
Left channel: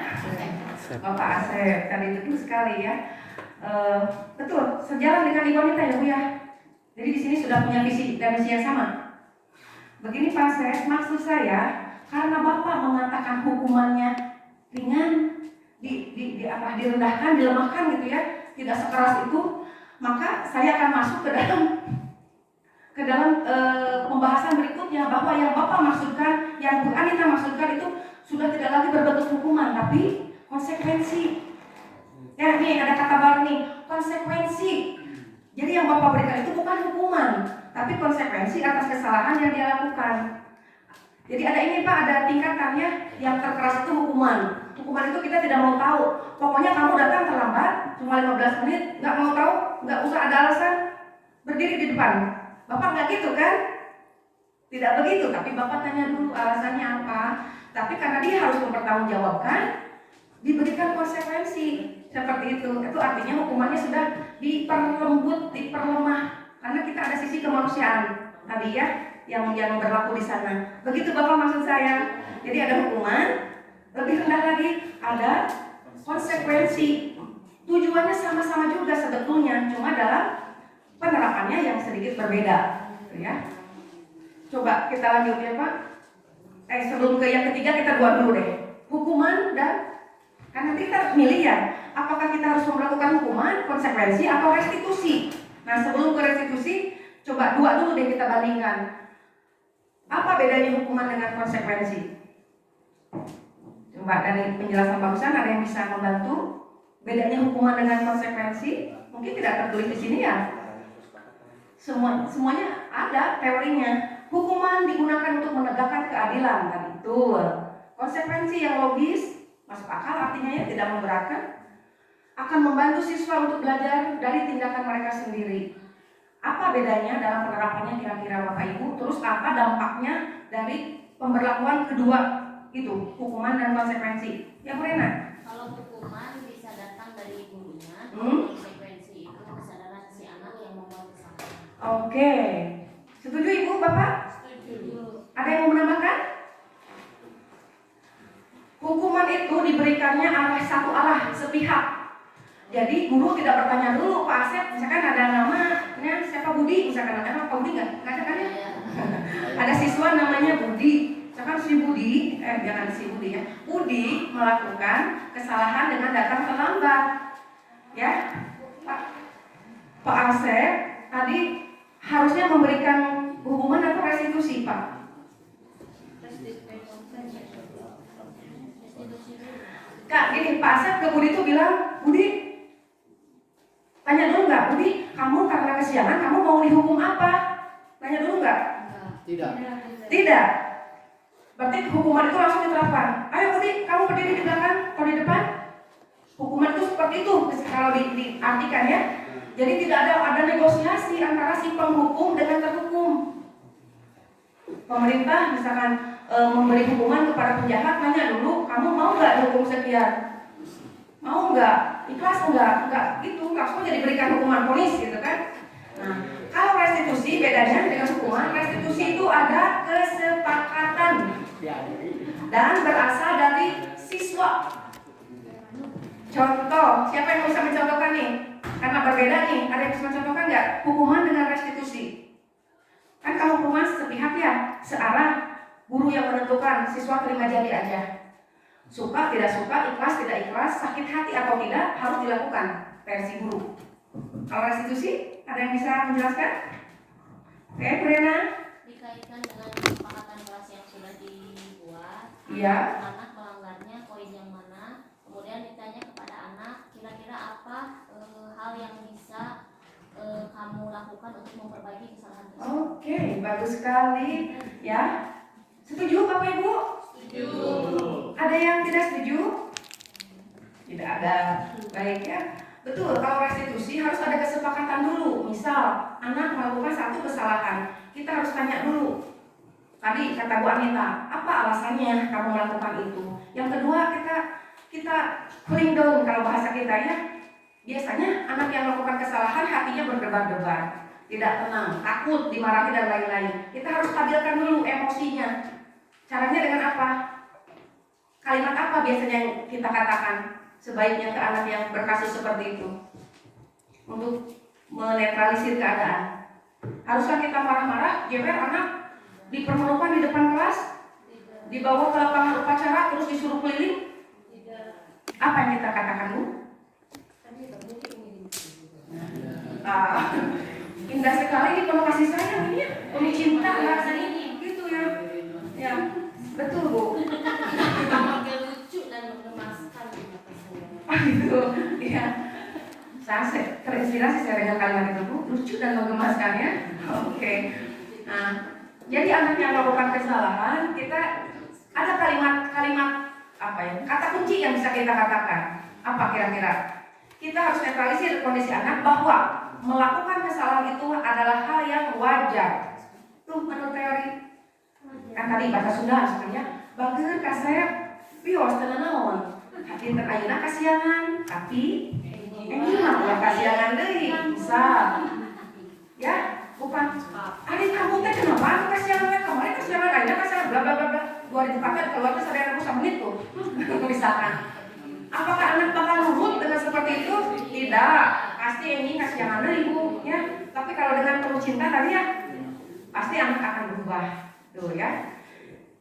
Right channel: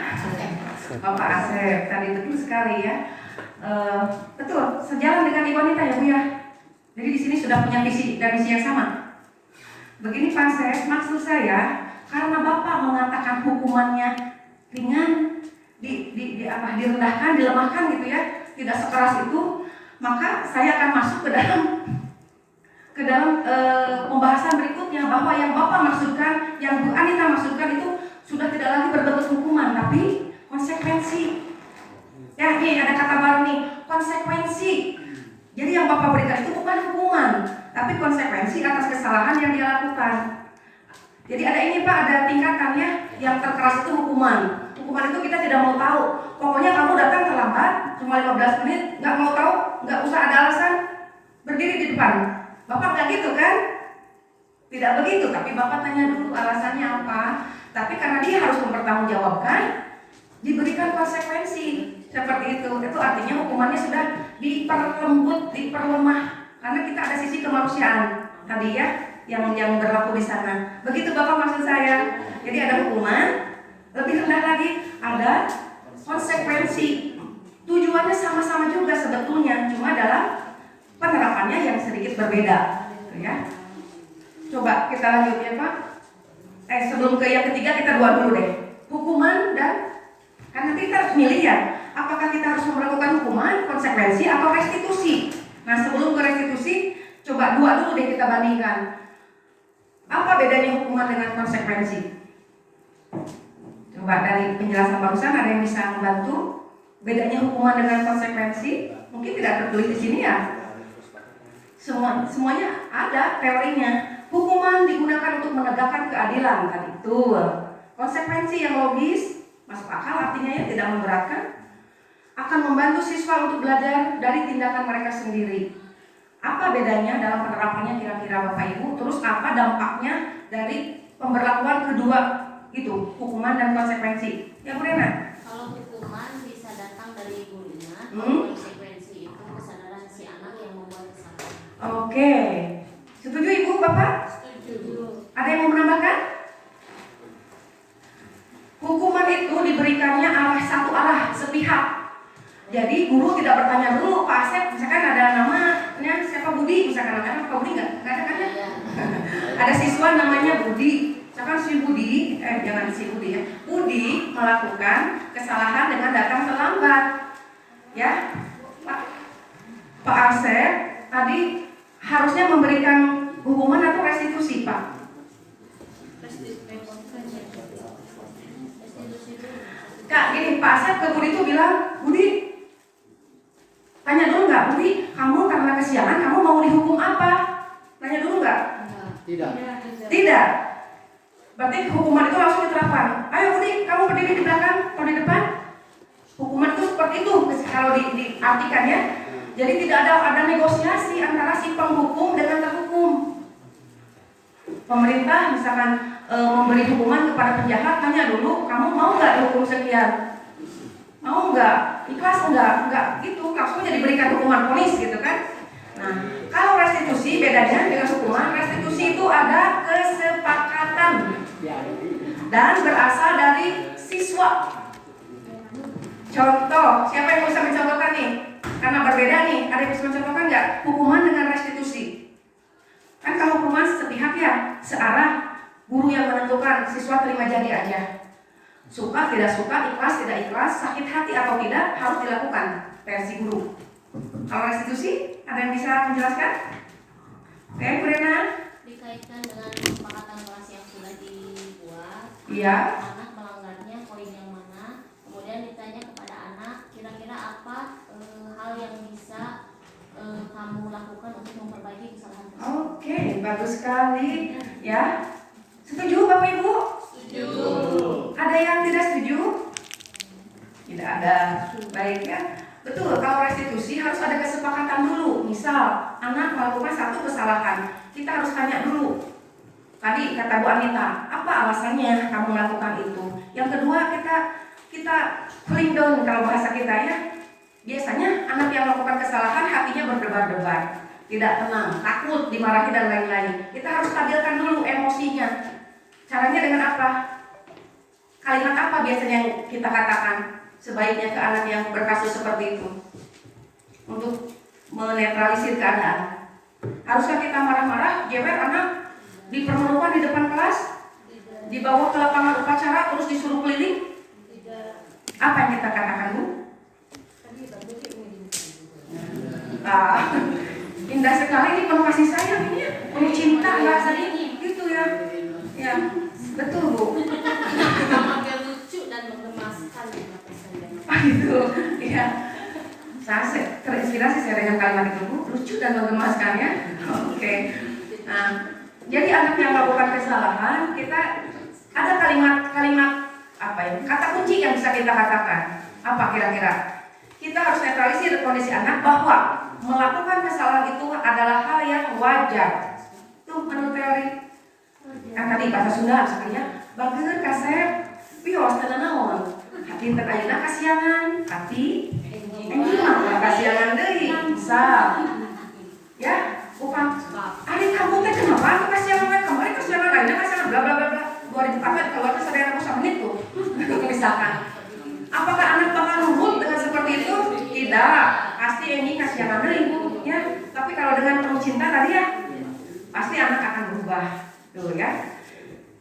Bapak Asrep tadi, betul sekali ya. Betul, sejalan dengan Ibu Wanita ya Bu ya. Jadi di sini sudah punya visi dan misi yang sama. Begini Pak Asrep, maksud saya karena Bapak mengatakan hukumannya ringan, direndahkan, dilemahkan gitu ya, tidak sekeras itu, maka saya akan masuk ke dalam pembahasan berikutnya, bahwa yang Bapak maksudkan, yang Bu Anita maksudkan itu sudah tidak lagi berbentuk hukuman, tapi konsekuensi. Ya, nih ada kata baru nih, konsekuensi. Jadi yang Bapak berikan itu bukan hukuman, tapi konsekuensi atas kesalahan yang dia lakukan. Jadi ada ini Pak, ada tingkatannya. Yang terkeras itu hukuman. Hukuman itu kita tidak mau tahu. Pokoknya kamu datang terlambat, cuma 15 menit, nggak mau tahu, nggak usah ada alasan, berdiri di depan. Bapak nggak gitu kan? Tidak begitu, tapi Bapak tanya dulu alasannya apa. Tapi karena dia harus mempertanggungjawabkan, diberikan konsekuensi seperti itu. Itu artinya hukumannya sudah diperlembut, diperlemah, karena kita ada sisi kemanusiaan tadi ya, yang berlaku di sana. Begitu Bapak maksud saya. Jadi ada hukuman, lebih rendah lagi ada konsekuensi. Tujuannya sama-sama juga sebetulnya, cuma dalam penerapannya yang sedikit berbeda, ya. Coba kita lanjut ya Pak. Sebelum ke yang ketiga kita buat dulu deh. Hukuman dan kan nanti kita milih ya. apakah kita harus melakukan hukuman, konsekuensi, atau restitusi? Nah, sebelum ke restitusi, coba dua dulu deh kita bandingkan. Apa bedanya hukuman dengan konsekuensi? Coba dari penjelasan barusan ada yang bisa membantu? Bedanya hukuman dengan konsekuensi? Mungkin tidak tertulis di sini ya. Semuanya ada teorinya. Hukuman digunakan untuk menegakkan keadilan tadi. Betul. Konsekuensi yang logis, masuk akal, artinya ya tidak memberatkan, akan membantu siswa untuk belajar dari tindakan mereka sendiri. Apa bedanya dalam penerapannya kira-kira Bapak Ibu? Terus apa dampaknya dari pemberlakuan kedua itu, hukuman dan konsekuensi? Ya Bu Rena? Kalau hukuman bisa datang dari gurunya, konsekuensi itu kesadaran si anak yang membuat kesalahan. Oke. Setuju Ibu, Bapak? Setuju. Ada yang mau menambahkan? Hukuman itu diberikannya satu arah, sepihak. Jadi guru tidak bertanya dulu, Pak Asep, misalkan ada namanya siapa Budi, misalkan namanya Pak Budi nggak ada kan ya? Ada siswa namanya Budi, misalkan si Budi, jangan si Budi ya, Budi melakukan kesalahan dengan datang terlambat, ya, Pak Asep tadi harusnya memberikan hukuman atau restitusi, Pak? Kak, gini, Pak Asep ke Budi itu bilang, Budi, tanya dulu nggak, Budi, kamu karena kesiangan, kamu mau dihukum apa? Tanya dulu nggak? Tidak. Tidak. Berarti hukuman itu langsung diterapkan. Ayo Budi, kamu berdiri di belakang atau di depan. Hukuman itu seperti itu kalau diartikan ya. Jadi tidak ada negosiasi antara si penghukum dengan terhukum. Pemerintah misalkan memberi hukuman kepada penjahat, tanya dulu, kamu mau nggak dihukum sekian? Mau nggak? Ikhlas enggak gitu, langsung jadi diberikan hukuman vonis gitu kan. Nah, kalau restitusi bedanya dengan hukuman, restitusi itu ada kesepakatan dan berasal dari siswa. Contoh, siapa yang bisa mencontohkan nih? Karena berbeda nih, ada yang bisa mencontohkan nggak? Hukuman dengan restitusi. Kan kalau hukuman sepihak ya, searah, guru yang menentukan, siswa terima jadi aja. Suka, tidak suka, ikhlas, tidak ikhlas, sakit hati atau tidak, harus dilakukan versi guru. Kalau restitusi, ada yang bisa menjelaskan? Oke, Bu Rena? Dikaitkan dengan kesepakatan kelas yang sudah dibuat, Iya. anak melanggarnya poin yang mana, kemudian ditanya kepada anak, kira-kira apa hal yang bisa kamu lakukan untuk memperbaiki kesalahan tersebut. Oke, bagus sekali. Ya, setuju Bapak Ibu? Setuju. Ada yang tidak setuju? Tidak ada. Baik ya. Betul, kalau restitusi harus ada kesepakatan dulu. Misal, anak melakukan satu kesalahan, kita harus tanya dulu. Tadi kata Bu Anita, apa alasannya kamu melakukan itu? Yang kedua, kita cooling down kalau bahasa kita ya. Biasanya anak yang melakukan kesalahan hatinya berdebar-debar, tidak tenang, takut dimarahi dan lain-lain. Kita harus stabilkan dulu emosinya. Caranya dengan apa? Kalimat apa biasanya yang kita katakan sebaiknya ke anak yang berkasus seperti itu untuk menetralisir keadaan? Haruskah kita marah-marah, jewer anak, dipermalukan di depan kelas, dibawa ke lapangan upacara terus disuruh keliling? Apa yang kita katakan, Bu? Indah sekali ini penuh kasih sayang ini ya, penuh cinta bahasanya gitu ya. Ya, betul Bu. Tampil lucu dan mengemaskan di mata saya. Gitu, iya. Saya terinspirasi saya dengan kalimat itu Bu, lucu dan mengemaskan ya. Oke. Nah, jadi anak yang melakukan kesalahan, kita ada kalimat apa ya? Kata kunci yang bisa kita katakan. Apa kira-kira? Kita harus netralisir kondisi anak bahwa melakukan kesalahan itu adalah hal yang wajar. Tuh menurut teori. Kan tadi bahasa Sunda misalnya, bager kasep, pios teu naon. Hati teu ayeuna kasiangan, hati enggih mah kasiangan deui. Bisa. Ya, bukan. Adik kamu teh kenapa aku kasiangan kemarin kasiangan ayeuna kasiangan bla bla bla bla. 2004 keluar teh sadaya aku sama itu. Misalkan. Apakah anak bakal nurut dengan seperti itu? Tidak. Pasti ini kasihan ibu ya. Tapi kalau dengan penuh cinta tadi ya, pasti anak akan berubah. Tuh ya.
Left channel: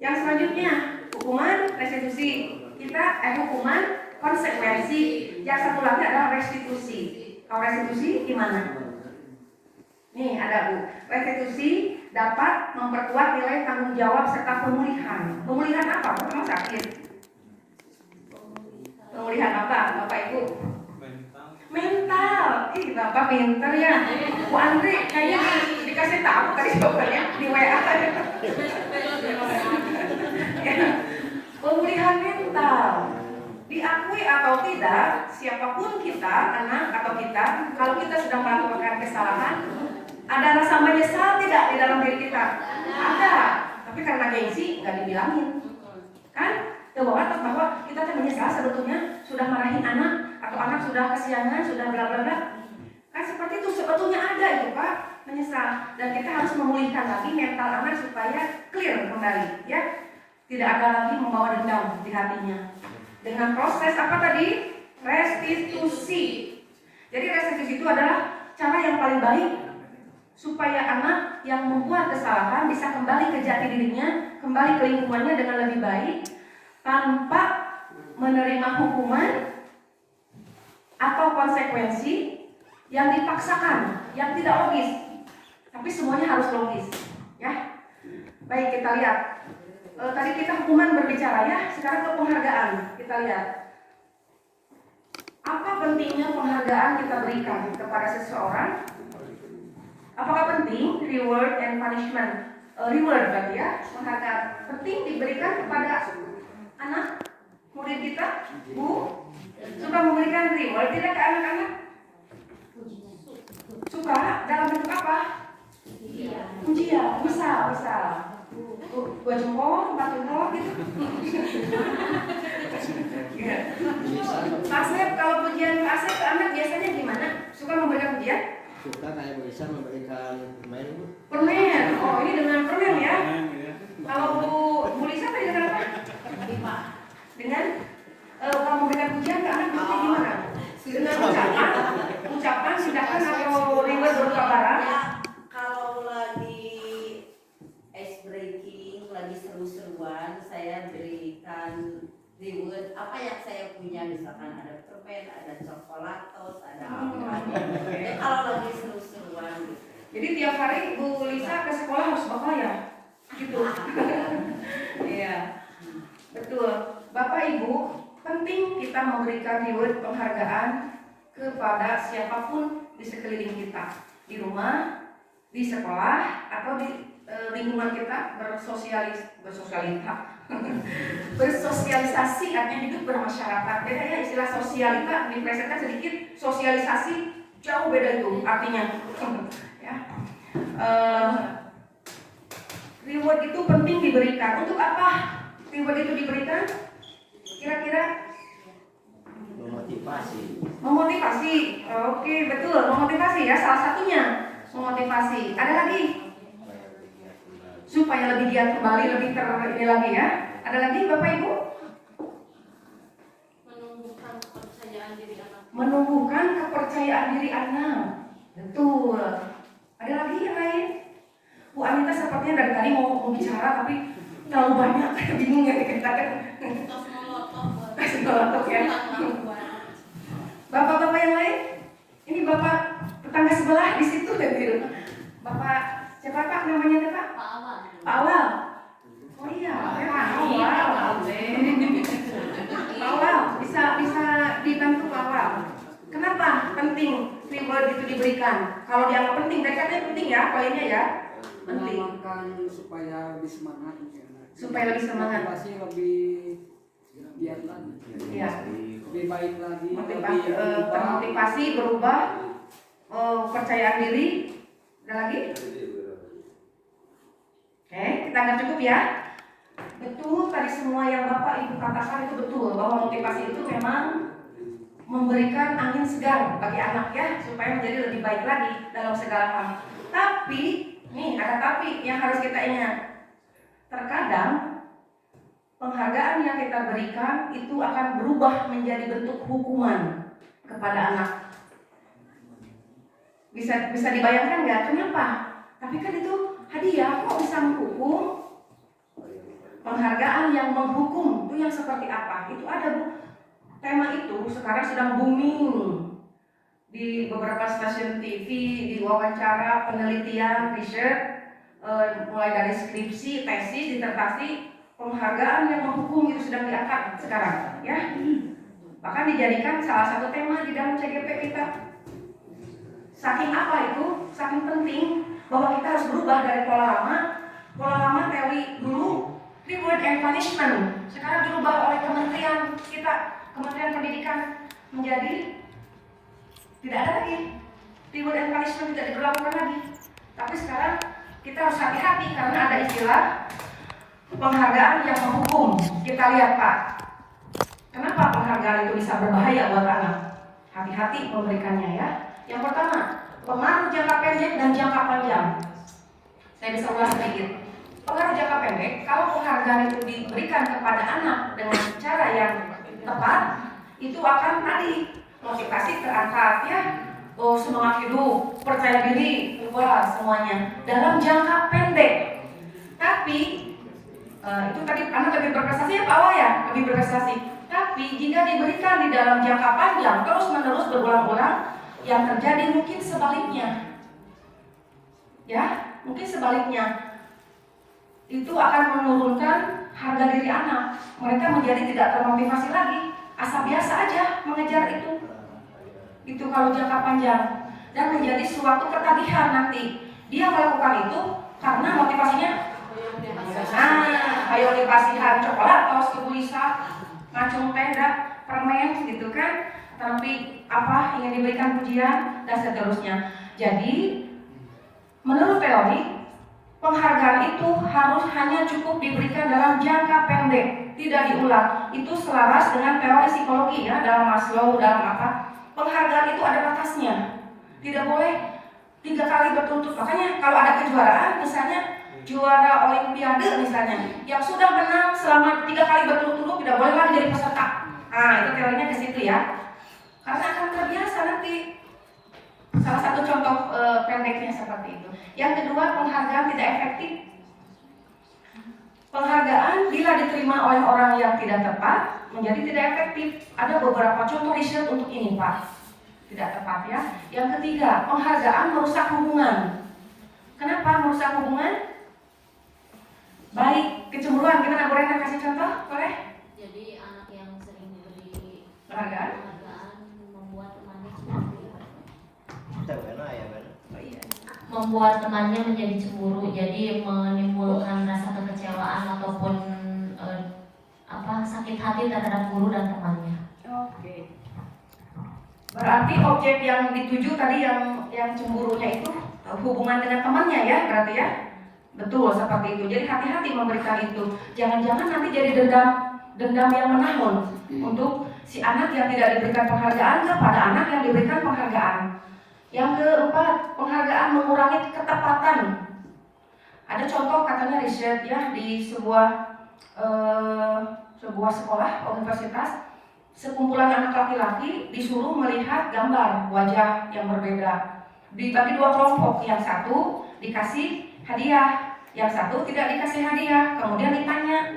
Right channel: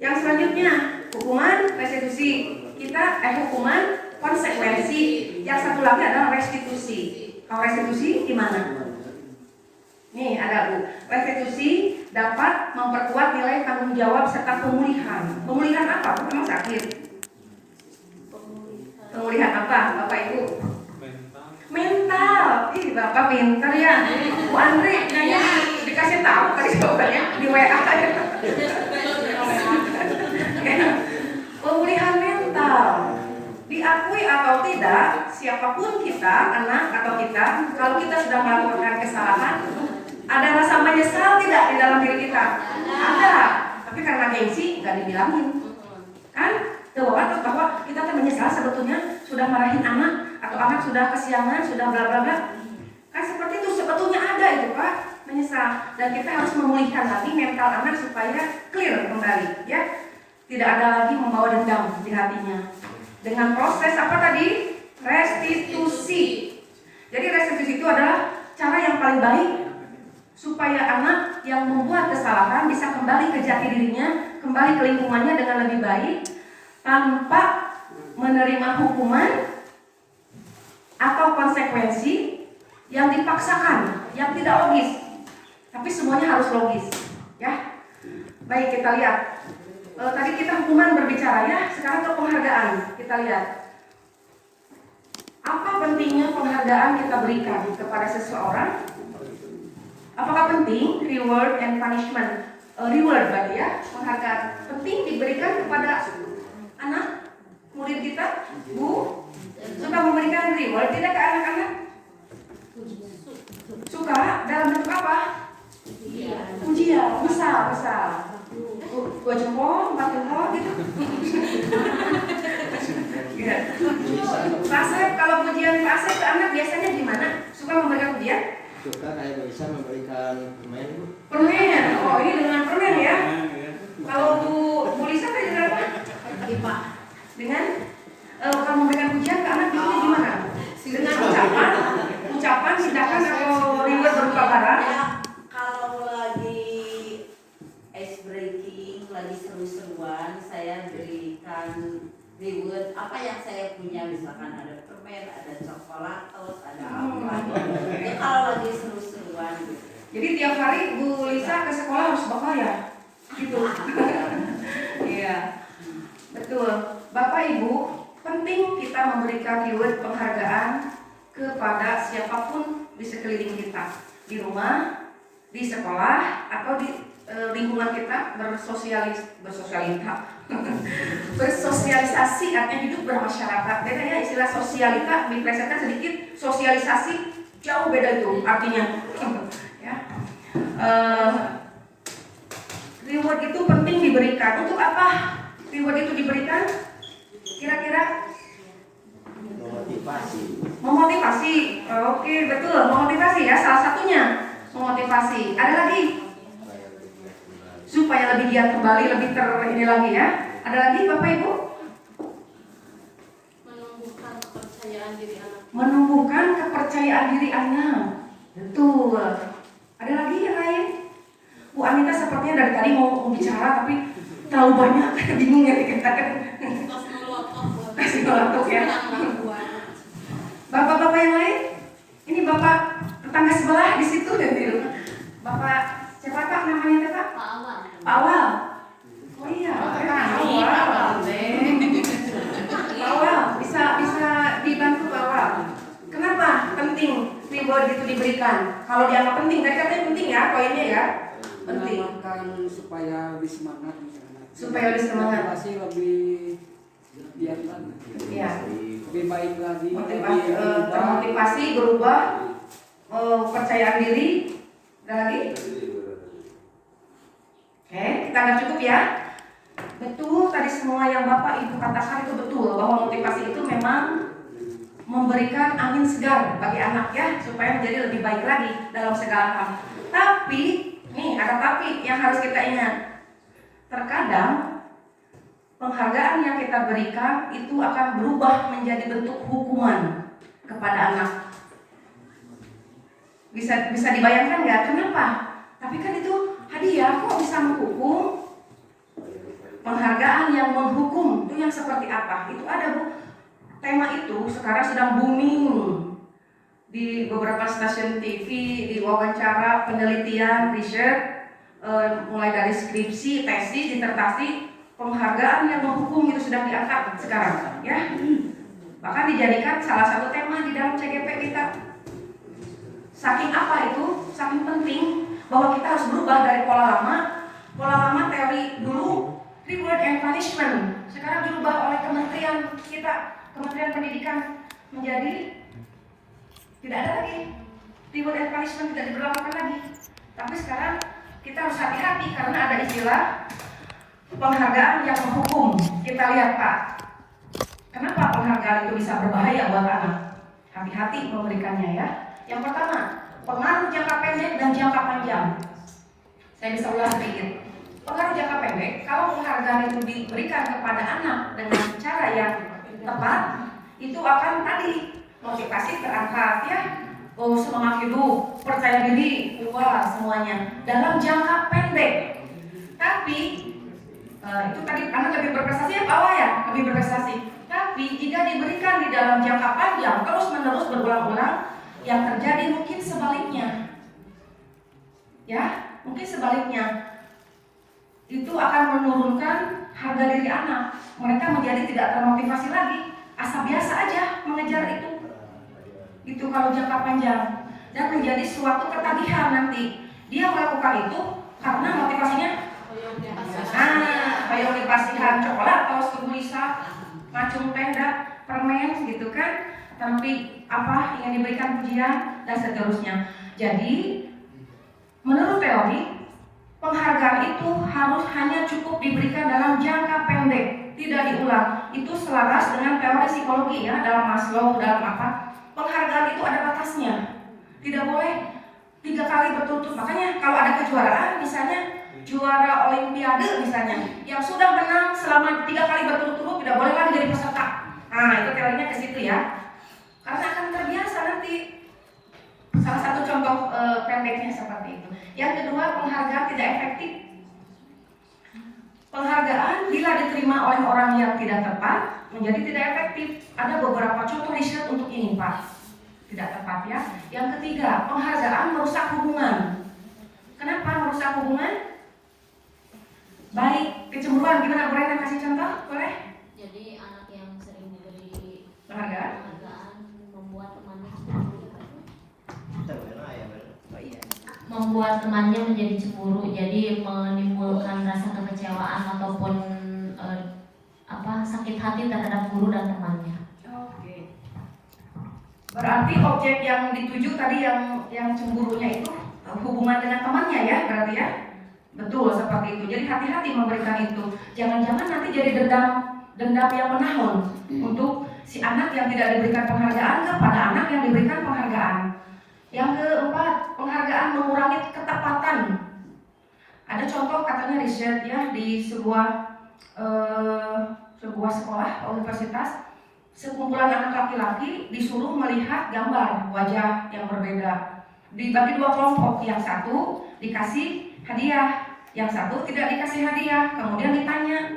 Yang selanjutnya, hukuman restitusi. Hukuman konsekuensi. Yang satu lagi adalah restitusi. Kalau restitusi gimana? Nih ada Bu. Restitusi dapat memperkuat nilai tanggung jawab serta pemulihan. Pemulihan apa? Memang sakit. Pemulihan apa, Bapak Ibu? Mental. Ih, Bapak pintar ya. Bu Andri, kayaknya dikasih tahu tadi jawabannya di WA aja. Pemulihan mental. Diakui atau tidak, siapapun kita, anak atau kita, kalau kita sudah melakukan kesalahan, ada rasa menyesal tidak di dalam diri kita? Ada. Tapi karena gengsi nggak dibilangin, kan? Bahwa kita kan menyesal sebetulnya sudah marahin anak atau anak sudah kesiangan, sudah bla bla bla. Kan seperti itu sebetulnya ada itu Pak, menyesal. Dan kita harus memulihkan lagi mental anak supaya clear kembali, ya. Tidak ada lagi membawa dendam di hatinya. Dengan proses apa tadi? Restitusi. Jadi restitusi itu adalah cara yang paling baik supaya anak yang membuat kesalahan bisa kembali ke jati dirinya, kembali ke lingkungannya dengan lebih baik tanpa menerima hukuman atau konsekuensi yang dipaksakan, yang tidak logis. Tapi semuanya harus logis, ya. Baik, kita lihat. Tadi kita hukuman berbicara ya, sekarang ke penghargaan. Kita lihat. Apa pentingnya penghargaan kita berikan kepada seseorang? Apakah penting reward and punishment? Reward berarti ya, penghargaan. Penting diberikan kepada anak, murid kita, Bu? Suka memberikan reward tidak ke anak-anak? Suka dalam bentuk apa? Pujian, misal. Dua jempol, 4 jempol gitu. Kasep, kalau pujian kasep ke anak biasanya gimana? Suka memberikan pujian? Suka kayak bisa memberikan permen. Permen, oh ini dengan permen ya. Kalau Bu Lisa tadi dengan apa? Dengan kalau memberikan pujian ke anak biasanya gimana? Dengan ucapan, tindakan atau reward berupa barang? Ya, kalau lagi ice breaking, lagi seru-seruan, saya berikan reward apa yang saya punya, misalkan ada permen, ada coklatos, ada apa. Ya kalau lagi seru-seruan gitu. Jadi tiap hari Bu Lisa ke sekolah harus bekal ya? Gitu. Iya. Betul. Bapak Ibu, penting kita memberikan reward penghargaan kepada siapapun di sekeliling kita. Di rumah, di sekolah, atau di lingkungan kita bersosialisasi artinya hidup bermasyarakat. Beda ya istilah sosialita diplesetkan sedikit, sosialisasi jauh beda itu artinya. Ya. Reward itu penting diberikan. Untuk apa reward itu diberikan? Kira-kira memotivasi. Oke, betul, memotivasi ya, salah satunya memotivasi. Ada lagi? Supaya lebih giat kembali, lebih ini lagi ya. Ada lagi Bapak Ibu? Menumbuhkan kepercayaan diri anak. Menumbuhkan kepercayaan diri anak. Betul. Ada lagi yang lain? Bu Anita sepertinya dari tadi mau bicara tapi terlalu banyak, bingung ya dikatakan. Kasih nolotok ya. Bapak-bapak yang lain? Ini Bapak tetangga sebelah di situ dan di rumah. Bapak siapa Pak namanya Pak? Pak Awal. Pak Awal. Oh iya, Pak Awal. Pak Awal, bisa dibantu Pak Awal. Kenapa penting reward itu diberikan? Kalau dianggap penting, tadi katanya penting ya, poinnya ya. Penting. Mengamalkan supaya lebih semangat. Supaya lebih semangat. Motivasi lebih giat lagi. Iya. Lebih baik lagi. Termotivasi berubah, kepercayaan diri. Ada lagi? Oke, kita anggap cukup ya. Betul, tadi semua yang Bapak Ibu katakan itu betul, bahwa motivasi itu memang memberikan angin segar bagi anak ya, supaya menjadi lebih baik lagi dalam segala hal. Tapi, nih ada tapi yang harus kita ingat. Terkadang penghargaan yang kita berikan itu akan berubah menjadi bentuk hukuman kepada anak. Bisa dibayangkan nggak? Kenapa? Tapi kan itu hadiah, kok bisa menghukum? Penghargaan yang menghukum itu yang seperti apa? Itu ada Bu. tema itu sekarang sedang booming di beberapa stasiun TV, di wawancara, penelitian, riset, mulai dari skripsi, tesis, disertasi, penghargaan yang menghukum itu sedang diangkat sekarang, ya. Bahkan dijadikan salah satu tema di dalam CGP kita. Saking apa itu? Saking penting bahwa kita harus berubah dari pola lama teori dulu reward and punishment. Sekarang dirubah oleh kementerian kita, Kementerian Pendidikan, menjadi tidak ada lagi reward and punishment, tidak diberlakukan lagi. Tapi sekarang kita harus hati-hati karena ada istilah penghargaan yang menghukum. Kita lihat Pak, kenapa penghargaan itu bisa berbahaya buat anak? Hati-hati memberikannya ya. Yang pertama, pengaruh jangka pendek dan jangka panjang. Saya bisa ulas sedikit. Pengaruh jangka pendek, kalau penghargaan itu diberikan kepada anak dengan cara yang tepat, itu akan tadi motivasi terangkat ya. Oh, semangat hidup, percaya diri, keluar semuanya dalam jangka pendek. Tapi itu tadi anak lebih berprestasi apa awal ya? Lebih berprestasi. Tapi jika diberikan di dalam jangka panjang terus-menerus berulang-ulang, yang terjadi mungkin sebaliknya. Ya, mungkin sebaliknya. Itu akan menurunkan harga diri anak. Mereka menjadi tidak termotivasi lagi, asal biasa aja mengejar itu. Itu kalau jangka panjang, dan menjadi suatu ketagihan nanti. Dia melakukan itu karena motivasinya kayak dikasihan coklat atau tulisan, macung tenda, permen gitu kan. Tapi apa ingin diberikan pujian dan seterusnya. Jadi menurut teori, penghargaan itu harus hanya cukup diberikan dalam jangka pendek, tidak diulang. Itu selaras dengan teori psikologi ya, dalam Maslow, dalam apa. Penghargaan itu ada batasnya, tidak boleh 3 kali berturut-turut. Makanya kalau ada kejuaraan, misalnya juara olimpiade misalnya, yang sudah menang selama 3 kali berturut-turut tidak boleh lagi jadi peserta. Nah itu teorinya ke situ ya, karena akan terbiasa nanti. Salah satu contoh pendeknya seperti itu. Yang kedua, penghargaan tidak efektif. Penghargaan bila diterima oleh orang yang tidak tepat menjadi tidak efektif. Ada beberapa contoh riset untuk ini Pak. Tidak tepat ya. Yang ketiga, penghargaan merusak hubungan. Kenapa merusak hubungan? Baik, kecemburuan. Gimana boleh kasih contoh? Boleh? Jadi anak yang sering diberi Penghargaan membuat temannya menjadi cemburu, jadi menimbulkan rasa kekecewaan ataupun sakit hati terhadap guru dan temannya. Oke. Berarti objek yang dituju tadi yang cemburunya itu hubungan dengan temannya ya, berarti ya. Betul seperti itu. Jadi hati-hati memberikan itu. Jangan-jangan nanti jadi dendam yang menahun untuk si anak yang tidak diberikan penghargaan kepada anak yang diberikan penghargaan. Yang keempat, penghargaan mengurangi ketepatan. Ada contoh katanya riset ya di sebuah sekolah universitas, sekumpulan anak laki-laki disuruh melihat gambar wajah yang berbeda. Dibagi 2 kelompok, yang satu dikasih hadiah, yang satu tidak dikasih hadiah. Kemudian ditanya,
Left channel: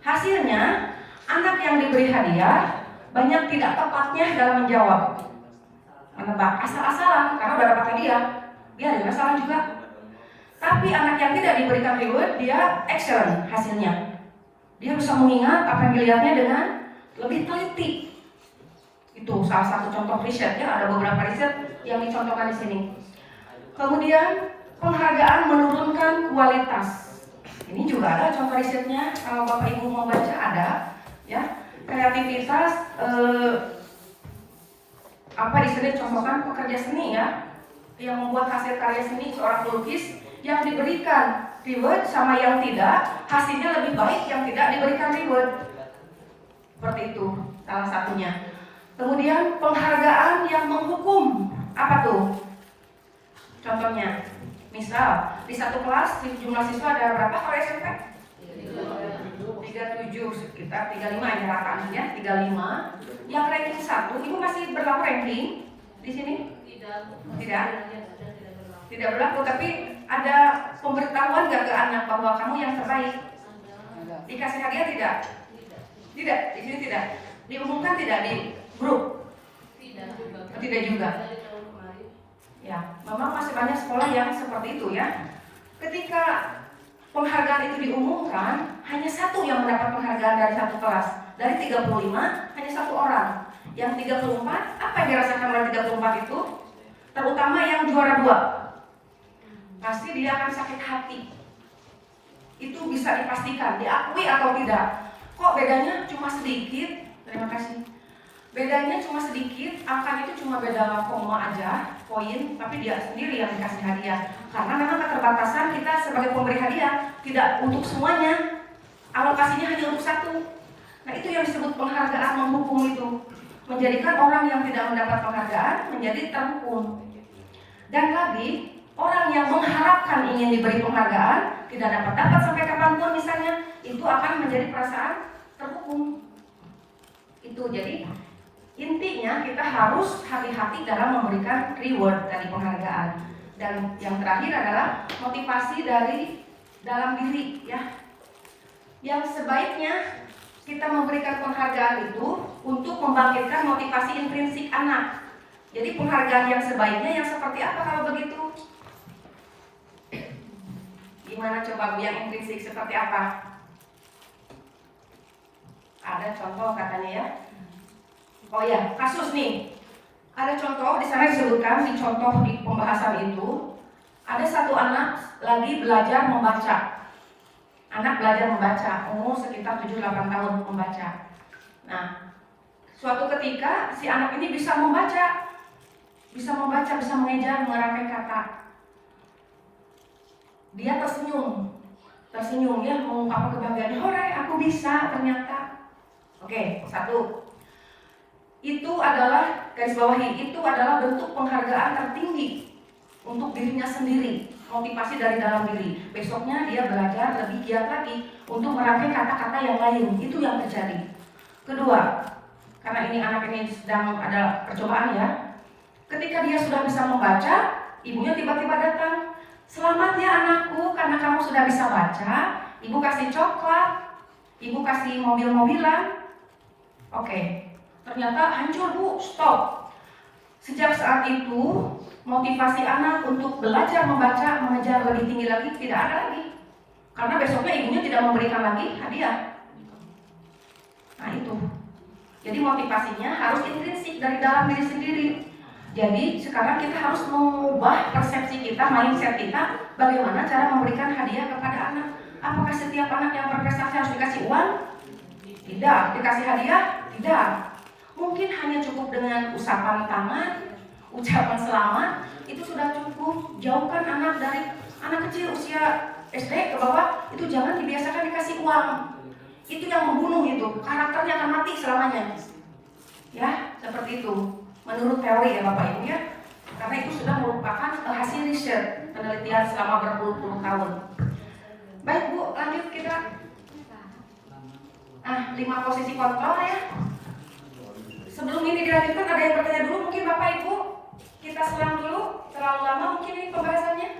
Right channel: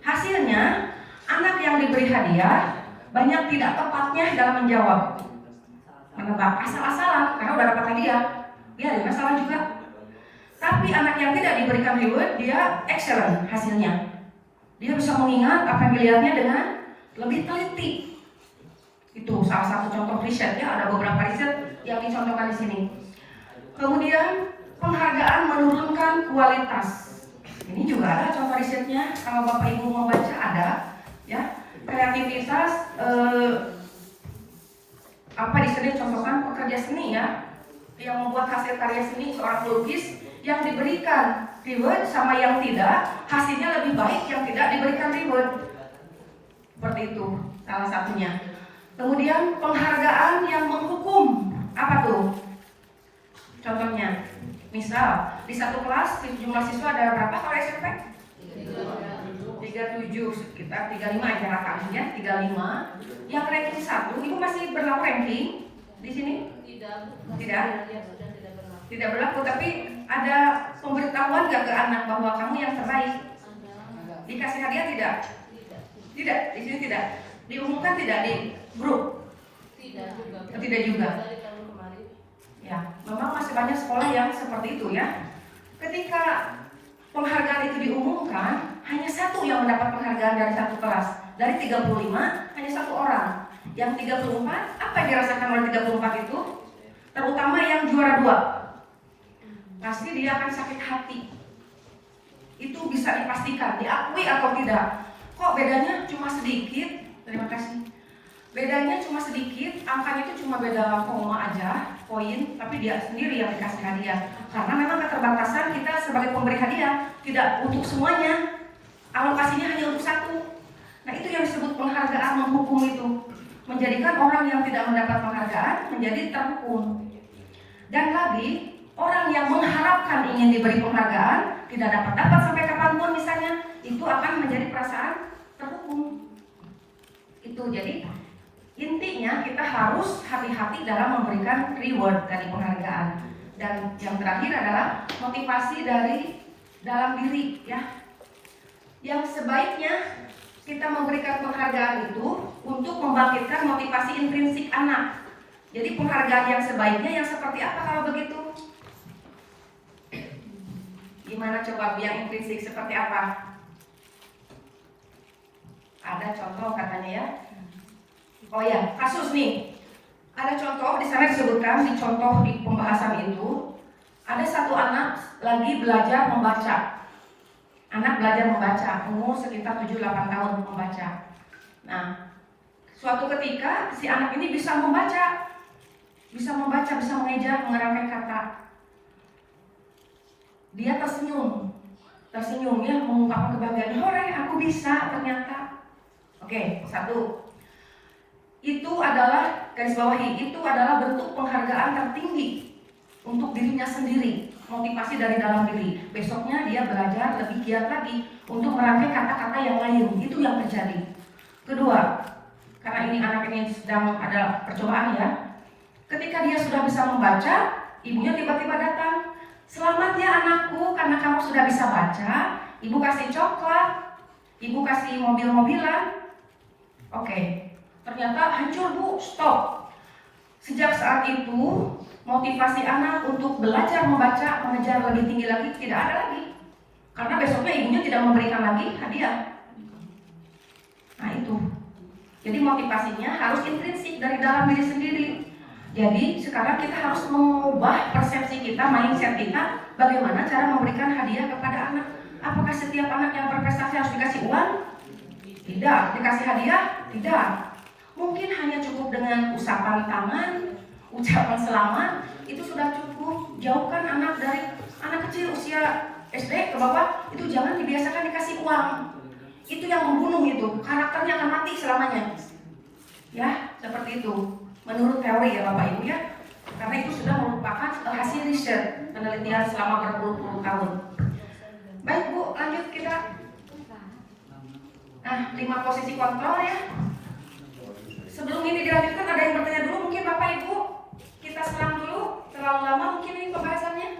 hasilnya anak yang diberi hadiah banyak tidak tepatnya dalam menjawab, menebak asal-asalan karena udah dapat hadiah, dia ada masalah juga. Tapi anak yang tidak diberikan reward, dia excellent hasilnya. Dia bisa mengingat apa yang dilihatnya dengan lebih teliti. Itu salah satu contoh riset ya, ada beberapa riset yang dicontohkan di sini. Kemudian penghargaan menurunkan kualitas. Ini juga ada contoh risetnya, kalau Bapak Ibu membaca ada ya. Kreativitas apa di sini contohkan pekerja seni ya, yang membuat hasil karya seni seorang pelukis yang diberikan reward sama yang tidak, hasilnya lebih baik yang tidak diberikan reward. Seperti itu salah satunya. Kemudian penghargaan yang menghukum, apa tuh? Contohnya, misal di satu kelas jumlah siswa ada berapa kalau SMP? 37, sekitar 35 jaraknya ya, 35. Yang ranking 1, Ibu masih berlaku ranking di sini? Tidak berlaku, tapi ada pemberitahuan gak ke anak bahwa kamu yang terbaik? Dikasih hadiah tidak? Tidak, di sini tidak. Diumumkan tidak di grup? Tidak juga. Ya, memang masih banyak sekolah yang seperti itu ya. Ketika penghargaan itu diumumkan, hanya satu yang mendapat penghargaan dari satu kelas. Dari 35, hanya satu orang. Yang 34, apa yang dirasakan oleh 34 itu? Terutama yang juara 2. Pasti dia akan sakit hati. Itu bisa dipastikan, diakui atau tidak. Kok bedanya cuma sedikit? Terima kasih. Bedanya cuma sedikit, angkanya itu cuma beda koma aja, poin, tapi dia sendiri yang dikasih hadiah. Karena memang keterbatasan kita sebagai pemberi hadiah, tidak untuk semuanya, alokasinya hanya untuk satu. Nah itu yang disebut penghargaan menghukum itu, menjadikan orang yang tidak mendapat penghargaan menjadi terhukum. Dan lagi, orang yang mengharapkan ingin diberi penghargaan, tidak dapat sampai kapanpun misalnya, itu akan menjadi perasaan terhukum. Itu jadi intinya kita harus hati-hati dalam memberikan reward dari penghargaan. Dan yang terakhir adalah motivasi dari dalam diri ya. Yang sebaiknya kita memberikan penghargaan itu untuk membangkitkan motivasi intrinsik anak. Jadi penghargaan yang sebaiknya yang seperti apa kalau begitu? Gimana coba yang intrinsik seperti apa? Ada contoh katanya ya. Oh ya, kasus nih. Ada contoh di sana disebutkan di contoh di pembahasan itu ada satu anak lagi belajar membaca. Anak belajar membaca, umur sekitar 7-8 tahun membaca. Nah, suatu ketika si anak ini bisa membaca, bisa mengejar, mengerangkai kata. Dia tersenyum ya, mengungkapkan kebahagiaan. Hore, aku bisa ternyata. Oke, satu. Itu adalah, garis bawahi, itu adalah bentuk penghargaan tertinggi untuk dirinya sendiri, motivasi dari dalam diri. Besoknya dia belajar lebih giat lagi untuk merangkai kata-kata yang lain. Itu yang terjadi. Kedua, karena ini anak ini sedang ada percobaan ya. Ketika dia sudah bisa membaca, ibunya tiba-tiba datang. Selamat ya anakku, karena kamu sudah bisa baca. Ibu kasih coklat, ibu kasih mobil-mobilan. Oke. Ternyata hancur bu, stop. Sejak saat itu motivasi anak untuk belajar membaca, mengejar lebih tinggi lagi tidak ada lagi. Karena besoknya ibunya tidak memberikan lagi hadiah. Nah itu. Jadi motivasinya harus intrinsik dari dalam diri sendiri. Jadi sekarang kita harus mengubah persepsi kita, mindset kita, bagaimana cara memberikan hadiah kepada anak. Apakah setiap anak yang berprestasi harus dikasih uang? Tidak. Dikasih hadiah? Tidak. Mungkin hanya cukup dengan usapan tangan, ucapan selamat, itu sudah cukup. Jauhkan anak dari anak kecil usia SD ke bawah, itu jangan dibiasakan dikasih uang. Itu yang membunuh itu, karakternya akan mati selamanya. Ya, seperti itu. Menurut teori ya Bapak Ibu ya. Karena itu sudah merupakan hasil riset penelitian selama berpuluh-puluh tahun. Baik Bu, lanjut kita. 5 posisi kontrol ya. Sebelum ini dilanjutkan ada yang bertanya dulu mungkin Bapak Ibu. Kita selang dulu, terlalu lama mungkin ini pembahasannya.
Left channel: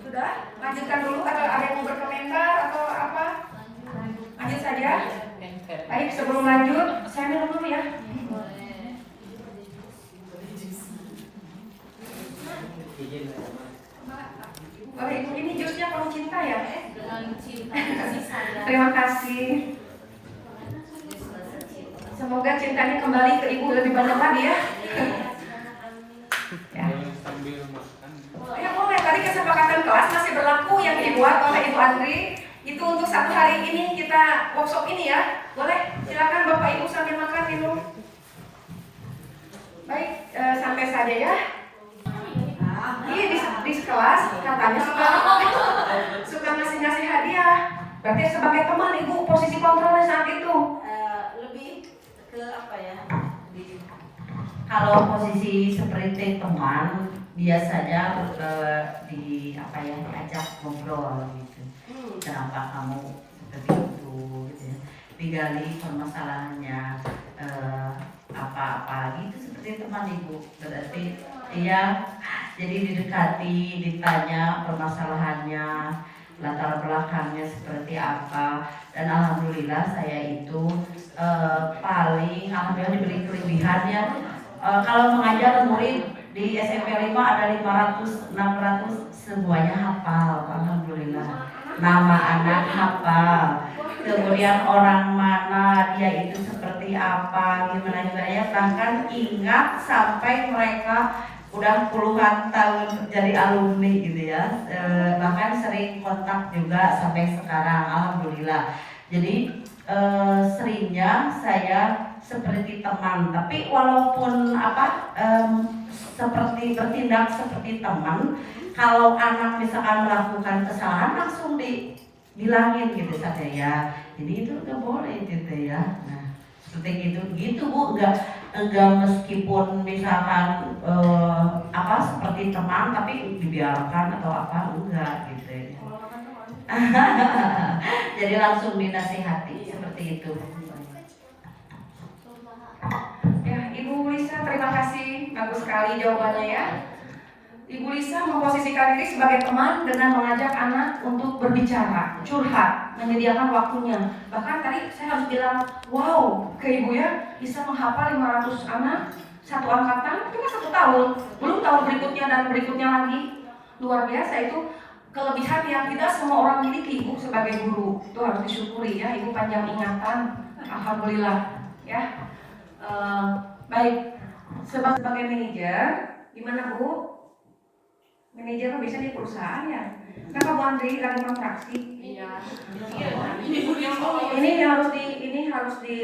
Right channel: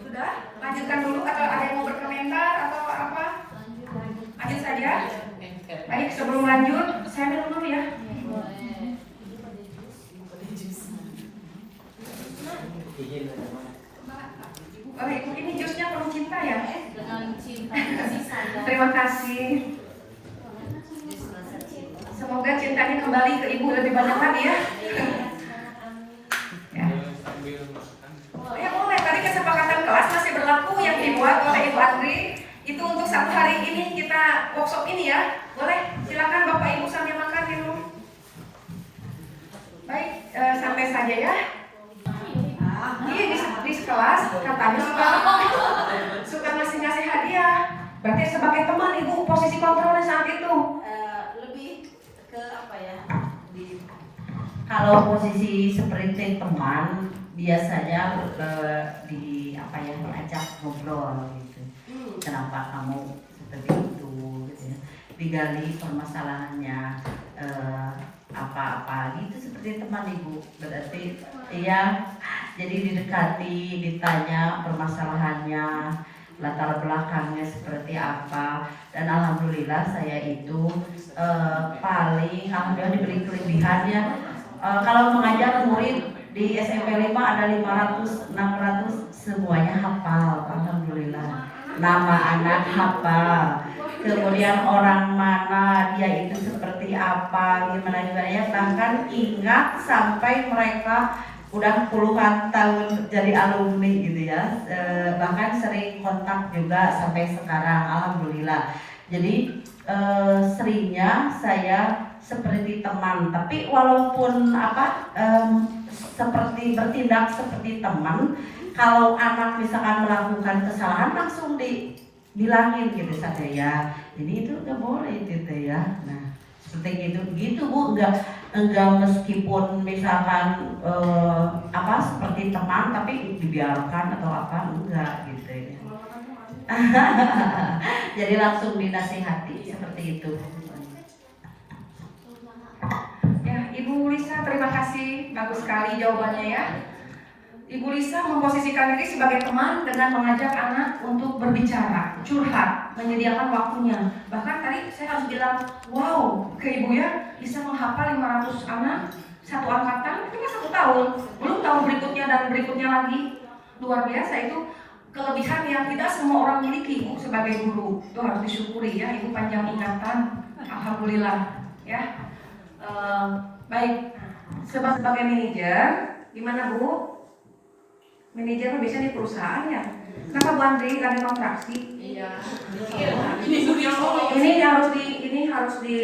Sudah? Lanjutkan dulu atau ada yang mau berkomentar atau apa? Lanjut saja. Baik, sebelum lanjut, saya minum dulu ya. Oh, ini jusnya penuh cinta ya? Dengan cinta kasih sayang. Terima kasih. Semoga cintanya kembali ke ibu lebih banyak lagi ya. Ya boleh, tadi kesepakatan kelas masih berlaku yang dibuat oleh Ibu Andri. Itu untuk 1 hari ini kita workshop ini ya. Boleh, silakan Bapak Ibu sambil makan minum. Baik, sampai saja ya. Ini di kelas katanya suka ngasih hadiah. Berarti sebagai teman Ibu posisi kontrolnya saat itu. Lebih ke apa ya? Kalau posisi seperti teman biasanya di apa ya, ajak ngobrol gitu. Kenapa kamu seperti itu gitu ya. Digali permasalahannya apa gitu, seperti teman Ibu. Berarti dia jadi didekati, ditanya permasalahannya, latar belakangnya seperti apa, dan alhamdulillah saya itu paling alhamdulillah diberi kelebihannya. Kalau mengajar murid di SMP 5 ada 500 600 semuanya hafal, alhamdulillah. Nama anak hafal, kemudian orang mana dia itu seperti apa, gimana ya, bahkan ingat sampai mereka udah puluhan tahun jadi alumni gitu ya, bahkan sering kontak juga sampai sekarang, alhamdulillah. Jadi seringnya saya seperti teman, tapi walaupun seperti bertindak seperti teman, kalau anak misalkan melakukan kesalahan langsung dibilangin gitu saja ya. Jadi itu nggak boleh gitu ya. Nah seperti gitu Bu, enggak meskipun misalkan seperti teman tapi dibiarkan atau apa, enggak gitu ya. Jadi langsung dinasihati seperti itu. Ya, Ibu Lisa, terima kasih, bagus sekali jawabannya ya. Ibu Lisa memposisikan diri sebagai teman dengan mengajak anak untuk berbicara, curhat, menyediakan waktunya. Bahkan tadi saya harus bilang, wow, ke Ibu ya, bisa menghafal 500 anak satu angkatan, cuma 1 tahun. Belum tahun berikutnya dan berikutnya lagi. Luar biasa itu kelebihan yang tidak semua orang miliki, Ibu sebagai guru. Itu harus disyukuri ya, Ibu panjang ingatan. Alhamdulillah ya. Baik, sebagai manajer, gimana Bu? Manajer biasanya di perusahaan ya. Kenapa Bu Andri lagi kontraksi? Iya. Ini harus di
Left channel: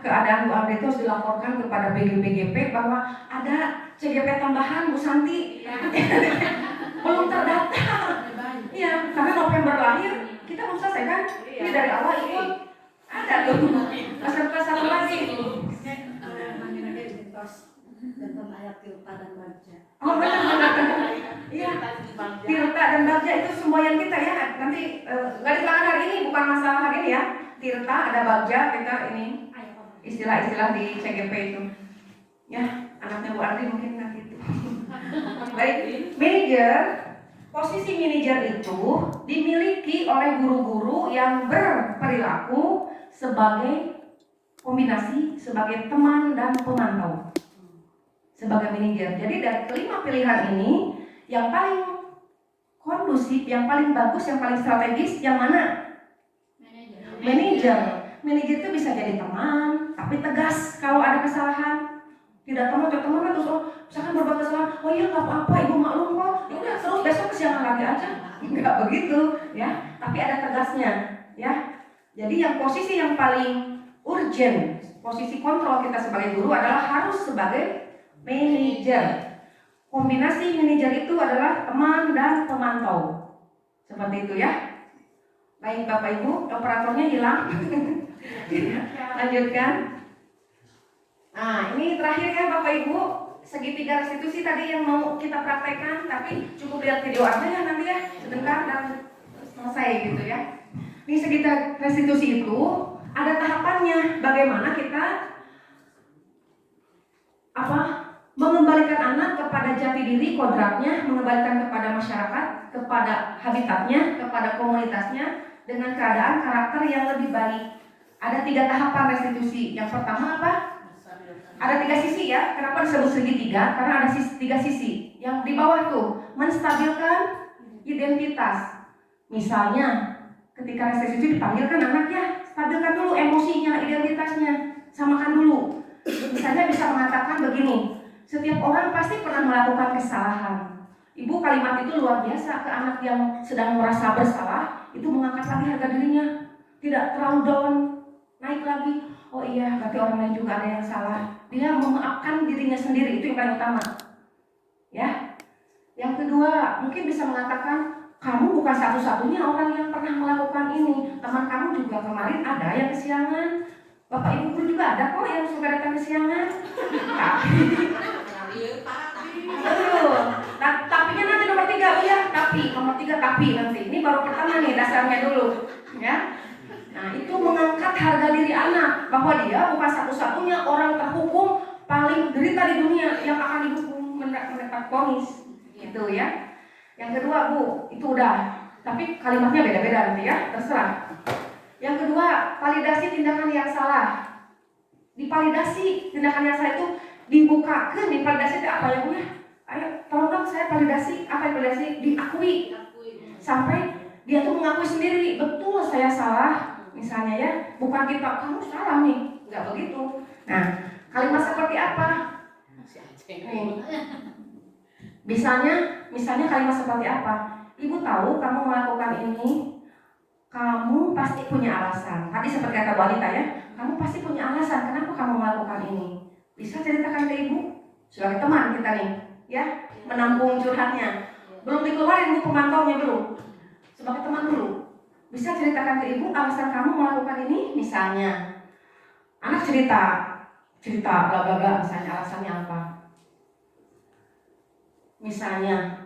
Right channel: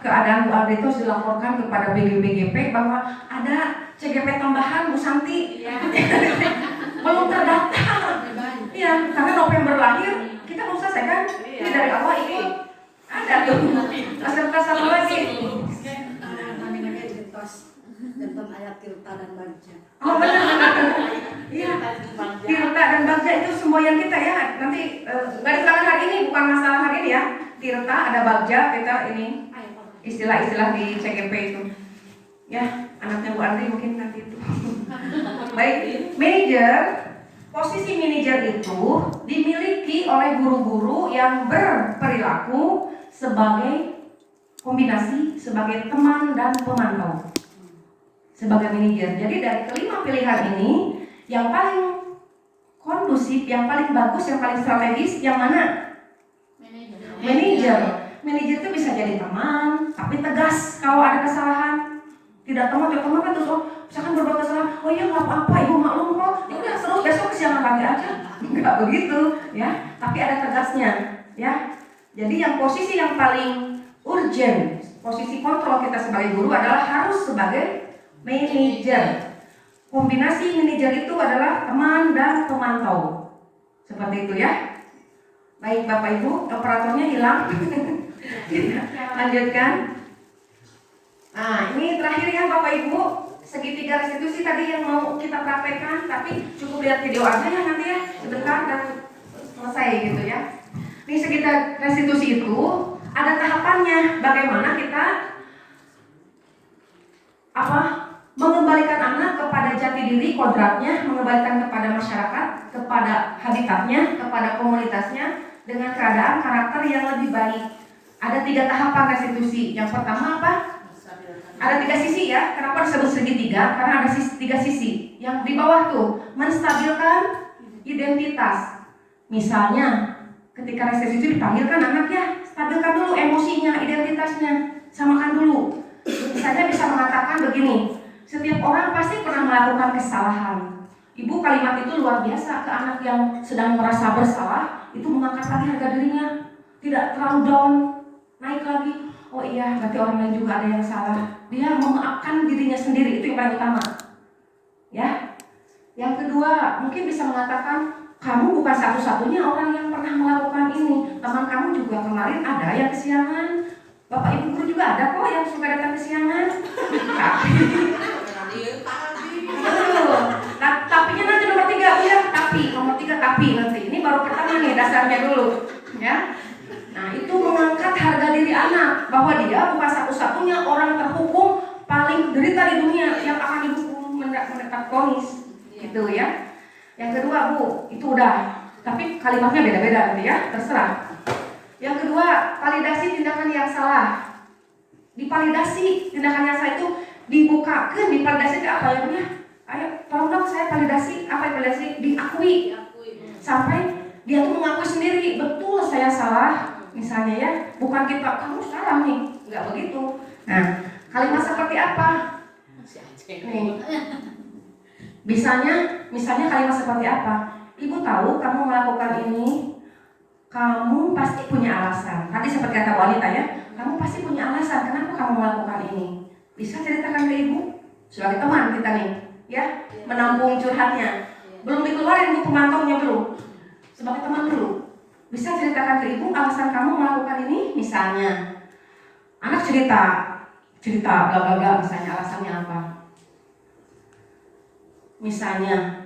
keadaan Bu Andri itu harus dilaporkan kepada BGP bahwa ada CGP tambahan Bu Santi. Iya. Belum terdaftar. Iya, karena November lahir kita belum selesai kan? Ini dari awal ikut. Ada tuh. Peserta satu lagi. Tentang ayat tirta dan bagja. Oh benar. Iya. Tirta dan bagja itu semboyan kita ya. Nanti nggak diterangkan hari ini, bukan masalah hari ini ya. Tirta ada bagja, kita ini istilah-istilah di CGP itu. Ya, anaknya Bu Andri mungkin nanti itu. Baik, manajer. Posisi manajer itu dimiliki oleh guru-guru yang berperilaku sebagai kombinasi sebagai teman dan pemantau. Sebagai manajer. Jadi dari kelima pilihan ini, yang paling kondusif, yang paling bagus, yang paling strategis, yang mana? Manajer. Manajer itu bisa jadi teman, tapi tegas kalau ada kesalahan. Tidak teman kan terus misalkan berbuat kesalahan, oh iya nggak apa-apa, Ibu maklum kok. Ya udah terus besok kesiangan lagi aja. Enggak begitu, ya. Tapi ada tegasnya, ya. Jadi yang posisi yang paling urgent, posisi kontrol kita sebagai guru adalah harus sebagai manajer. Kombinasi manajer itu adalah teman dan pemantau. Seperti itu ya. Baik Bapak Ibu, operatornya hilang. Lanjutkan. Nah, ini terakhir ya Bapak Ibu, segitiga restitusi tadi yang mau kita praktekkan, tapi cukup lihat video aja ya nanti ya, sebentar dan selesai gitu ya. Ini segitiga restitusi itu ada tahapannya, bagaimana kita mengembalikan anak kepada jati diri, kodratnya, mengembalikan kepada masyarakat, kepada habitatnya, kepada komunitasnya dengan keadaan karakter yang lebih baik. Ada 3 tahapan restitusi. Yang pertama apa? Ada 3 sisi ya. Kenapa disebut segitiga? Karena ada 3 sisi. Yang di bawah tuh menstabilkan identitas. Misalnya, ketika restitusi dipanggilkan anak ya, stabilkan dulu emosinya, identitasnya, samakan dulu. Misalnya bisa mengatakan begini, setiap orang pasti pernah melakukan kesalahan. Ibu kalimat itu luar biasa ke anak yang sedang merasa bersalah, itu mengangkat lagi harga dirinya, tidak terlalu down, naik lagi. Oh iya, berarti orang lain juga ada yang salah. Dia memaafkan dirinya sendiri, itu yang paling utama. Ya. Yang kedua, mungkin bisa mengatakan kamu bukan satu-satunya orang yang pernah melakukan ini. Teman kamu juga kemarin ada yang kesiangan. Bapak Ibu guru juga ada kok yang suka datang kesiangan. Tapinya nanti nomor 3 ya. Nomor 3 tapi nanti. Ini baru pertama nih dasarnya dulu. Ya. Nah itu mengangkat harga diri anak bahwa dia bukan satu-satunya orang terhukum paling derita di dunia yang akan dihukum mendapat vonis. Gitu ya. Yang kedua Bu, itu udah Tapi kalimatnya beda-beda nanti ya, terserah. Yang kedua, validasi tindakan yang salah. Divalidasi tindakan yang salah itu dibukakan, divalidasi ke apa yang punya. Ayo, tolong dong saya validasi, apa yang validasi? Diakui. Sampai dia tuh mengakui sendiri, betul saya salah. Misalnya ya, bukan kita, kamu salah nih. Enggak begitu. Nah, kalimat seperti apa? Nih. Misalnya kalimat seperti apa? Ibu tahu kamu melakukan ini, kamu pasti punya alasan. Tadi seperti kata wanita ya, kamu pasti punya alasan kenapa kamu melakukan ini. Bisa ceritakan ke ibu? Sebagai teman kita nih, ya, menampung curhatnya. Belum dikeluarin bu pemantaunya belum. Sebagai teman dulu, bisa ceritakan ke ibu alasan kamu melakukan ini. Misalnya, anak cerita bla bla bla, misalnya alasannya apa? Misalnya,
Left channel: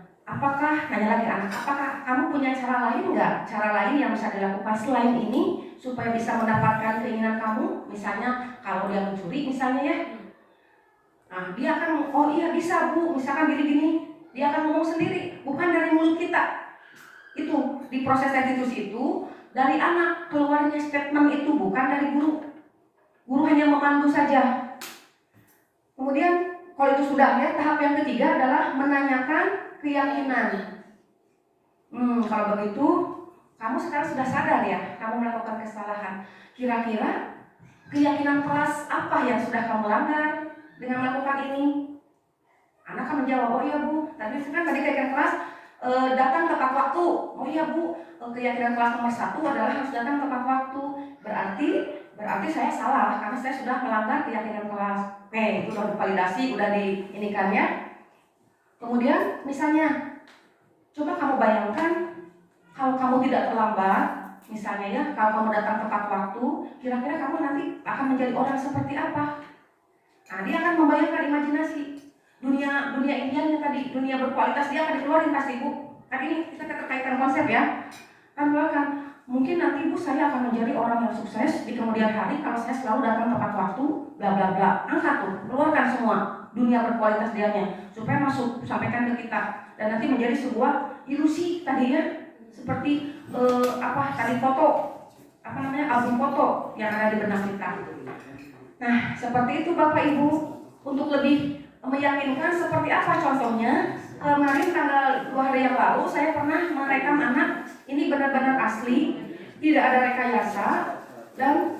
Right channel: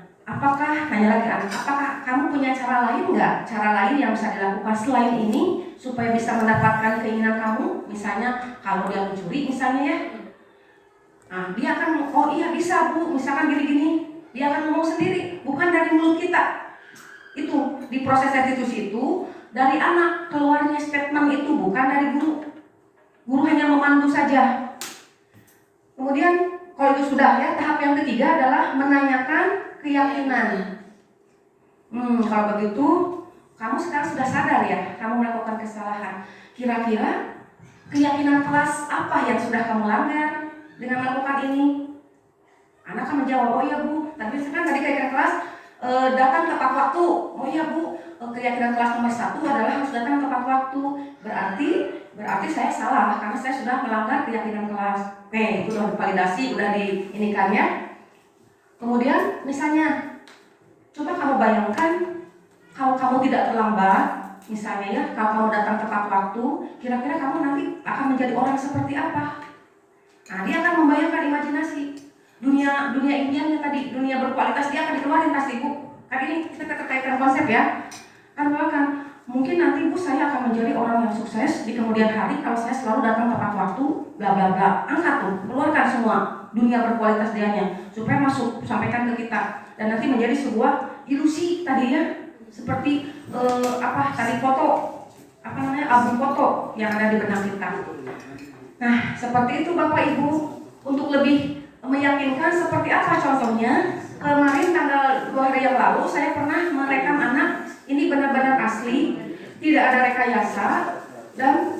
nanya lagi anak, apakah kamu punya cara lain nggak? Cara lain yang bisa dilakukan selain ini supaya bisa mendapatkan keinginan kamu? Misalnya, kalau dia mencuri misalnya ya, nah dia akan, oh iya bisa bu, misalkan gini-gini, dia akan ngomong sendiri, bukan dari mulut kita. Itu di proses restitusi itu dari anak keluarnya statement itu, bukan dari guru. Guru hanya memandu saja. Kemudian kalau itu sudah ya, tahap yang ketiga adalah menanyakan keyakinan. Kalau begitu, kamu sekarang sudah sadar ya, kamu melakukan kesalahan. Kira-kira keyakinan kelas apa yang sudah kamu langgar dengan melakukan ini? Anak akan menjawab, oh iya bu, tadi keyakinan kelas datang tepat waktu. Oh iya bu, keyakinan kelas nomor 1 adalah harus datang tepat waktu. Berarti saya salah karena saya sudah melanggar keyakinan kelas. Oke, itu sudah divalidasi, udah diinikan ya. Kemudian misalnya, coba kamu bayangkan kalau kamu tidak terlambat, misalnya ya, kalau kamu datang tepat waktu, kira-kira kamu nanti akan menjadi orang seperti apa? Nah, dia akan membayangkan imajinasi dunia impiannya tadi, dunia berkualitas dia akan dikeluarin pasti bu. Kan ini kita terkaitkan konsep ya. Kan mungkin nanti bu saya akan menjadi orang yang sukses di kemudian hari kalau saya selalu datang tepat waktu, bla bla bla. Angkat tuh, keluarkan semua dunia berkualitas dianya supaya masuk, sampaikan ke kita dan nanti menjadi sebuah ilusi tadi ya, seperti album foto yang ada di benak kita. Nah, seperti itu Bapak Ibu, untuk lebih meyakinkan seperti apa contohnya. Kemarin tanggal 2 hari yang lalu saya pernah merekam anak, ini benar-benar asli, tidak ada rekayasa dan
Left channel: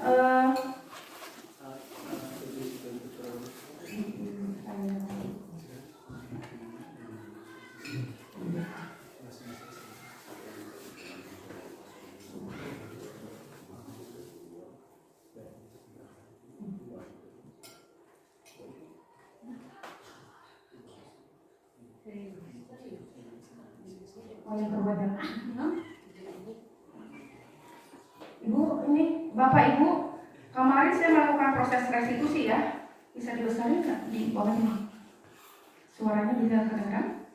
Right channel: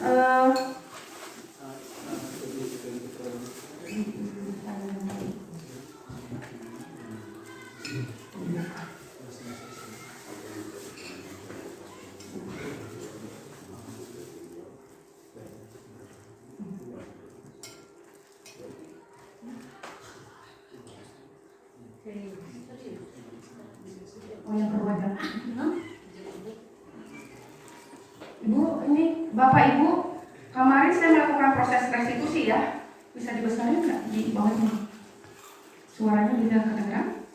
yang perbuatan. Ibu, ini Bapak Ibu, kemarin saya melakukan proses restitusi ya. Bisa dibesarkan nggak di bawahnya? Suaranya bisa kedengaran?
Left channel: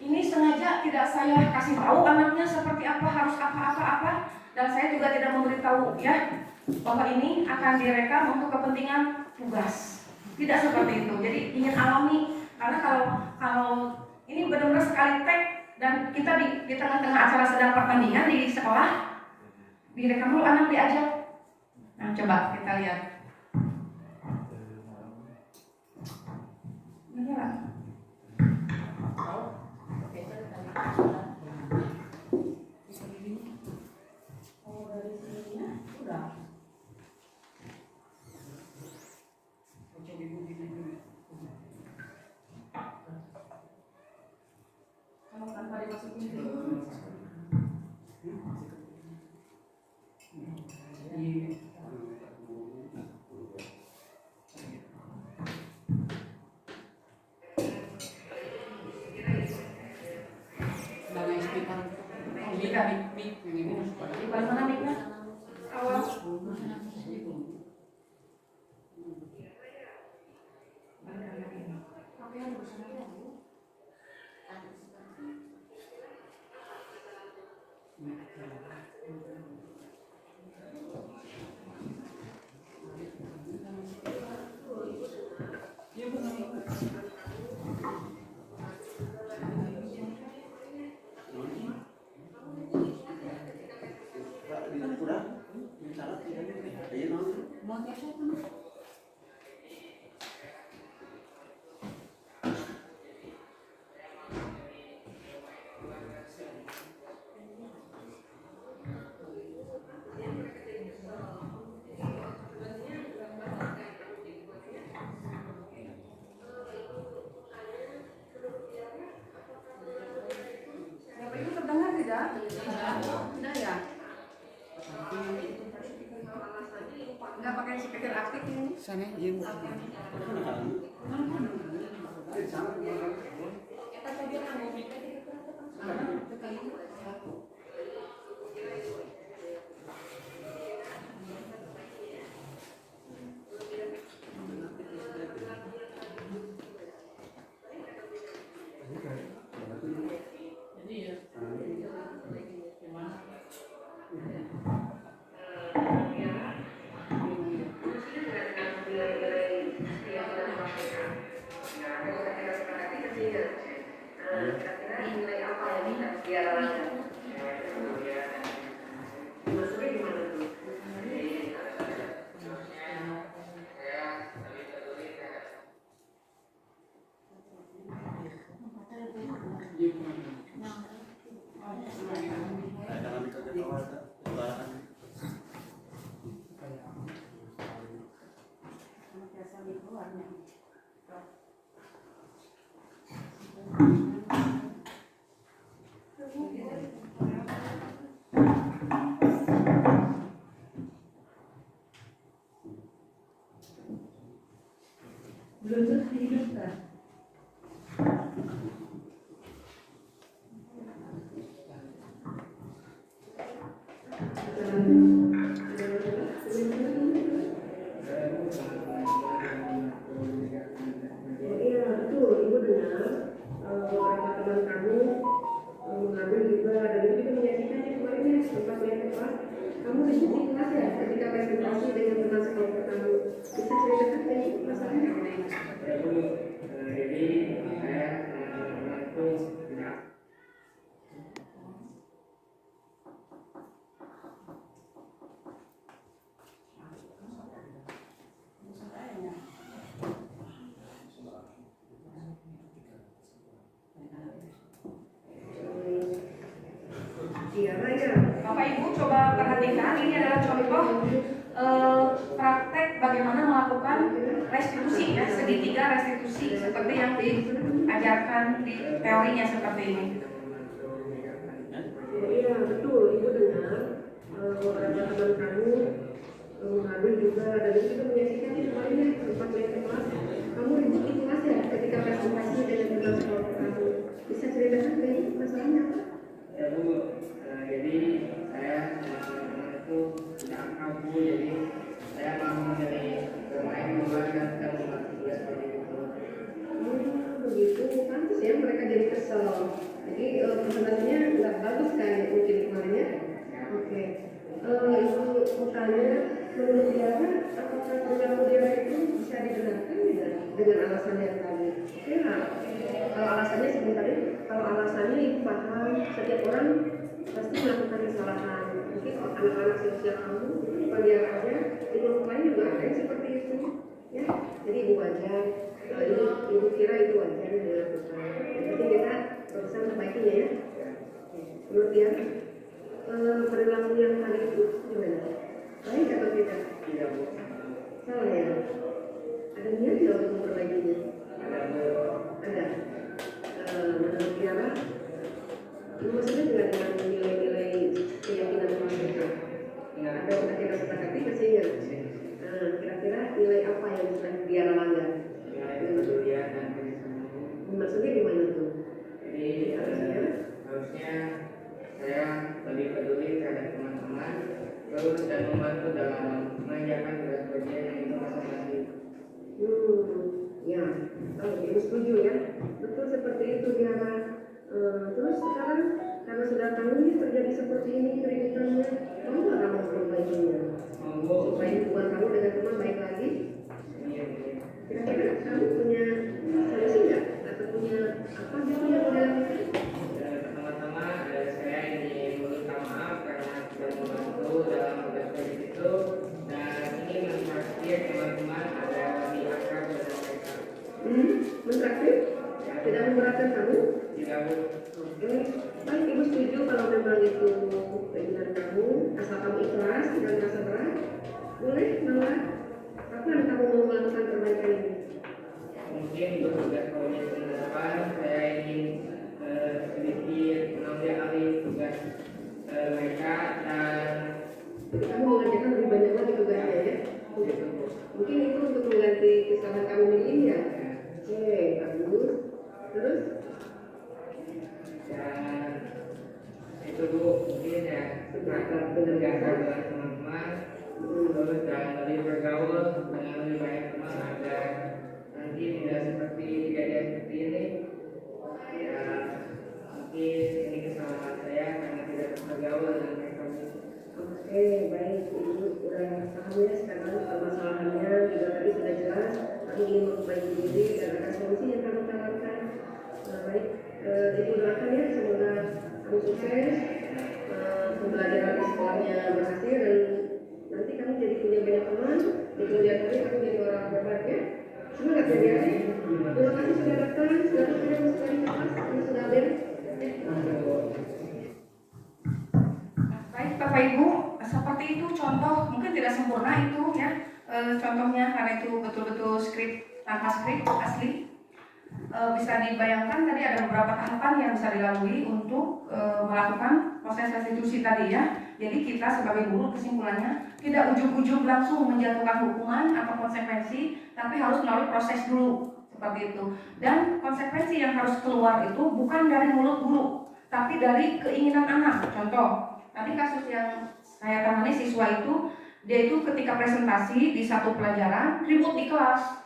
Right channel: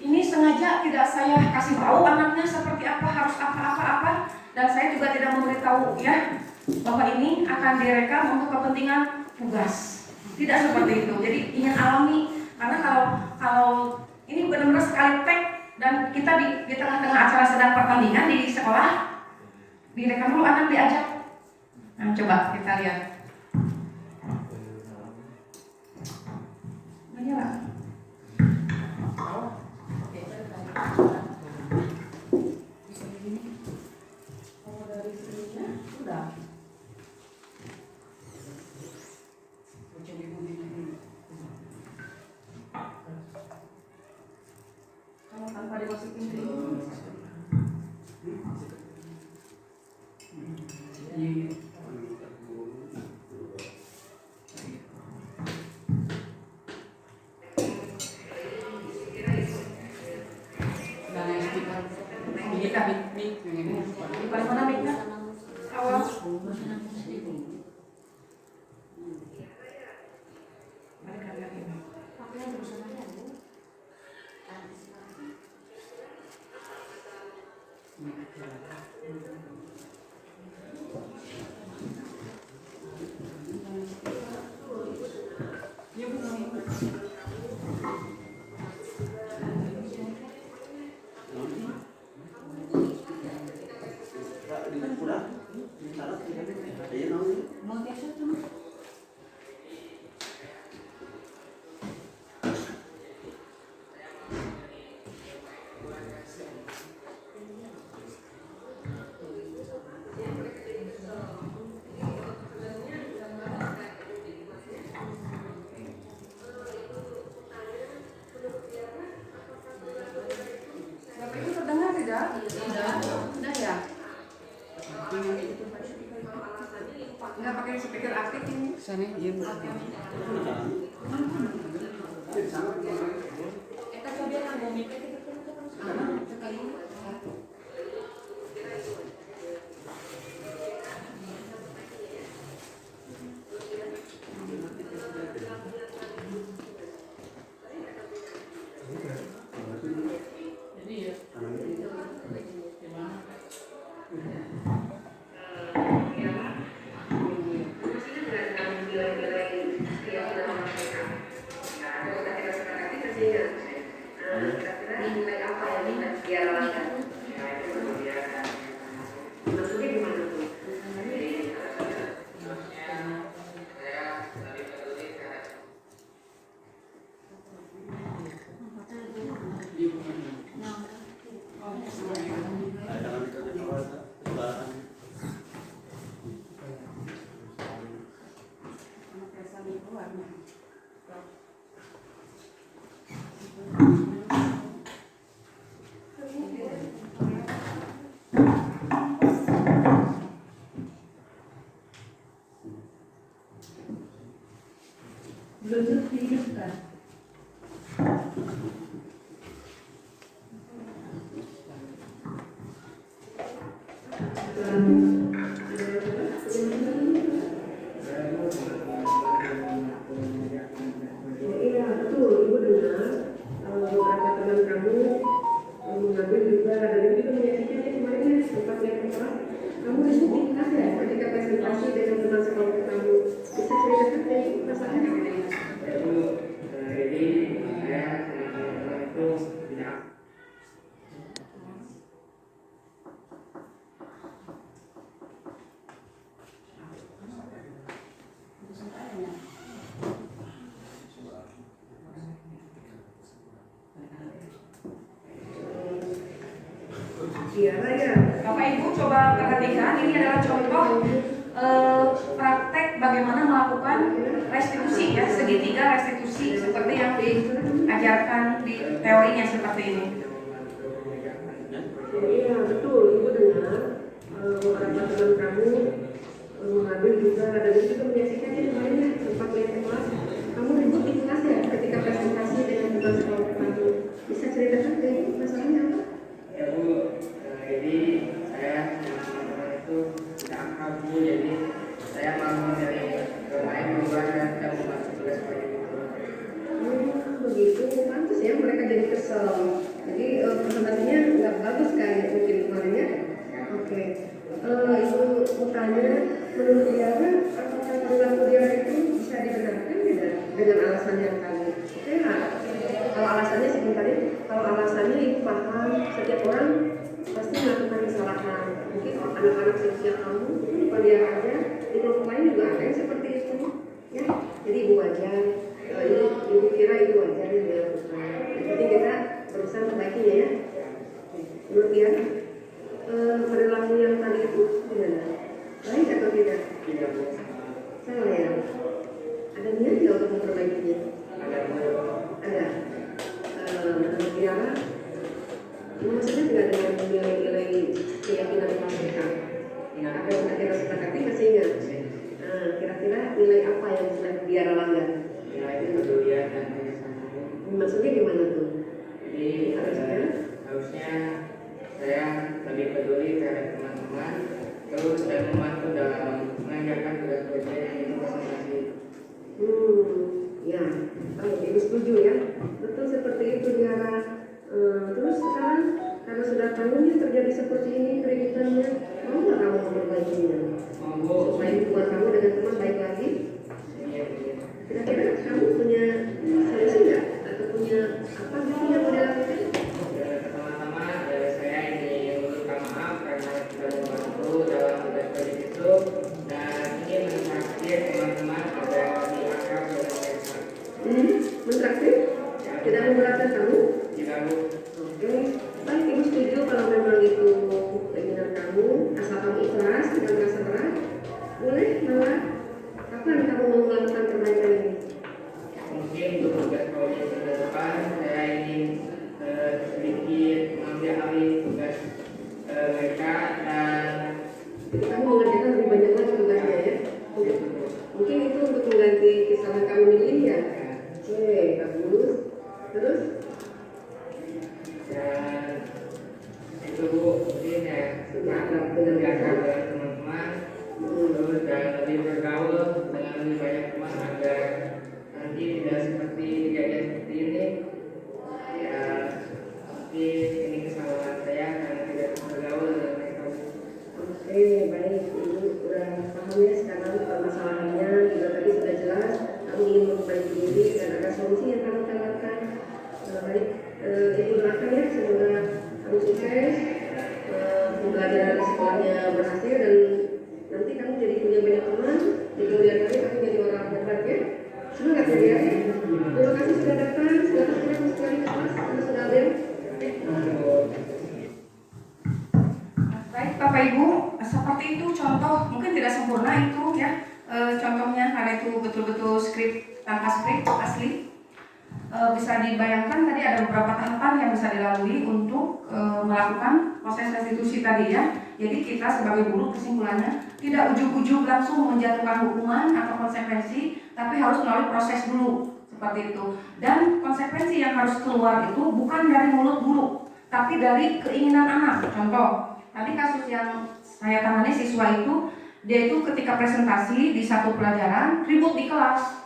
Ini sengaja tidak saya kasih tahu anaknya seperti apa, harus apa, dan saya juga tidak memberitahu ya. Bapak ini akan direkam untuk kepentingan tugas. Tidak seperti itu. Jadi ingin alami, karena kalau ini benar-benar sekali tag dan kita di tengah-tengah acara sedang pertandingan di sekolah, direkam dulu anak diajak. Nah, coba kita lihat. Menyala. Oh, dari sininya sudah. Kalau tanpa dimasukin ke di mana mic-nya? Awal. pikir aktif ini. Sana izin. Bapak Ibu coba perhatikan, ini adalah contoh praktek bagaimana melakukan restitusi ya, segitiga restitusi seperti yang diajarkan di teorinya seperti ini. Iya betul, Ibu dengar beberapa teman kamu mengambil juga dan itu juga menyaksikannya kemarin ya, sempat lihat ke kelas. Kamu ribut di kelas ya ketika presentasi dengan teman sekolah kamu. Bisa ceritakan deh masalahnya apa? Ya Bu, jadi saya sama teman-teman itu tidak akrab Bu, jadi saya mau dari bermain membuat dan membantu tugas proyek itu. Begitu, pantas ya mereka jadi kesel. Jadi presentasinya nggak bagus kan mungkin kemarin ya? Oke. Ibu mau tanya, menurut dia apakah perilaku dia itu bisa dibenarkan tidak dengan alasan yang tadi? Oke lah. Kalau alasannya sebentar ya, kalau alasannya ibu paham setiap orang pasti melakukan kesalahan. Mungkin anak-anak di usia kamu, bukan dia aja, di kelompok lain juga ada yang seperti itu. Ya, jadi ibu wajar. Ibu kira itu wajar yang dilakukan. Yang penting kita berusaha memperbaikinya ya. Menurut dia, perilaku yang tadi itu gimana? Baik atau tidak? Tidak Bu. Salah ya? Ada niat tidak untuk memperbaikinya? Ada Bu. Ada. Menurut Tiara, maksudnya tidak dengan nilai-nilai keyakinan mereka. Apa yang sudah Tiara sepakati masih ingat? Kira-kira nilai apa yang sudah Tiara langgar? Ya itu kepedulian dan kerjasama. Maksudnya gimana tuh? Jadi harusnya saya lebih peduli terhadap teman-teman, terus dan membantu dalam mengerjakan tugas proyek itu presentasi. Ya, Ibu setuju ya. Betul seperti itu Tiara. Terus sekarang karena sudah tahunya terjadi seperti ini keributannya, mau nggak kamu memperbaikinya? Mau Supaya hubungan kamu dengan teman baik lagi? Kira-kira kamu punya solusi nggak? Atau punya apa gitu yang mau dilakukan? Pertama-tama saya ingin meminta maaf karena tidak membantu dalam tugas proyek itu dan ingin mentraktir teman-teman agar lebih akrab dengan mereka. Mentraktir? Tidak memberatkan kamu? Tidak Bu. Oke, baik Ibu setuju kalau memang itu keinginan kamu, asal kamu ikhlas tidak merasa berat. Boleh, Mama. Kapan kamu mau melakukan perbaikan ini? Mungkin untuk tugas proyek ke depan saya ingin sedikit mengambil alih tugas mereka dan Jadi kamu mengerjakan lebih banyak lagi tugasnya ya? gitu Bu. seperti ini. Ya mungkin ini kesalahan saya karena tidak bergaul dengan mereka. Oke, baik, Ibu udah paham ya sekarang permasalahannya, juga tadi sudah jelas kamu ingin memperbaiki diri dan ada solusi yang kamu tawarkan. Baik, Ibu doakan ya semoga kamu sukses, pembelajaran di sekolahnya berhasil dan nanti kamu jadi punya banyak teman, di kemudian hari kamu jadi orang hebat ya. Semangat ya. Terima kasih sudah datang, silakan kita masuk lagi ke kelas karena sudah bel. Baik Bapak Ibu, seperti itu contoh, mungkin tidak sempurna itu ya contohnya karena itu betul-betul skrip tanpa skrip asli. Bisa dibayangkan tadi ada beberapa tahapan yang bisa dilalui untuk melakukan proses restitusi tadi ya. Jadi kita sebagai guru kesimpulannya tidak ujuk-ujuk langsung menjatuhkan hukuman atau konsekuensi, tapi harus melalui proses dulu seperti itu. Dan konsekuensi yang harus keluar itu bukan dari mulut guru, tapi dari keinginan anak. Contoh, tadi kasus yang saya tangani siswa itu, dia itu ketika presentasi di satu pelajaran ribut di kelas.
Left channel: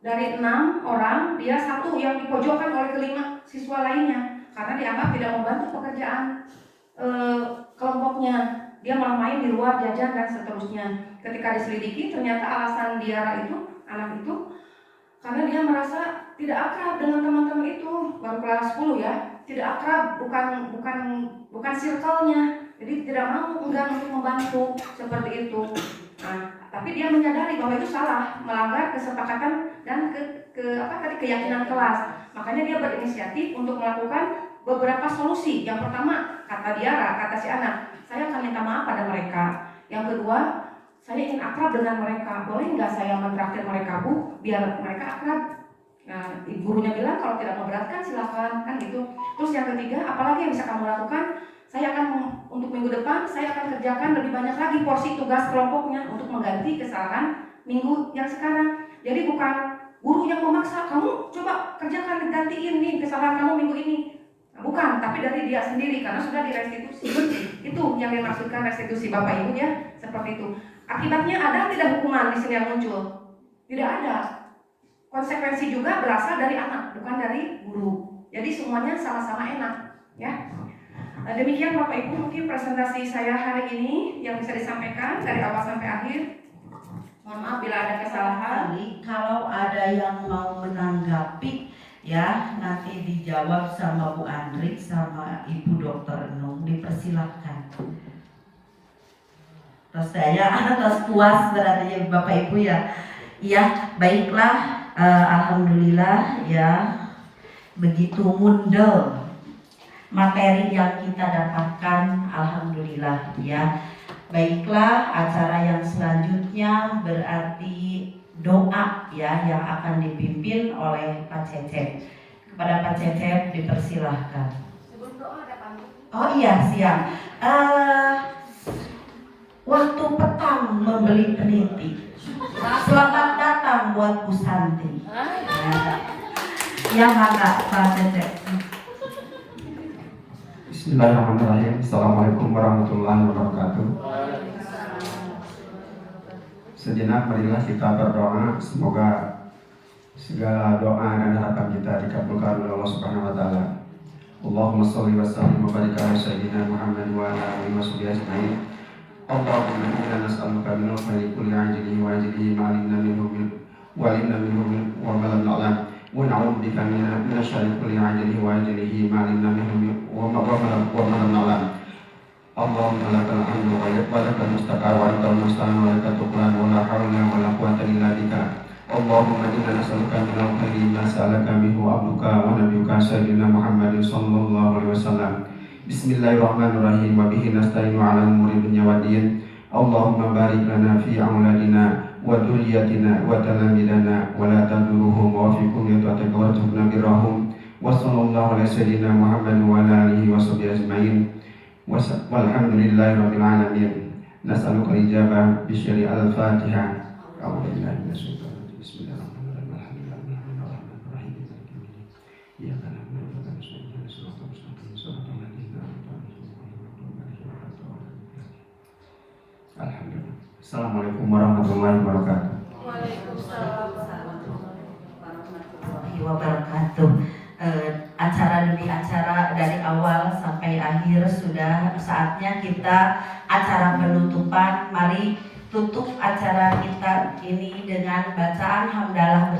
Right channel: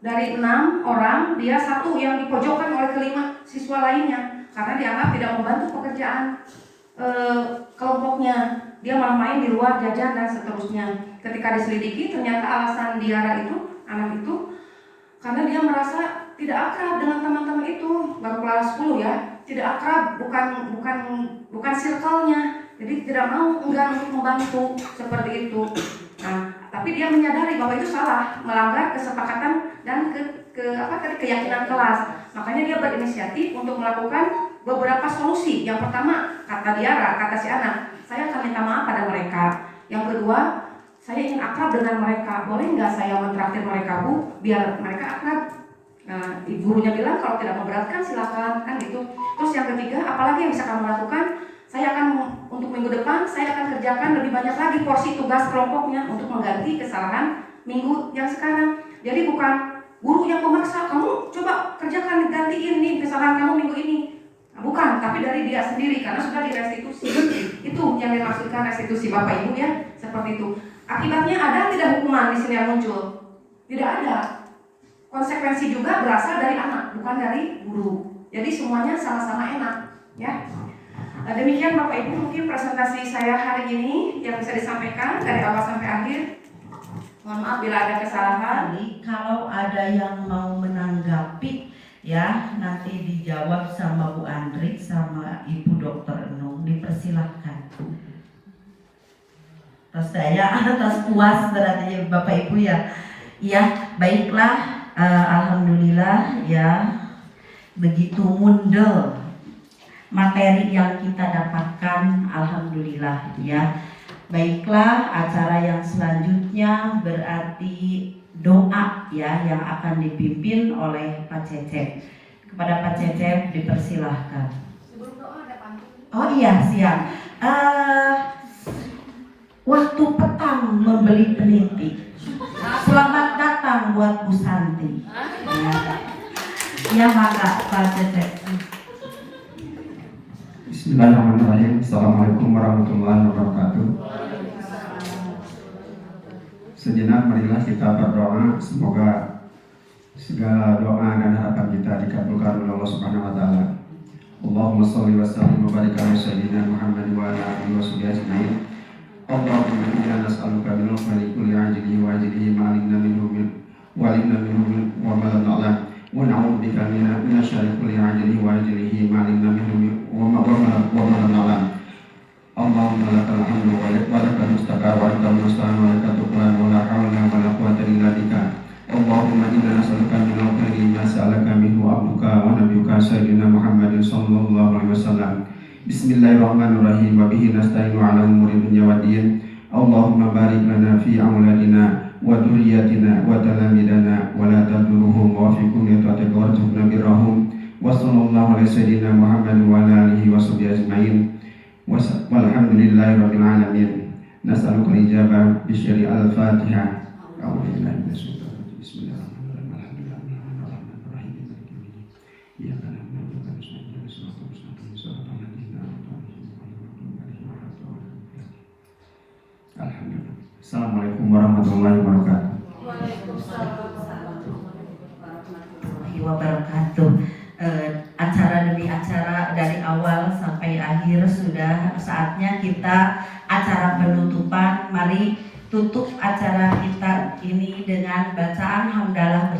Dari 6 orang, dia 1 yang dipojokkan oleh kelima siswa lainnya karena dianggap tidak membantu pekerjaan kelompoknya. Dia malah main di luar jajan dan seterusnya. Ketika diselidiki, ternyata alasan Diara itu, anak itu, karena dia merasa tidak akrab dengan teman-teman itu, baru kelas 10 ya, tidak akrab, bukan circle-nya. Jadi tidak mau enggan untuk membantu seperti itu. Nah, tapi dia menyadari bahwa itu salah, melanggar kesepakatan dan keyakinan kelas. Makanya dia berinisiatif untuk melakukan beberapa solusi. Yang pertama, kata Diara, kata si anak, saya akan minta maaf pada mereka. Yang kedua, saya ingin akrab dengan mereka. Boleh nggak saya mentraktir mereka, Bu, biar mereka akrab? Nah, gurunya bilang kalau tidak memberatkan silakan, kan gitu. Terus yang ketiga, apalagi yang bisa kamu lakukan? Saya akan untuk minggu depan saya akan kerjakan lebih banyak lagi porsi tugas kelompoknya untuk mengganti kesalahan minggu yang sekarang. Jadi bukan guru yang memaksa kamu coba kerjakan gantiin nih kesalahan kamu minggu ini. Nah, bukan, tapi dari dia sendiri karena sudah direstitusi. Itu yang dimaksudkan restitusi Bapak Ibu ya, seperti itu. Akibatnya ada tidak hukuman di sini yang muncul? Tidak ada. Konsekuensi juga berasal dari anak, bukan dari guru. Jadi semuanya sama-sama enak, ya. Demikian Bapak Ibu mungkin presentasi saya hari ini yang bisa disampaikan dari awal sampai akhir. Mohon maaf bila ada kesalahan. Kalau ada yang mau menanggapi ya nanti dijawab sama Bu Andrik sama Ibu Dokter Enung, dipersilakan. Terus saya atas puas berarti Bapak Ibu ya. Ya baiklah, alhamdulillah ya begitu mundel materi yang kita dapatkan, alhamdulillah ya. Baiklah, acara yang selanjutnya berarti doa ya yang akan dipimpin oleh Pak Cecep. Kepada Pak Cecep dipersilahkan. Sebelum doa ada pantun. Oh iya siap. Waktu petang membeli peniti. Selamat datang buat Bu Santi. Ya maka Pak Cecep. Bismillahirrahmanirrahim. Assalamualaikum warahmatullahi wabarakatuh. Sejenak marilah kita berdoa, semoga segala doa dan harapan kita dikabulkan oleh Allah Subhanahu wa taala. Allahumma shalli wa sallim wa barik ala sayyidina Muhammad wa ala alihi wa sahbihi ajma'in. Allahumma inna nas'aluka min khairi kulli ajlihi wa ajlihi ma 'alimna minhu wa 'alimna minhu wa ma lam na'lam. Wa na'udzu bika min syarri kulli ajlihi wa ajlihi ma 'alimna minhu wa ma lam na'lam. Allahumma lakal hamdu wa lakal mustaqar wa antal musta'an wa lakal tuklan wa la hawla wa la quwwata illa bika. Allahumma inna nas'aluka min al-khayri ma sa'alaka minhu abduka wa nabiyyuka sayyidina Muhammadin sallallahu alaihi wasallam. Bismillahirrahmanirrahim wa bihi nasta'inu 'ala umuri dunya waddin. Allahumma barik lana fi auladina wa dhurriyyatina wa talamidana wa la tadurruhum wa fikum li ta'atika wa tuhna birahum. Wa sallallahu alaihi sayyidina Muhammad wa ala alihi wa sahbihi ajma'in. Walhamdulillahi rabbil alamin. Nas'aluka ijabah bi syari al-Fatihah. A'udzu billahi minasyaitonir rajim. Bismillahirrahmanirrahim. Alhamdulillahirrahmanirrahim. Ya kana Alhamdulillah. Assalamualaikum warahmatullahi wabarakatuh. Waalaikumsalam warahmatullahi wabarakatuh. saatnya kita acara penutupan. Mari tutup acara kita ini dengan bacaan hamdalah